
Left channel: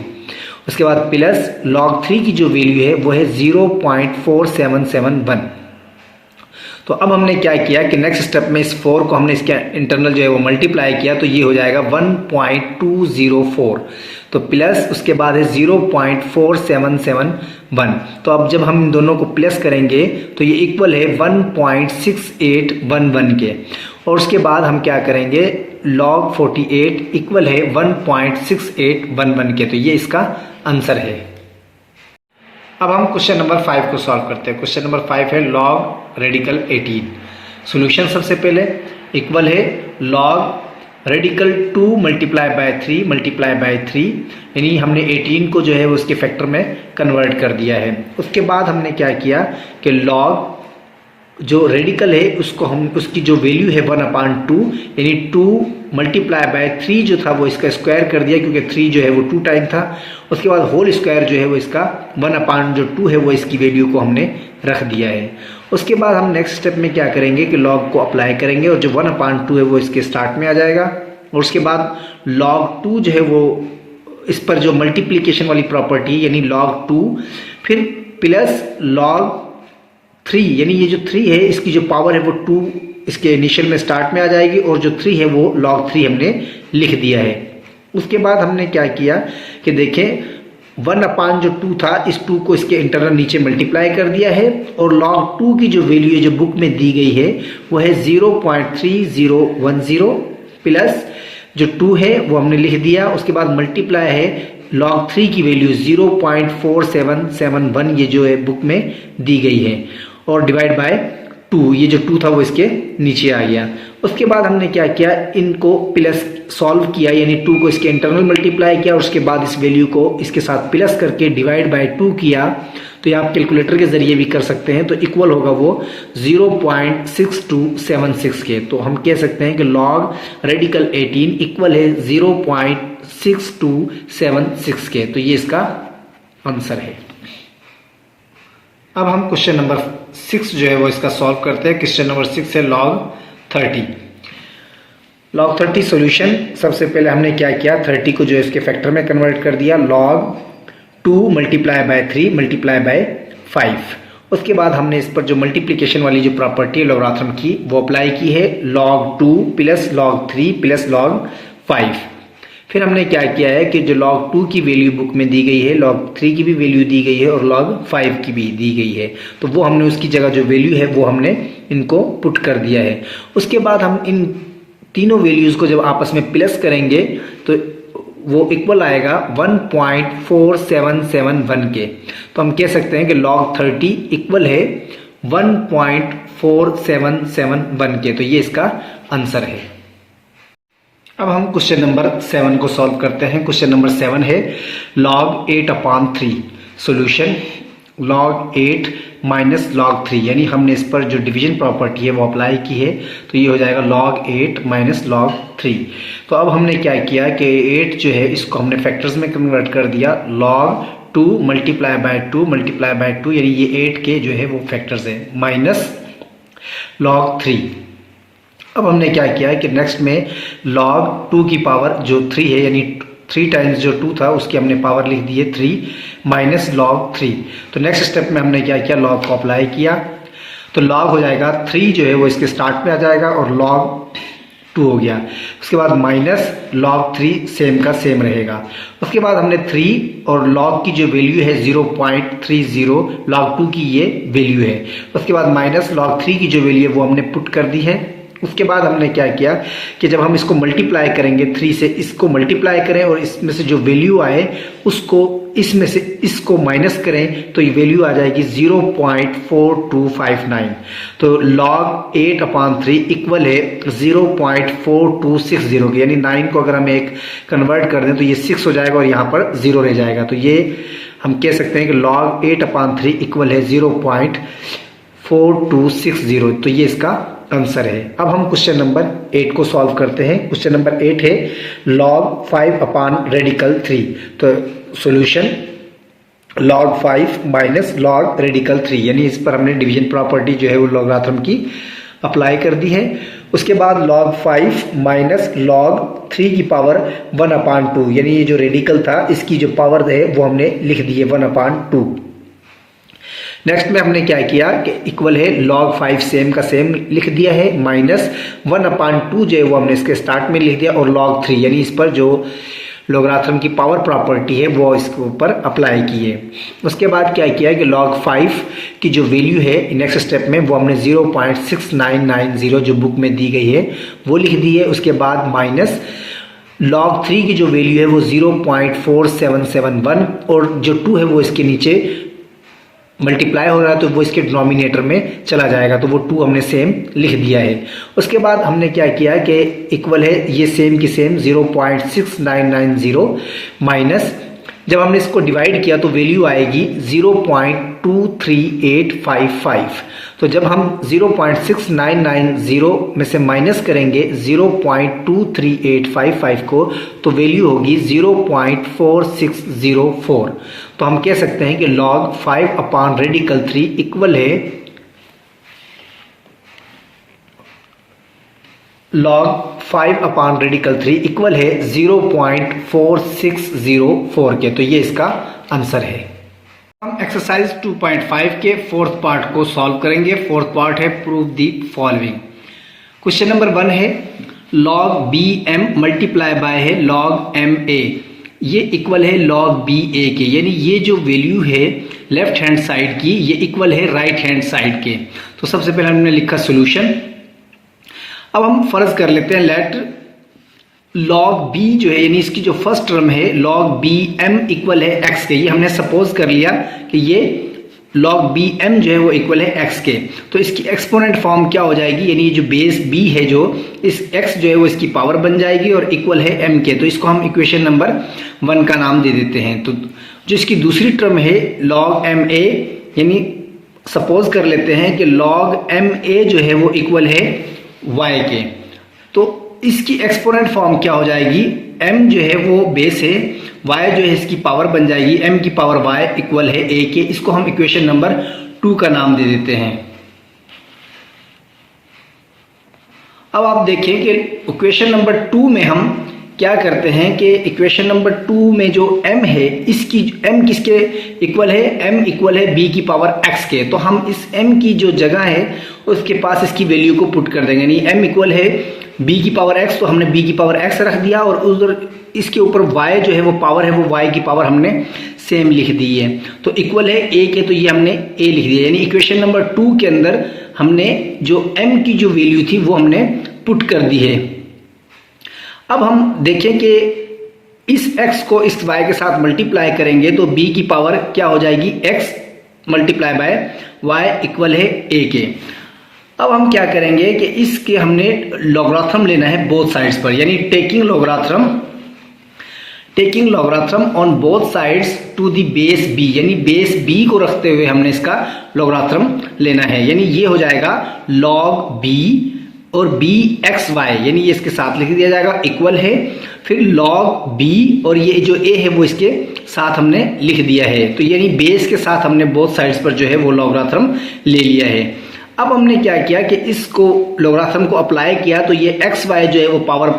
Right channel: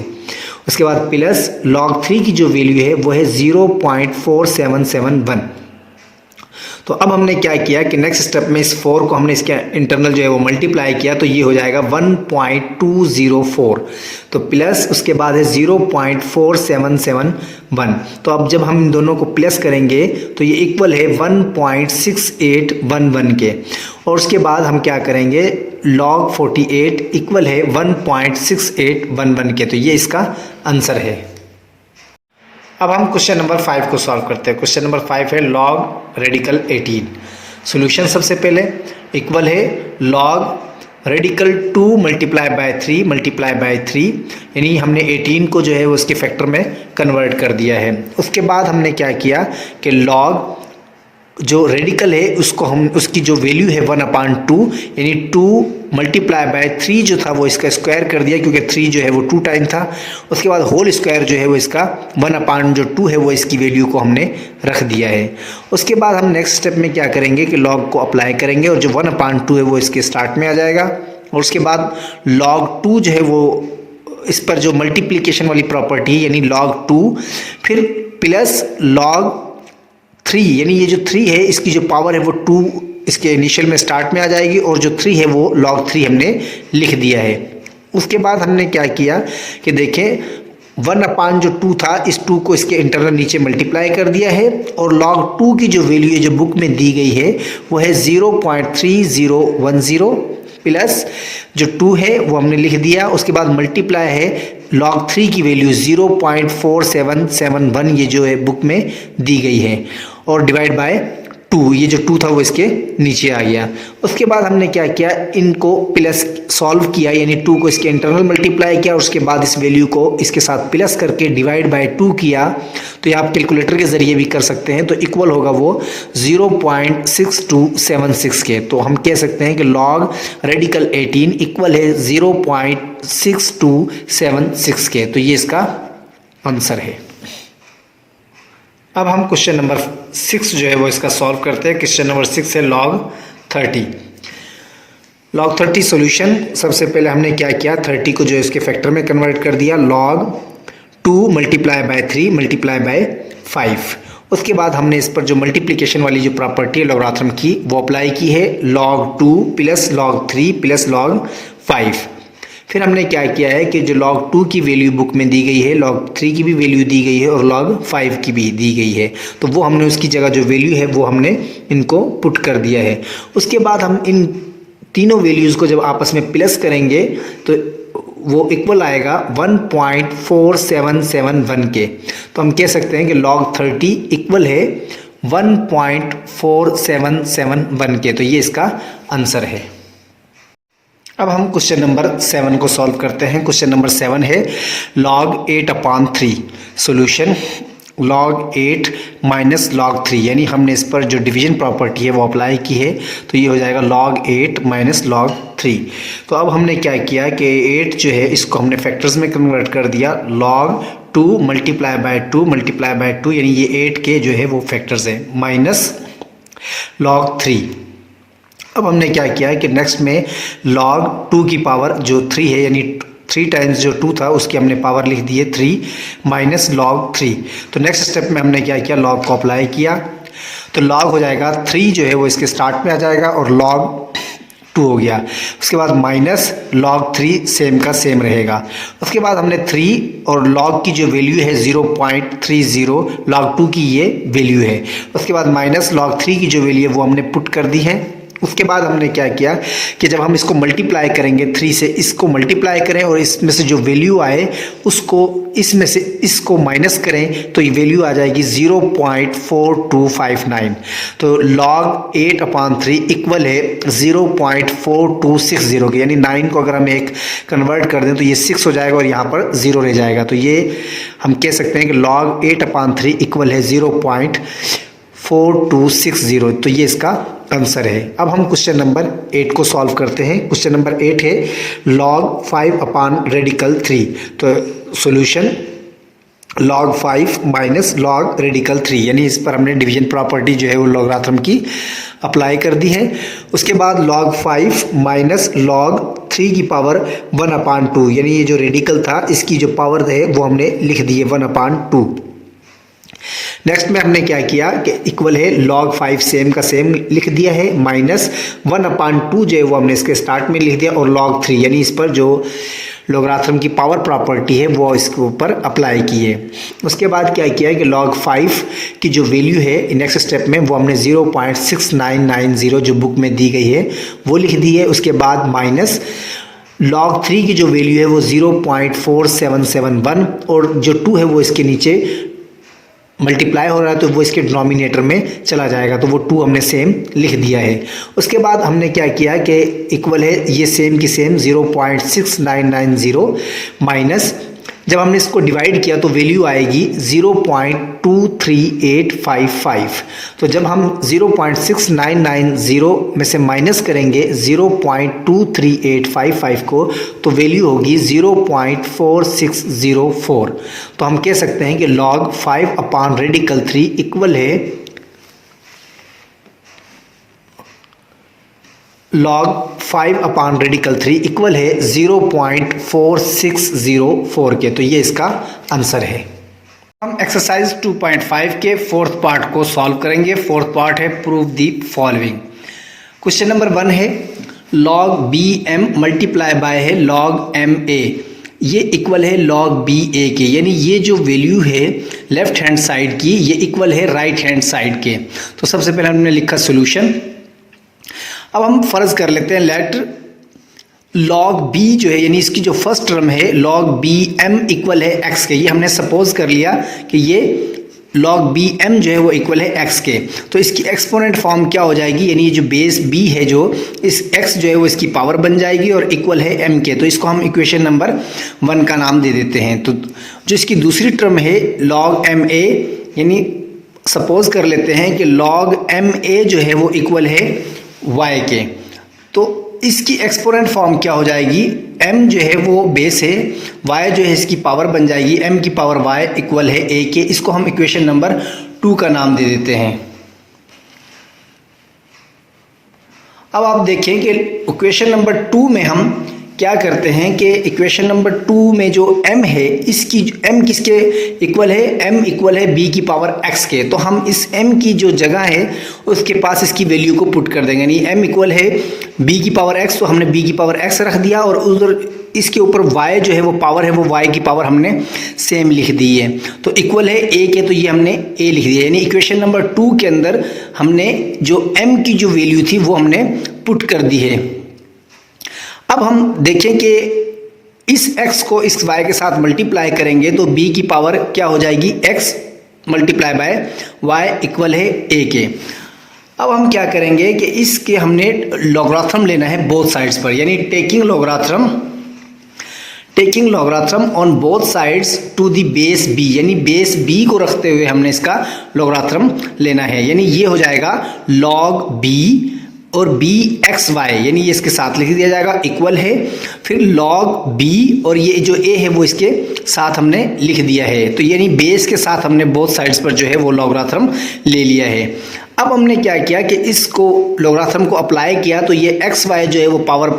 उसके बाद प्लस log 3 की जो वैल्यू है वो है 0.4771। तो अब हमने क्या किया कि नेक्स्ट स्टेप में इस 4 को हमने इसके इंटरनल जो है वो मल्टीप्लाई किया तो ये हो जाएगा 1.204। तो प्लस उसके बाद है 0.4771। तो अब जब हम इन दोनों को प्लस करेंगे तो ये इक्वल है 1.6811 के। और उसके बाद हम क्या करेंगे, log 48 इक्वल है 1.6811 के। तो ये इसका आंसर है। अब हम क्वेश्चन नंबर 5 को सॉल्व करते हैं। क्वेश्चन नंबर 5 है log रेडिकल 18। सॉल्यूशन, सबसे पहले इक्वल है log radical 2 multiply by 3 multiply by 3, यानी हमने 18 को जो है उसके फैक्टर में कन्वर्ट कर दिया है। उसके बाद हमने क्या किया कि log जो रेडिकल है उसको हम उसकी जो वैल्यू है 1/2 यानी 2 मल्टीप्लाई बाय 3 जो था वो इसका स्क्वायर कर दिया, क्योंकि 3 जो है वो 2 टाइम था। उसके बाद होल स्क्वायर जो है वो इसका 1/2 है वो इसकी वैल्यू को हमने रख दिया है। उसके बाद हम नेक्स्ट स्टेप में क्या करेंगे कि लॉग को अप्लाई करेंगे और जो 1/2 है वो इसके स्टार्ट में आ जाएगा। और उसके बाद log 2 जो है वो इस पर जो मल्टीप्लिकेशन वाली प्रॉपर्टी है यानी log 2 फिर प्लस log 3 यानी ये जो 3 है इसकी जो पावर है वो 2 इसके इनिशियल में स्टार्ट में आ जाएगी और जो 3 है वो log 3 हमने लिख दिया है। उसके बाद हमने क्या किया कि देखें 1/2 था इस 2 को इसके इंटरनल नीचे मल्टीप्लाई कर दिया है और log 2 की जो वैल्यू है जो बुक में दी गई है वो है 0.3010 प्लस जो 2 है वो हमने लिख दिया। उसके बाद मल्टीप्लाई है log 3 की वैल्यू 0.4771 ये जो है बुक में दी गई है और डिवाइड बाय 2 ये जो 2 था वो इसके नीचे आ गया। उसके बाद हमने क्या किया इनको प्लस सॉल्व किया यानी 2 को इसके इंटरनल मल्टीप्लाई किया और उसके बाद इस वैल्यू को इसके साथ प्लस करके डिवाइड बाय 2 किया। तो ये आप कैलकुलेटर के ज़रिए भी कर सकते हैं। तो इक्वल होगा वो 0.6276 के। तो हम कह सकते हैं कि log रेडिकल 18 इक्वल है 0.6276 के। तो ये इसका आंसर है। अब हम क्वेश्चन नंबर 6 जो है वो इसका सॉल्व करते हैं। क्वेश्चन नंबर 6 है log 30। log 30 solution. सबसे पहले हमने क्या किया 30 को जो है इसके फैक्टर में कन्वर्ट कर दिया log 2 multiply by 3 multiply by 5। उसके बाद हमने इस पर जो मल्टीप्लिकेशन वाली जो प्रॉपर्टी है लॉगरिथम की वो अप्लाई की है log 2 plus log 3 plus log 5। फिर हमने क्या किया है कि जो log 2 की वैल्यू बुक में दी गई है log 3 की भी वैल्यू दी गई है और log 5 की भी दी गई है। तो वो हमने उसकी जगह जो वैल्यू है वो हमने इनको पुट कर दिया है। उसके बाद हम इन तीनों वैल्यूज़ को जब आपस में प्लस करेंगे तो वो इक्वल आएगा 1.4771 के। तो हम कह सकते हैं कि log 30 इक्वल है 1.4771 के। तो ये इसका आंसर है। अब हम क्वेश्चन नंबर 7 को सॉल्व करते हैं। क्वेश्चन नंबर 7 है log 8/3 solution. log 8 minus log 3 यानी हमने इस पर जो डिवीजन प्रॉपर्टी है वो अप्लाई की है। तो ये हो जाएगा log 8 माइनस log 3। तो अब हमने क्या किया कि 8 जो है इसको हमने फैक्टर्स में कन्वर्ट कर दिया log 2 multiply by 2 multiply by 2 यानी ये 8 के जो है वो फैक्टर्स हैं माइनस log 3। अब हमने क्या किया कि नेक्स्ट में log 2 की पावर जो 3 है यानी 3 टाइम्स जो 2 था उसकी हमने पावर लिख दी है 3 माइनस log 3। तो नेक्स्ट स्टेप में हमने क्या किया log को अप्लाई किया। तो log हो जाएगा 3 जो है वो इसके स्टार्ट में आ जाएगा और log 2 हो गया। उसके बाद माइनस log 3 सेम का सेम रहेगा। उसके बाद हमने 3 और log की जो वैल्यू है 0.30 log 2 की ये वैल्यू है। उसके बाद माइनस log 3 की जो वैल्यू है वो हमने पुट कर दी है। उसके बाद हमने क्या किया कि जब हम इसको मल्टीप्लाई करेंगे 3 से इसको मल्टीप्लाई करें और इसमें से जो वैल्यू आए उसको इसमें से इसको माइनस करें तो ये वैल्यू आ जाएगी 0.4259। तो log 8/3 इक्वल है 0.4260 के। यानी 9 को अगर हम एक कन्वर्ट कर दें तो ये 6 हो जाएगा और यहाँ पर 0 रह जाएगा। तो ये हम कह सकते हैं कि log 8/3 इक्वल है 0.4260। तो ये इसका आंसर है। अब हम क्वेश्चन नंबर 8 को सॉल्व करते हैं। क्वेश्चन नंबर 8 है log 5/रेडिकल 3। तो solution log 5 minus log radical 3 यानी इस पर हमने डिवीजन प्रॉपर्टी जो है वो लॉगरिथम की अप्लाई कर दी है। उसके बाद log 5 माइनस log 3 की पावर 1/2 यानी ये जो रेडिकल था इसकी जो पावर है वो हमने लिख दी है 1/2। नेक्स्ट में हमने क्या किया कि इक्वल है log 5 सेम का सेम लिख दिया है माइनस 1/2 जो है वो हमने इसके स्टार्ट में लिख दिया और log 3 यानी इस पर जो लॉगरिथम की पावर प्रॉपर्टी है वो इसके ऊपर अप्लाई की है। उसके बाद क्या किया कि log 5 की जो वैल्यू है नेक्स्ट स्टेप में वो हमने 0.6990 जो बुक में दी गई है वो लिख दी है। उसके बाद माइनस log 3 की जो वैल्यू है वो 0.4771 और जो 2 है वो इसके नीचे मल्टीप्लाई हो रहा है तो वो इसके डिनोमिनेटर में चला जाएगा। तो वो 2 हमने सेम लिख दिया है। उसके बाद हमने क्या किया कि इक्वल है ये सेम की सेम 0.6990 माइनस जब हमने इसको डिवाइड किया तो वैल्यू आएगी 0.2 0.23855। तो जब हम 0.6990 में से माइनस करेंगे 0.23855 को तो वैल्यू होगी 0.4604। तो हम कह सकते हैं कि log 5/3 इक्वल है log 5/3 इक्वल है 0.4604 के। तो ये इसका आंसर है। हम एक्सरसाइज 2.5 के फोर्थ पार्ट को सॉल्व करेंगे। फोर्थ पार्ट है prove the following. Question number 1 है log bm मल्टीप्लाई बाय है log ma, ये इक्वल है log ba के, यानी ये जो वैल्यू है लेफ्ट हैंड साइड की ये इक्वल है राइट हैंड साइड के। तो सबसे पहले हमने लिखा सोल्यूशन। अब हम फर्ज कर लेते हैं लेट log b जो है यानी इसकी जो फर्स्ट टर्म है log bm इक्वल है x के। ये हमने सपोज कर लिया कि ये log bm जो है वो इक्वल है x के। तो इसकी एक्सपोनेंट फॉर्म क्या हो जाएगी, यानी ये जो बेस b है जो इस x जो है वो इसकी पावर बन जाएगी और इक्वल है m के। तो इसको हम इक्वेशन नंबर 1 का नाम दे देते हैं। तो जो इसकी दूसरी टर्म है log ma, यानी सपोज कर लेते हैं कि log ma जो है वो इक्वल है y के। तो इसकी एक्सपोनेंट फॉर्म क्या हो जाएगी, m जो है वो बेस है, y जो है इसकी पावर बन जाएगी m की पावर y इक्वल है a के। इसको हम इक्वेशन नंबर 2 का नाम दे देते हैं। अब आप देखें कि इक्वेशन नंबर 2 में हम क्या करते हैं कि इक्वेशन नंबर 2 में जो m है इसकी m किसके इक्वल है, m इक्वल है b की पावर x के। तो हम इस m की जो जगह है उसके पास इसकी वैल्यू को पुट कर देंगे, यानी m इक्वल है b की पावर x, तो हमने b की पावर x रख दिया और उधर इसके ऊपर y जो है वो पावर है वो y की पावर हमने सेम लिख दी है। तो इक्वल है a के, तो ये हमने a लिख दिया, यानी इक्वेशन नंबर 2 के अंदर हमने जो m की जो वैल्यू थी वो हमने पुट कर दी है। अब हम देखें कि इस x को इस y के साथ मल्टीप्लाई करेंगे तो b की पावर क्या हो जाएगी, x multiply by y equal है a के। अब हम क्या करेंगे कि इसके हमने लॉगरिथम लेना है बोथ साइड्स पर, यानी taking logarithm on both sides to the base b, यानी बेस b को रखते हुए हमने इसका लॉगरिथम लेना है। यानी ये हो जाएगा log b और bxy, यानी ये इसके साथ लिख दिया जाएगा इक्वल है, फिर log b और ये जो a है वो इसके साथ हमने लिख दिया है। तो यानी बेस के साथ हमने बोथ साइड्स पर जो है वो लॉगरिथम ले लिया है। अब हमने क्या किया कि इसको लॉगरिथम को अप्लाई किया तो ये xy जो है वो पावर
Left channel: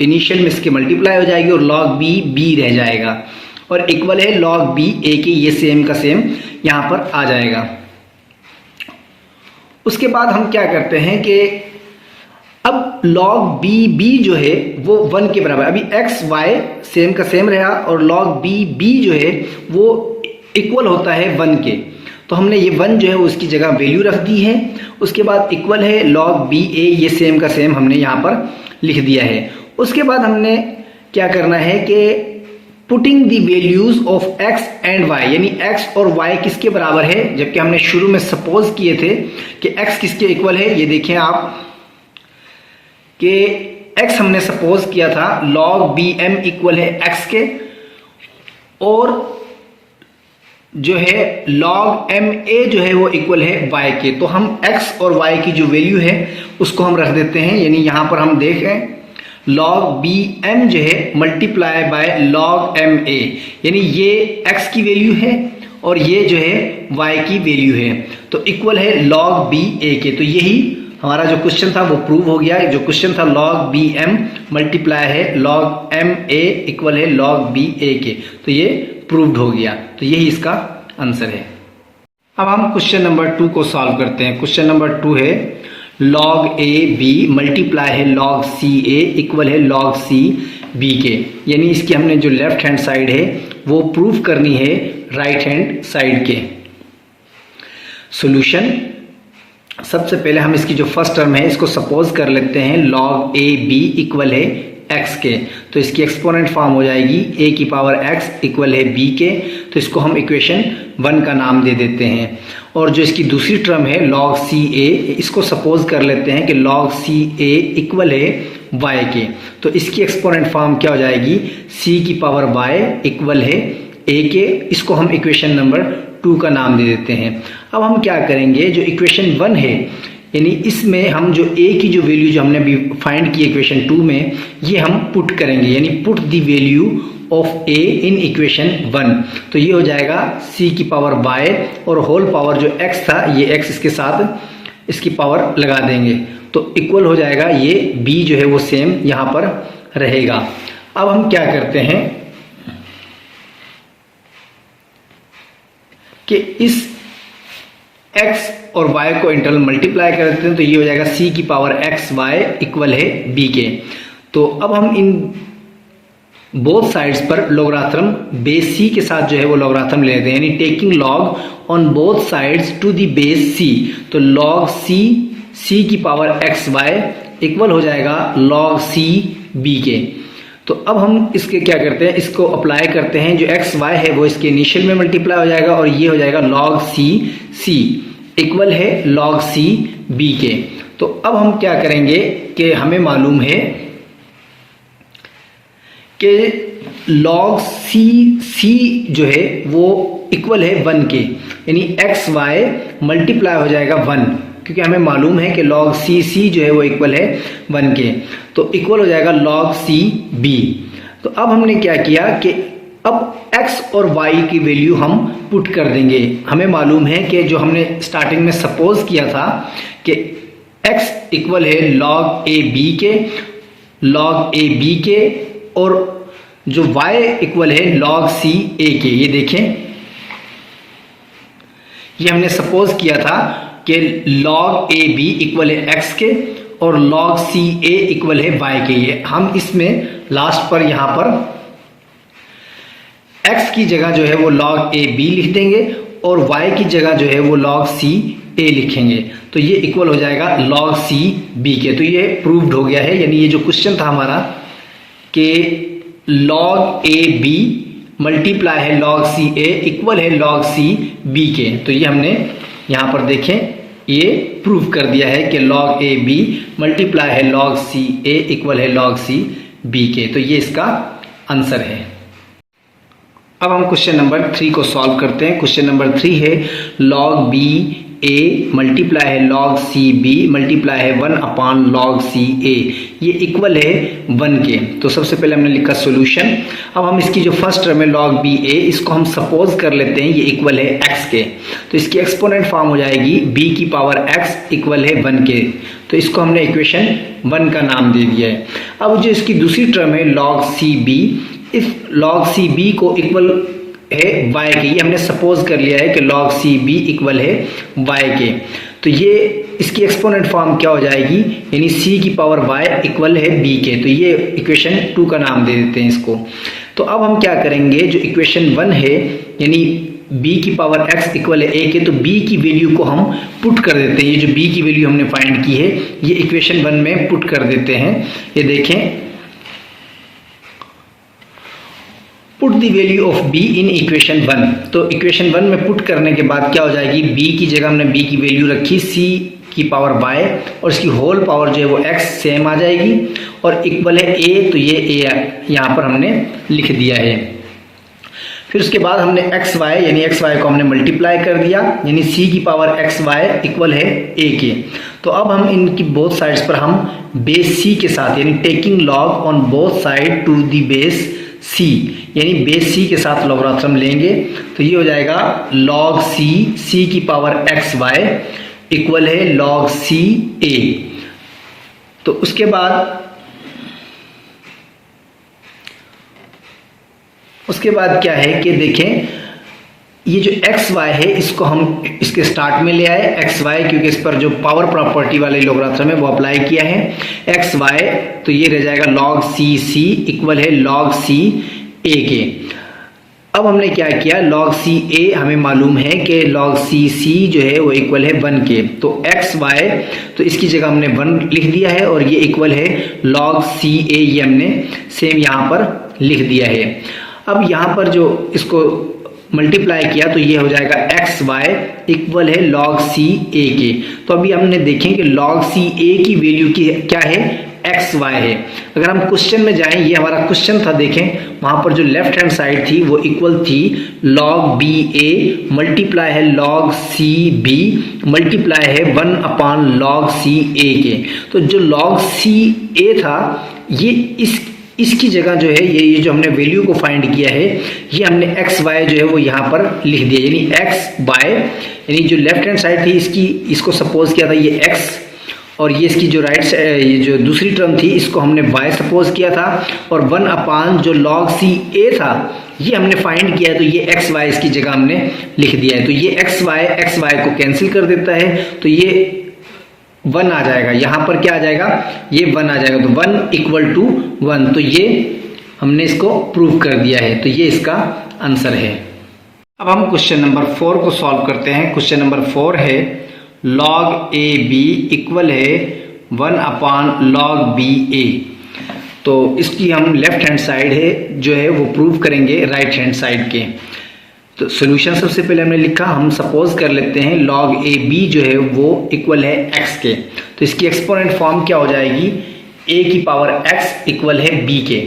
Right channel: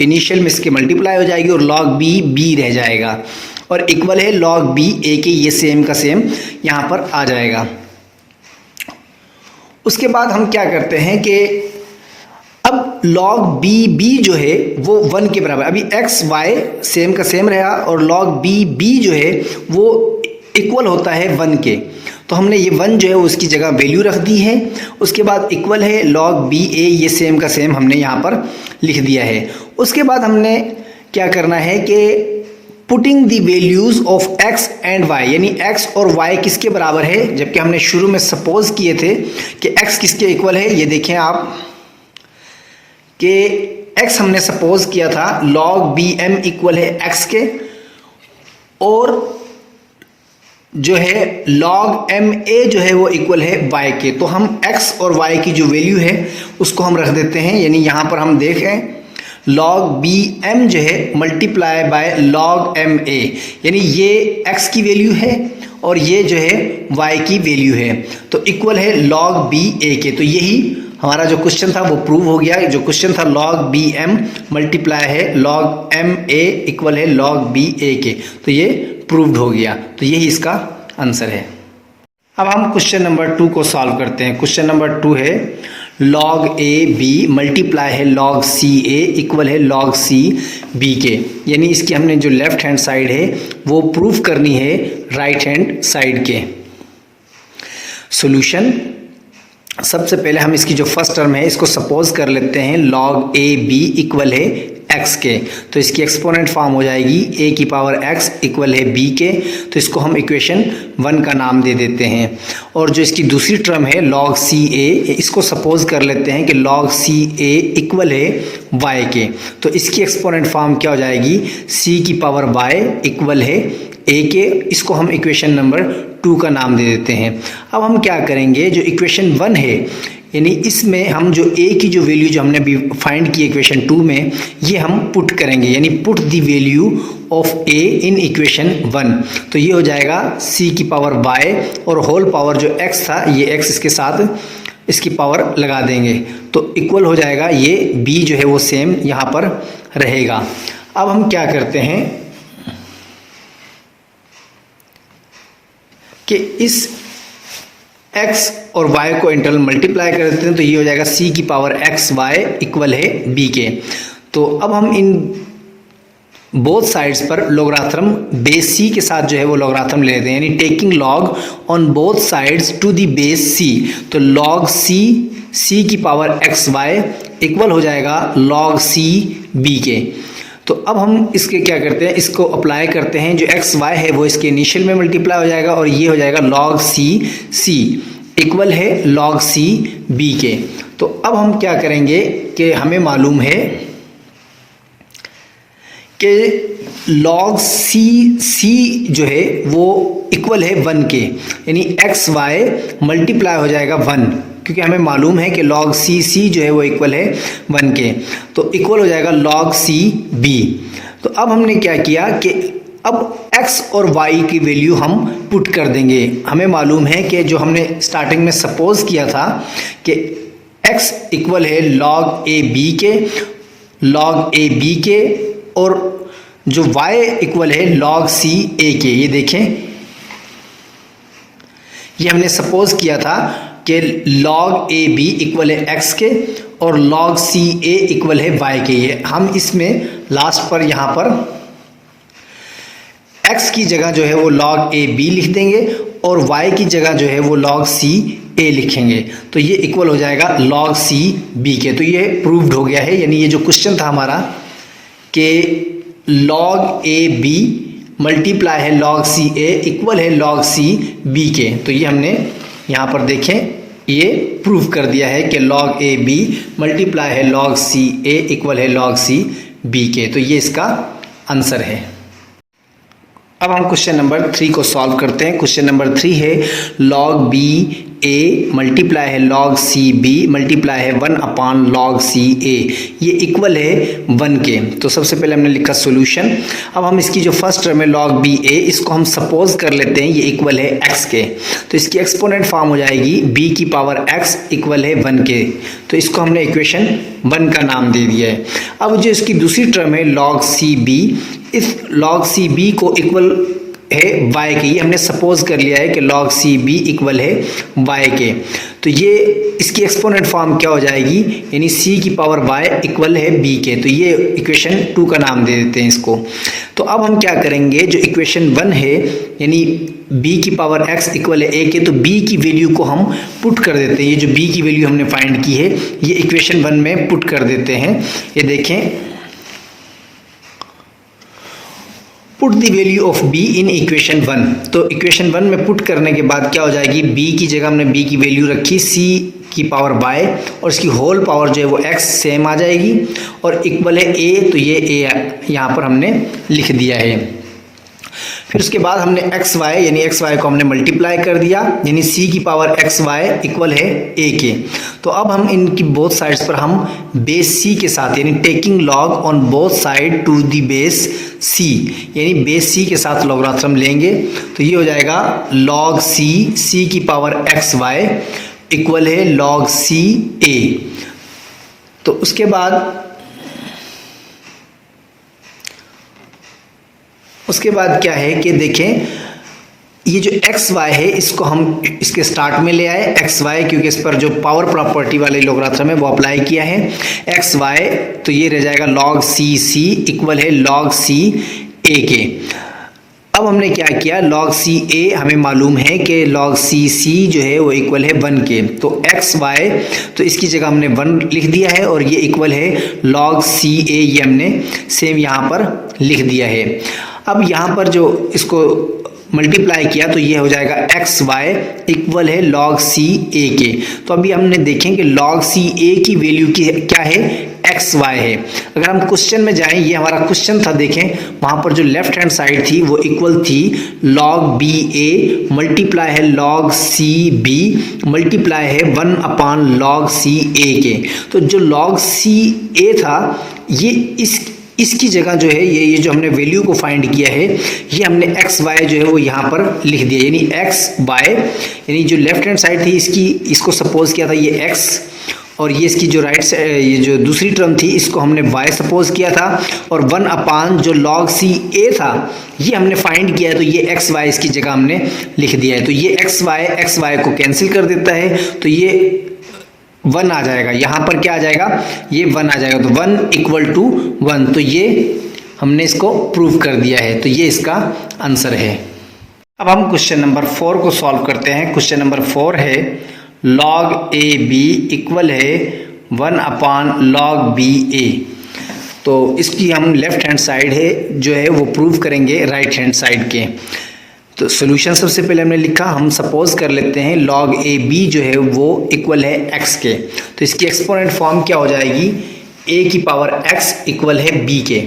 इनिशियल में इसके मल्टीप्लाई हो जाएगी और log b रह जाएगा और इक्वल है log b a के, ये सेम का सेम यहाँ पर आ जाएगा। उसके बाद हम क्या करते हैं कि अब log b जो है वो 1 के बराबर, अभी x y सेम का सेम रहा और log b जो है वो इक्वल होता है 1 के। तो हमने ये 1 जो है उसकी जगह वैल्यू रख दी है। उसके बाद इक्वल है log b a, ये सेम का सेम हमने यहाँ पर लिख दिया है। उसके बाद हमने क्या करना है कि putting the values of x and y, यानी x और y किसके बराबर है, जबकि हमने शुरू में सपोज किए थे कि x किसके इक्वल है। ये देखें आप कि x हमने सपोज किया था log bm इक्वल है x के और जो है log ma जो है वो इक्वल है y के। तो हम x और y की जो वैल्यू है उसको हम रख देते हैं, यानी यहाँ पर हम देखें log bm जो है मल्टीप्लाई बाय log ma, यानी ये x की वैल्यू है और ये जो है y की वैल्यू है, तो इक्वल है log ba के। तो यही हमारा जो क्वेश्चन था वो प्रूव हो गया। जो क्वेश्चन था log bm मल्टीप्लाई है log ma इक्वल है log ba के, तो ये प्रूव्ड हो गया। तो यही इसका आंसर है। अब हम क्वेश्चन नंबर 2 को सॉल्व करते हैं। क्वेश्चन नंबर 2 है log a b मल्टीप्लाई है log c a इक्वल है log c b के, यानी इसकी हमने जो लेफ्ट हैंड साइड है वो प्रूव करनी है राइट हैंड साइड के। सॉल्यूशन, सबसे पहले हम इसकी जो फर्स्ट टर्म है इसको सपोज कर लेते हैं log a b इक्वल है x के। तो इसकी एक्सपोनेंट फॉर्म हो जाएगी a की पावर x इक्वल है b के। तो इसको हम इक्वेशन 1 का नाम दे देते हैं। और जो इसकी दूसरी टर्म है log c a, इसको सपोज कर लेते हैं कि log c a इक्वल है y के। तो इसकी एक्सपोनेंट फॉर्म क्या हो जाएगी, c की पावर y इक्वल है a के। इसको हम इक्वेशन नंबर 2 का नाम दे देते हैं। अब हम क्या करेंगे, जो इक्वेशन 1 है यानी इसमें हम जो a की जो वैल्यू जो हमने अभी फाइंड की इक्वेशन 2 में, ये हम पुट करेंगे, यानी put the value of a in equation 1। तो ये हो जाएगा c की पावर y और होल पावर जो x था, ये x इसके साथ इसकी पावर लगा देंगे तो इक्वल हो जाएगा, ये b जो है वो सेम यहाँ पर रहेगा। अब हम क्या करते हैं कि इस x और y को इंटरनल मल्टीप्लाई कर देते हैं, तो ये हो जाएगा c की पावर x y इक्वल है b के। तो अब हम इन बोथ साइड्स पर लोगराथम बेस c के साथ जो है वो लोगराथम ले लेते हैं, यानी taking log on both sides to the base c। तो लॉग c की पावर x y इक्वल हो जाएगा लॉग c b के। तो अब हम इसके क्या करते हैं, इसको अप्लाई करते हैं, जो एक्स वाई है वो इसके इनिशियल में मल्टीप्लाई हो जाएगा और ये हो जाएगा लॉग सी इक्वल है लॉग सी बी के। तो अब हम क्या करेंगे कि हमें मालूम है कि लॉग सी जो है वो इक्वल है 1 के, यानी एक्स वाई मल्टीप्लाई हो जाएगा 1, क्योंकि हमें मालूम है कि लॉग सी जो है वो इक्वल है 1 के, तो इक्वल हो जाएगा लॉग सी बी। तो अब हमने क्या किया कि अब x और y की वैल्यू हम पुट कर देंगे। हमें मालूम है कि जो हमने स्टार्टिंग में सपोज किया था कि x इक्वल है लॉग ए बी के और जो y इक्वल है लॉग सी ए के। ये देखें, ये हमने सपोज किया था कि log ए बी इक्वल है x के और log सी ए इक्वल है y के। ये हम इसमें लास्ट पर यहाँ पर x की जगह जो है वो log ए बी लिख देंगे और y की जगह जो है वो log सी ए लिखेंगे, तो ये इक्वल हो जाएगा log सी बी के। तो ये प्रूव्ड हो गया है, यानी ये जो क्वेश्चन था हमारा कि log ए बी मल्टीप्लाई है log सी ए इक्वल है log सी बी के। तो ये हमने यहाँ पर देखें, ये प्रूव कर दिया है कि log ए बी मल्टीप्लाई है log सी ए इक्वल है log सी बी के। तो ये इसका आंसर है। अब हम क्वेश्चन नंबर 3 को सॉल्व करते हैं। क्वेश्चन नंबर 3 है log बी ए मल्टीप्लाई है log सी बी मल्टीप्लाई है 1 अपॉन log सी ए, ये इक्वल है 1 के। तो सबसे पहले हमने लिखा सॉल्यूशन। अब हम इसकी जो फर्स्ट टर्म है log बी ए, इसको हम सपोज कर लेते हैं ये इक्वल है x के, तो इसकी एक्सपोनेंट फॉर्म हो जाएगी b की पावर x इक्वल है 1 के। तो इसको हमने इक्वेशन 1 का नाम दे दिया है। अब जो इसकी दूसरी टर्म है log सी बी, इस log सी बी को इक्वल है y के, ये हमने सपोज कर लिया है कि log सी बी इक्वल है y के। तो ये इसकी एक्सपोनेंट फॉर्म क्या हो जाएगी, यानी c की पावर y इक्वल है b के। तो ये इक्वेशन 2 का नाम दे देते हैं इसको। तो अब हम क्या करेंगे, जो इक्वेशन 1 है यानी b की पावर x इक्वल है a के, तो b की वैल्यू को हम पुट कर देते हैं। ये जो b की वैल्यू हमने फाइंड की है ये इक्वेशन 1 में पुट कर देते हैं। ये देखें, put the value of b in equation 1। तो इक्वेशन 1 में पुट करने के बाद क्या हो जाएगी, b की जगह हमने b की वैल्यू रखी c की पावर y और इसकी होल पावर जो है वो x सेम आ जाएगी और इक्वल है a, तो ये a यहाँ पर हमने लिख दिया है। फिर उसके बाद हमने एक्स वाई यानी एक्स वाई को हमने मल्टीप्लाई कर दिया, यानी c की पावर एक्स वाई इक्वल है a के। तो अब हम इनकी बोथ साइड्स पर हम बेस c के साथ यानी taking log on both side to the base c, यानी बेस c के साथ लॉगरिथम लेंगे। तो ये हो जाएगा log c की पावर एक्स वाई इक्वल है log c a। तो उसके बाद क्या है कि देखें, ये जो एक्स वाई है इसको हम इसके स्टार्ट में ले आए एक्स वाई, क्योंकि इस पर जो पावर प्रॉपर्टी वाले लॉगरिथम है वो अप्लाई किया है एक्स वाई। तो ये रह जाएगा log c इक्वल है log c a के। अब हमने क्या किया, log c a हमें मालूम है कि log c जो है वो इक्वल है 1 के। तो एक्स वाई तो इसकी जगह हमने 1 लिख दिया है और ये इक्वल है log c a, ये हमने सेम यहाँ पर लिख दिया है। अब यहाँ पर जो इसको मल्टीप्लाई किया तो ये हो जाएगा एक्स वाई इक्वल है log c a के। तो अभी हमने देखें कि log c a की वैल्यू की क्या है एक्स वाई है। अगर हम क्वेश्चन में जाएं, ये हमारा क्वेश्चन था, देखें वहां पर जो लेफ्ट हैंड साइड थी वो इक्वल थी लॉग बी ए मल्टीप्लाई है लॉग सी बी मल्टीप्लाई है 1 अपॉन लॉग सी ए के। तो जो लॉग सी ए था ये इसकी जगह जो है ये जो हमने वैल्यू को फाइंड किया है ये हमने एक्स वाई जो है वो यहाँ पर लिख दिया, यानी एक्स वाई, यानी जो लेफ्ट हैंड साइड थी इसको सपोज किया था ये एक्स, और ये इसकी जो ये जो दूसरी टर्म थी इसको हमने y सपोज किया था, और 1 अपान जो log सी ए था ये हमने फाइंड किया है, तो ये एक्स वाई इसकी जगह हमने लिख दिया है। तो ये एक्स वाई को कैंसिल कर देता है, तो ये 1 आ जाएगा, यहाँ पर क्या आ जाएगा, ये 1 आ जाएगा, तो 1 इक्वल टू 1, तो ये हमने इसको प्रूव कर दिया है, तो ये इसका आंसर है। अब हम क्वेश्चन नंबर 4 को सॉल्व करते हैं। क्वेश्चन नंबर 4 है log ए बी इक्वल है 1 अपान log बी ए। तो इसकी हम लेफ्ट हैंड साइड है जो है वो प्रूव करेंगे राइट हैंड साइड के। तो सोल्यूशन सबसे पहले हमने लिखा, हम सपोज कर लेते हैं log ए बी जो है वो इक्वल है x के, तो इसकी एक्सपोनेंट फॉर्म क्या हो जाएगी, a की पावर x इक्वल है b के।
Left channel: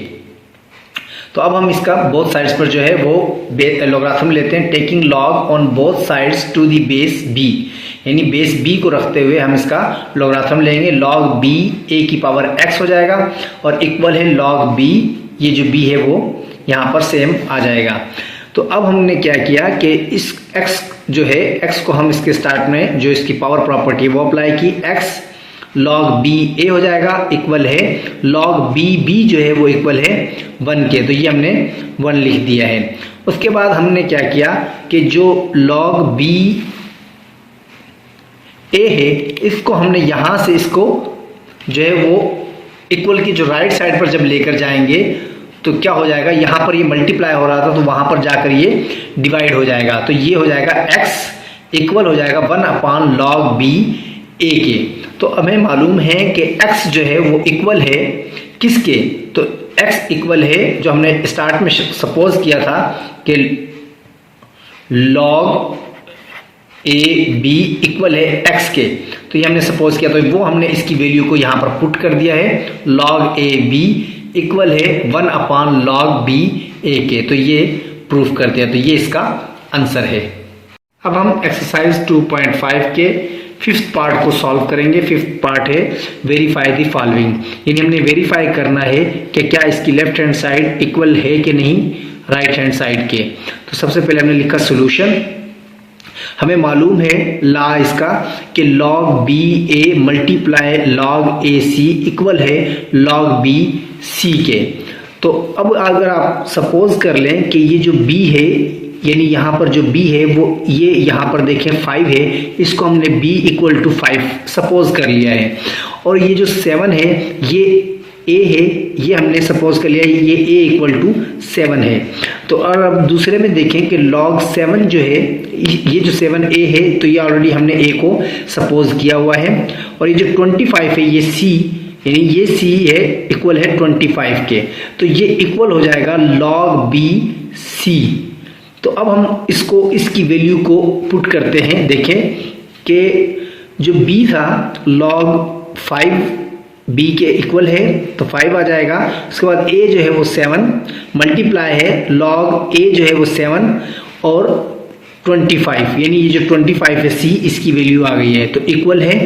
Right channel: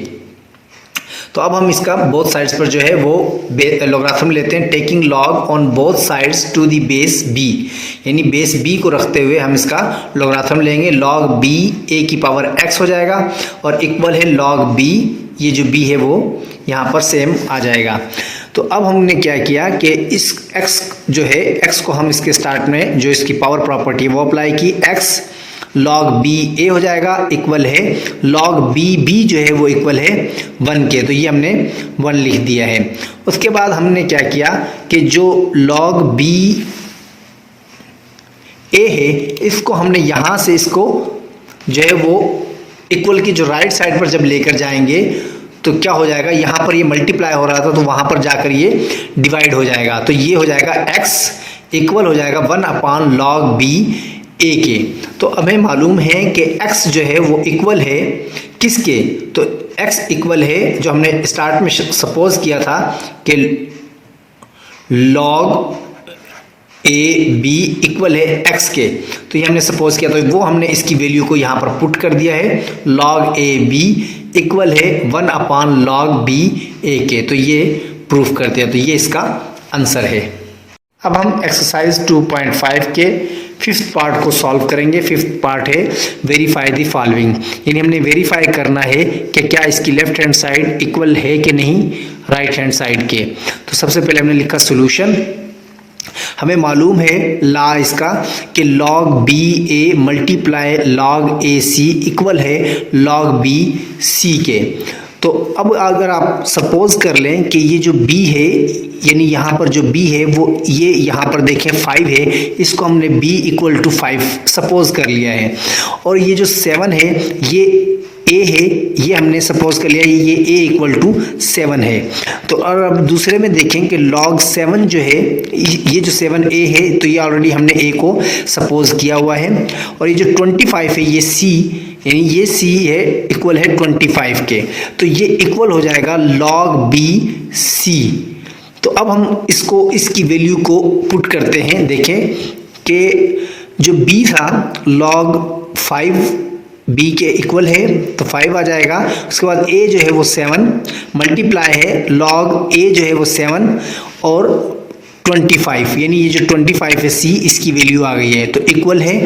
तो अब हम इसका बोथ साइड्स पर जो है वो लॉगरिथम लेते हैं, taking log on both sides to the base b, यानी बेस b को रखते हुए हम इसका लॉगरिथम लेंगे, log b a की पावर x हो जाएगा और इक्वल है log b, ये जो b है वो यहाँ पर सेम आ जाएगा। तो अब हमने क्या किया कि इस x जो है x को हम इसके स्टार्ट में जो इसकी पावर प्रॉपर्टी है वो अप्लाई की, x log b a हो जाएगा इक्वल है log b b जो है वो इक्वल है 1 के, तो ये हमने 1 लिख दिया है। उसके बाद हमने क्या किया कि जो log b a है इसको हमने यहाँ से इसको जो है वो इक्वल की जो राइट साइड पर जब लेकर जाएंगे तो क्या हो जाएगा, यहाँ पर ये मल्टीप्लाई हो रहा था तो वहाँ पर जाकर ये डिवाइड हो जाएगा, तो ये हो जाएगा x इक्वल हो जाएगा 1 अपान log b a के। तो हमें मालूम है कि x जो है वो इक्वल है किसके, तो x इक्वल है जो हमने स्टार्ट में सपोज किया था कि log a b इक्वल है x के, तो ये हमने सपोज किया, तो वो हमने इसकी वैल्यू को यहाँ पर पुट कर दिया है, log a b इक्वल है 1 अपान log b a के, तो ये प्रूफ करते हैं, तो ये इसका आंसर है। अब हम एक्सरसाइज 2.5 के 5th पार्ट को सॉल्व करेंगे। 5th पार्ट है वेरीफाई द फॉलोइंग, यानी हमने वेरीफाई करना है कि क्या इसकी लेफ्ट हैंड साइड इक्वल है कि नहीं राइट हैंड साइड के। तो सबसे पहले हमने लिखा सोल्यूशन, हमें मालूम है ला इसका कि log B A multiply log A C equal है log बी सी के। तो अब अगर आप सपोज कर लें कि ये जो b है, यानी यहाँ पर जो b है वो ये यहाँ पर देखें 5 है, इसको हमने b इक्वल टू 5 सपोज कर लिया है, और ये जो 7 है ये a है, ये हमने सपोज कर लिया ये a इक्वल टू 7 है। तो और अब दूसरे में देखें कि log 7 जो है ये जो 7a है तो ये ऑलरेडी हमने a को सपोज किया हुआ है, और ये जो 25 है ये c, यानी ये c है इक्वल है 25 के, तो ये इक्वल हो जाएगा log b c। तो अब हम इसकी वैल्यू को पुट करते हैं, देखें कि जो b था log 5 b के इक्वल है तो 5 आ जाएगा। उसके बाद a जो है वो 7 मल्टीप्लाई है log a जो है वो 7 और 25, यानी ये जो 25 है c इसकी वैल्यू आ गई है, तो इक्वल है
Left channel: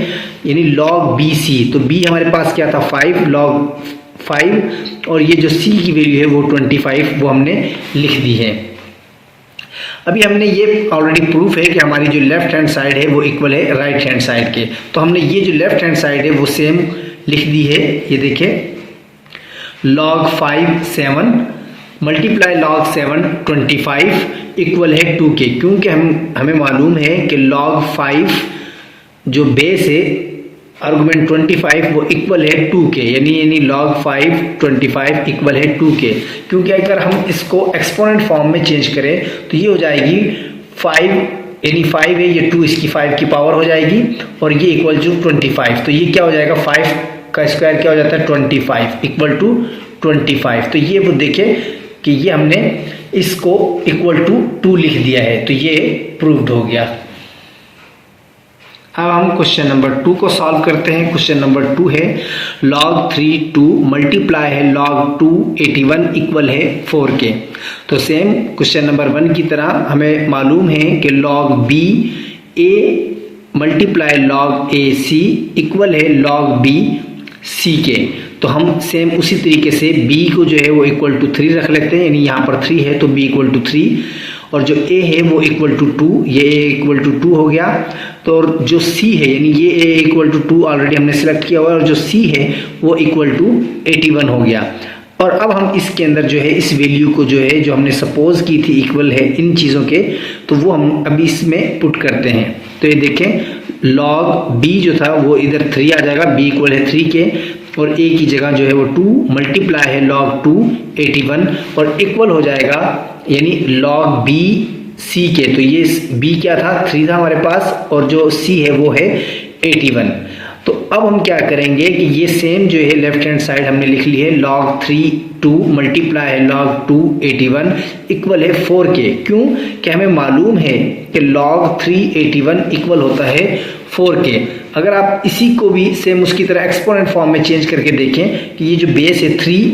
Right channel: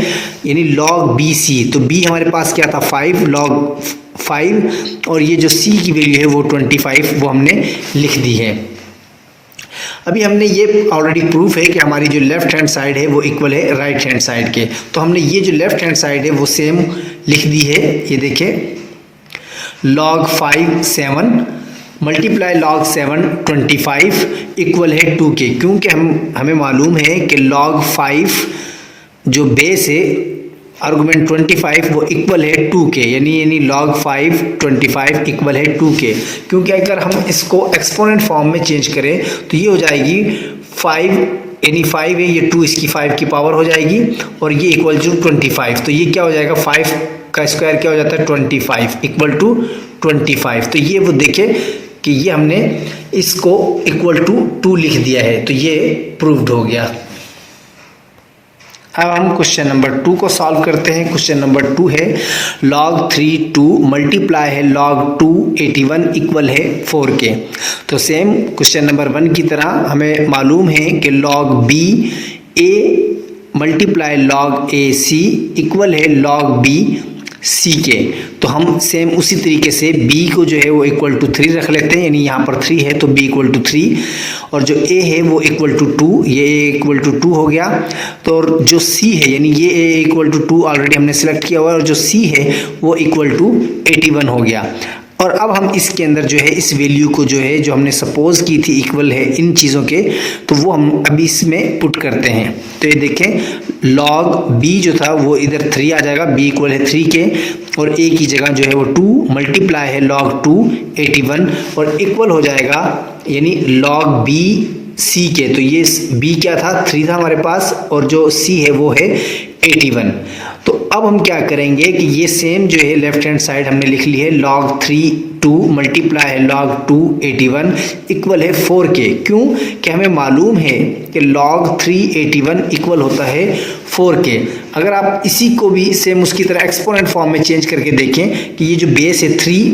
यानी log bc। तो b हमारे पास क्या था 5 log 5, और ये जो c की वैल्यू है वो 25 वो हमने लिख दी है। अभी हमने ये ऑलरेडी प्रूफ है कि हमारी जो लेफ्ट हैंड साइड है वो इक्वल है राइट हैंड साइड के, तो हमने ये जो लेफ्ट हैंड साइड है वो सेम लिख दी है। ये देखिए log 5 7 मल्टीप्लाई log 7 25 इक्वल है 2 के, क्योंकि हमें मालूम है कि log 5 जो बेस है आर्गुमेंट 25 वो इक्वल है 2 के, यानी log 5 25 इक्वल है 2 के, क्योंकि अगर हम इसको एक्सपोनेंट फॉर्म में चेंज करें तो ये हो जाएगी 5, यानी 5 है ये 2 इसकी 5 की पावर हो जाएगी, और ये इक्वल टू 25, तो ये क्या हो जाएगा 5 का स्क्वायर क्या हो जाता है 25 इक्वल टू 25। तो ये वो देखे कि ये हमने इसको इक्वल टू 2 लिख दिया है, तो ये प्रूव्ड हो गया। अब हम क्वेश्चन नंबर 2 को सॉल्व करते हैं। क्वेश्चन नंबर 2 है log 3 2 मल्टीप्लाई है log 2 81 इक्वल है 4 के। तो सेम क्वेश्चन नंबर 1 की तरह हमें मालूम है कि log b a multiply log a c equal है log b c के। तो हम सेम उसी तरीके से b को जो है वो इक्वल टू 3 रख लेते हैं, यानी यहाँ पर 3 है तो b इक्वल टू 3, और जो a है वो इक्वल टू 2, ये a इक्वल टू 2 हो गया। तो और जो c है यानी ये a इक्वल टू 2 ऑलरेडी हमने सिलेक्ट किया हुआ, और जो c है वो इक्वल टू 81 हो गया। और अब हम इसके अंदर जो है इस वैल्यू को जो है जो हमने सपोज की थी इक्वल है इन चीज़ों के, तो वो हम अभी इसमें पुट करते हैं। तो ये देखें log b जो था वो इधर 3 आ जाएगा, b इक्वल है 3 के, और a की जगह जो है वो 2 मल्टीप्लाई है log 2 81 और इक्वल हो जाएगा यानी log b c के। तो ये b क्या था 3 था हमारे पास, और जो c है वो है 81। तो अब हम क्या करेंगे कि ये सेम जो है लेफ्ट हैंड साइड हमने लिख ली है log 3 2 मल्टीप्लाई है log 2 81 इक्वल है 4 के। क्यों कि हमें मालूम है कि log 3 81 इक्वल होता है 4 के। अगर आप इसी को भी सेम उसकी तरह एक्सपोनेंट फॉर्म में चेंज करके देखें कि ये जो बेस है 3,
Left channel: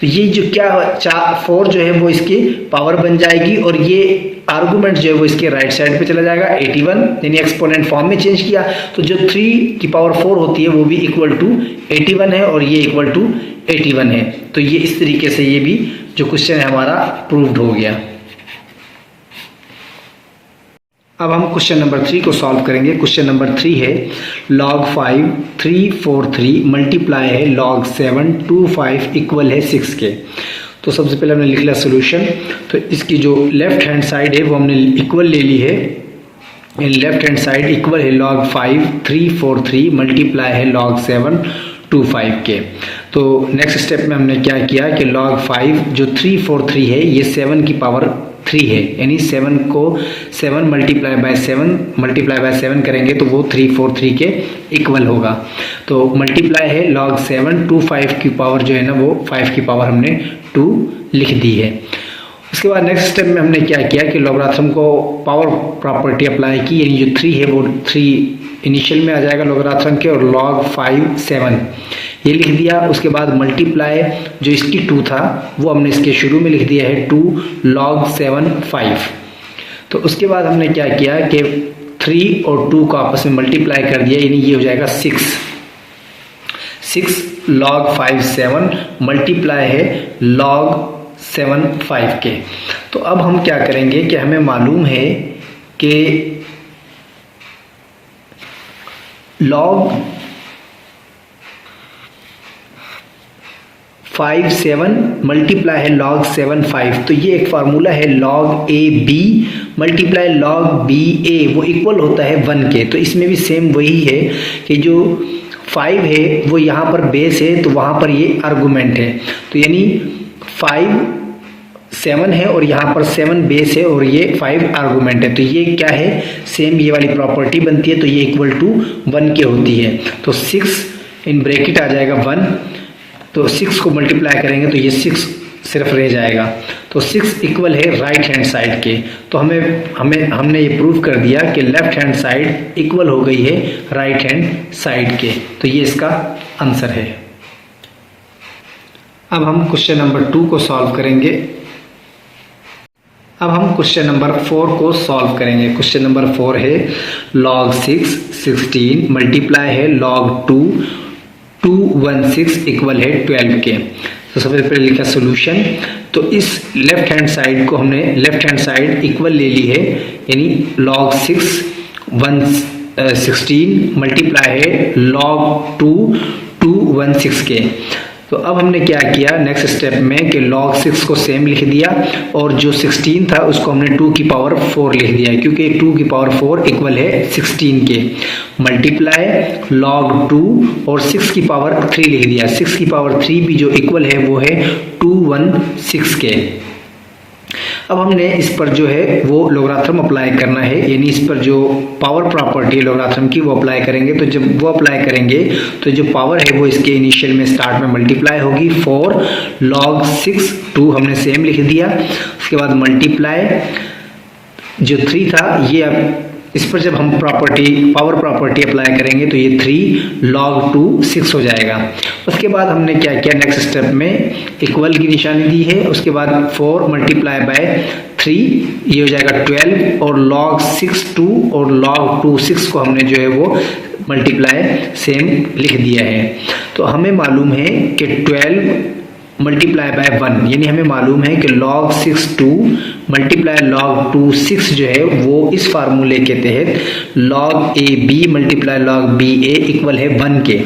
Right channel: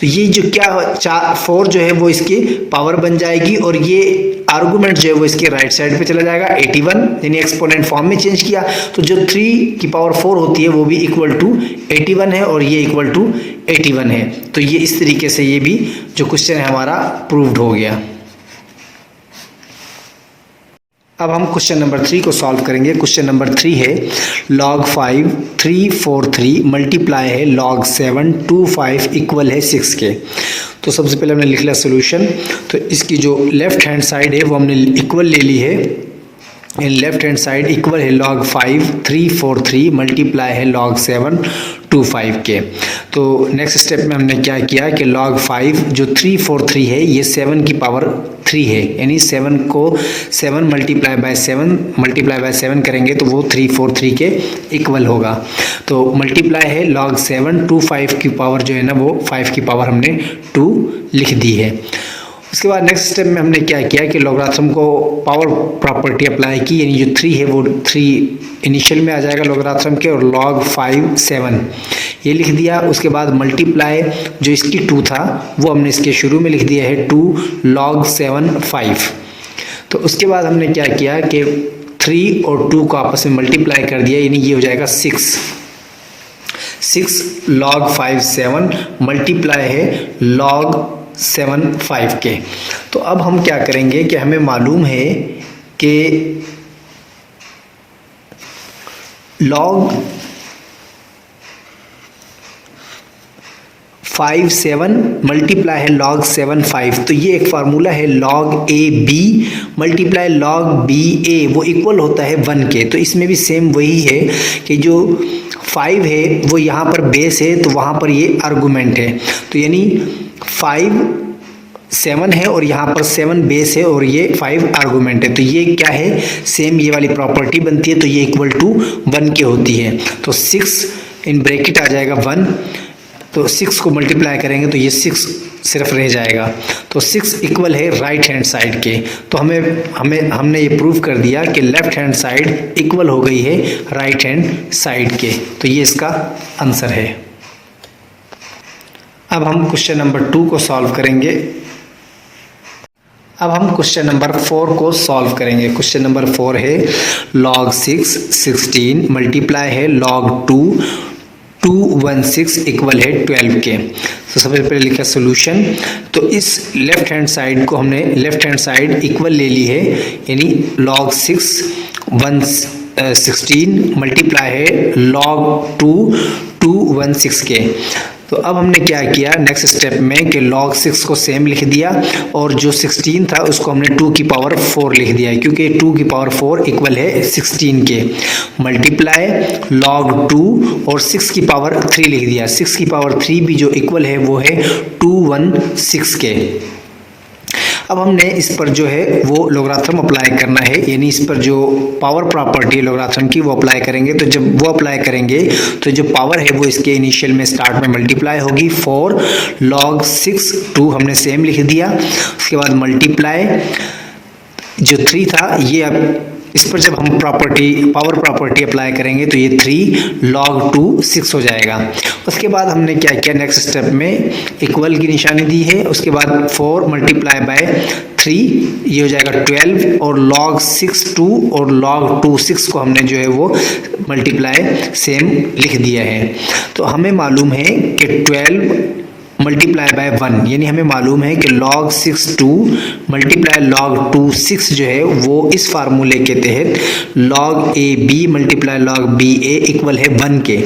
तो ये जो क्या 4 जो है वो इसकी पावर बन जाएगी, और ये आर्गुमेंट जो है वो इसके राइट साइड पे चला जाएगा 81, यानी एक्सपोनेंट फॉर्म में चेंज किया। तो जो 3 की पावर 4 होती है वो भी इक्वल टू 81 है, और ये इक्वल टू 81 है। तो ये इस तरीके से ये भी जो क्वेश्चन है हमारा प्रूव्ड हो गया। अब हम क्वेश्चन नंबर 3 को सॉल्व करेंगे। क्वेश्चन नंबर 3 है log 5 343 मल्टीप्लाई है log 7 25 इक्वल है 6 के। तो सबसे पहले हमने लिख लिया सोल्यूशन। तो इसकी जो लेफ्ट हैंड साइड है वो हमने इक्वल ले ली है, in left hand side equal है log 5 343 मल्टीप्लाई है log 7 25 के। तो नेक्स्ट स्टेप में हमने क्या किया कि log 5 जो 343 है ये 7 की पावर 3 है, यानी 7 को 7 मल्टीप्लाई बाय 7 करेंगे तो वो 343 के इक्वल होगा। तो मल्टीप्लाई है log 7 25 की पावर जो है ना वो 5 की पावर हमने 2 लिख दी है। उसके बाद नेक्स्ट स्टेप में हमने क्या किया कि लॉगरिथम को पावर प्रॉपर्टी अप्लाई की, यानी जो 3 है वो 3 इनिशियल में आ जाएगा लॉगरिथम के, और log 5 7 ये लिख दिया। उसके बाद मल्टीप्लाई जो इसकी 2 था वो हमने इसके शुरू में लिख दिया है 2 log 7 5। तो उसके बाद हमने क्या किया कि 3 और 2 को आपस में मल्टीप्लाई कर दिया, यानी ये हो जाएगा 6 log 5 7 मल्टीप्लाई है log 7 5 के। तो अब हम क्या करेंगे कि हमें मालूम है कि log 5 7 मल्टीप्लाई है log 7 5। तो ये एक फार्मूला है log a b multiply log b a, वो इक्वल होता है 1 के। तो इसमें भी सेम वही है कि जो 5 है वो यहाँ पर बेस है, तो वहाँ पर ये आर्गुमेंट है। तो यानी 5 7 है और यहाँ पर 7 बेस है और ये 5 आर्गुमेंट है। तो ये क्या है सेम ये वाली प्रॉपर्टी बनती है, तो ये इक्वल टू 1 के होती है। तो 6 इन ब्रैकेट आ जाएगा 1, तो 6 को मल्टीप्लाई करेंगे तो ये 6 सिर्फ रह जाएगा। तो 6 इक्वल है राइट हैंड साइड के। तो हमने ये प्रूव कर दिया कि लेफ्ट हैंड साइड इक्वल हो गई है राइट हैंड साइड के। तो ये इसका आंसर है। अब हम क्वेश्चन नंबर 2 को सॉल्व करेंगे। अब हम क्वेश्चन नंबर 4 को सॉल्व करेंगे। क्वेश्चन नंबर 4 है log 6 16 मल्टीप्लाई है log 2 216 इक्वल है 12 के। तो सबसे पहले लिखा सोल्यूशन। तो इस लेफ्ट हैंड साइड को हमने लेफ्ट हैंड साइड इक्वल ले ली है, यानी log 6 16 मल्टीप्लाई है log 2 216 के। तो अब हमने क्या किया नेक्स्ट स्टेप में कि log 6 को सेम लिख दिया और जो 16 था उसको हमने 2 की पावर 4 लिख दिया, क्योंकि 2 की पावर 4 इक्वल है 16 के। मल्टीप्लाई log 2 और 6 की पावर 3 लिख दिया। 6 की पावर 3 भी जो इक्वल है वो है 216 के। अब हमने इस पर जो है वो लॉगरिथम अप्लाई करना है, यानी इस पर जो पावर प्रॉपर्टी लॉगरिथम की वो अप्लाई करेंगे। तो जब वो अप्लाई करेंगे तो जो पावर है वो इसके इनिशियल में स्टार्ट में मल्टीप्लाई होगी 4 log 6 2 हमने सेम लिख दिया। उसके बाद मल्टीप्लाई जो 3 था ये अब इस पर जब हम पावर प्रॉपर्टी अप्लाई करेंगे तो ये 3 log 2 6 हो जाएगा। उसके बाद हमने क्या किया, नेक्स्ट स्टेप में इक्वल की निशानी दी है, उसके बाद 4 मल्टीप्लाई बाय 3 ये हो जाएगा 12 और log 6 2 और log 2 6 को हमने जो है वो मल्टीप्लाई सेम लिख दिया है। तो हमें मालूम है कि 12 मल्टीप्लाई बाय 1 यानी हमें मालूम है कि log 6 2 मल्टीप्लाई log 2 6 जो है वो इस फार्मूले के तहत log a b multiply log b a equal है 1 के।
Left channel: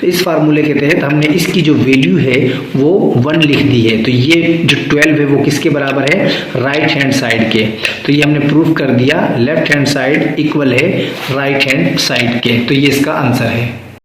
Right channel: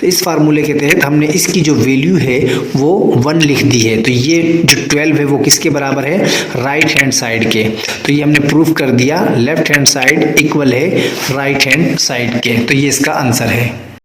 तो इस फार्मूले के तहत हमने इसकी जो वैल्यू है वो 1 लिख दी है। तो ये जो 12 है वो किसके बराबर है, राइट हैंड साइड के। तो ये हमने प्रूफ कर दिया, लेफ्ट हैंड साइड इक्वल है राइट हैंड साइड के। तो ये इसका आंसर है।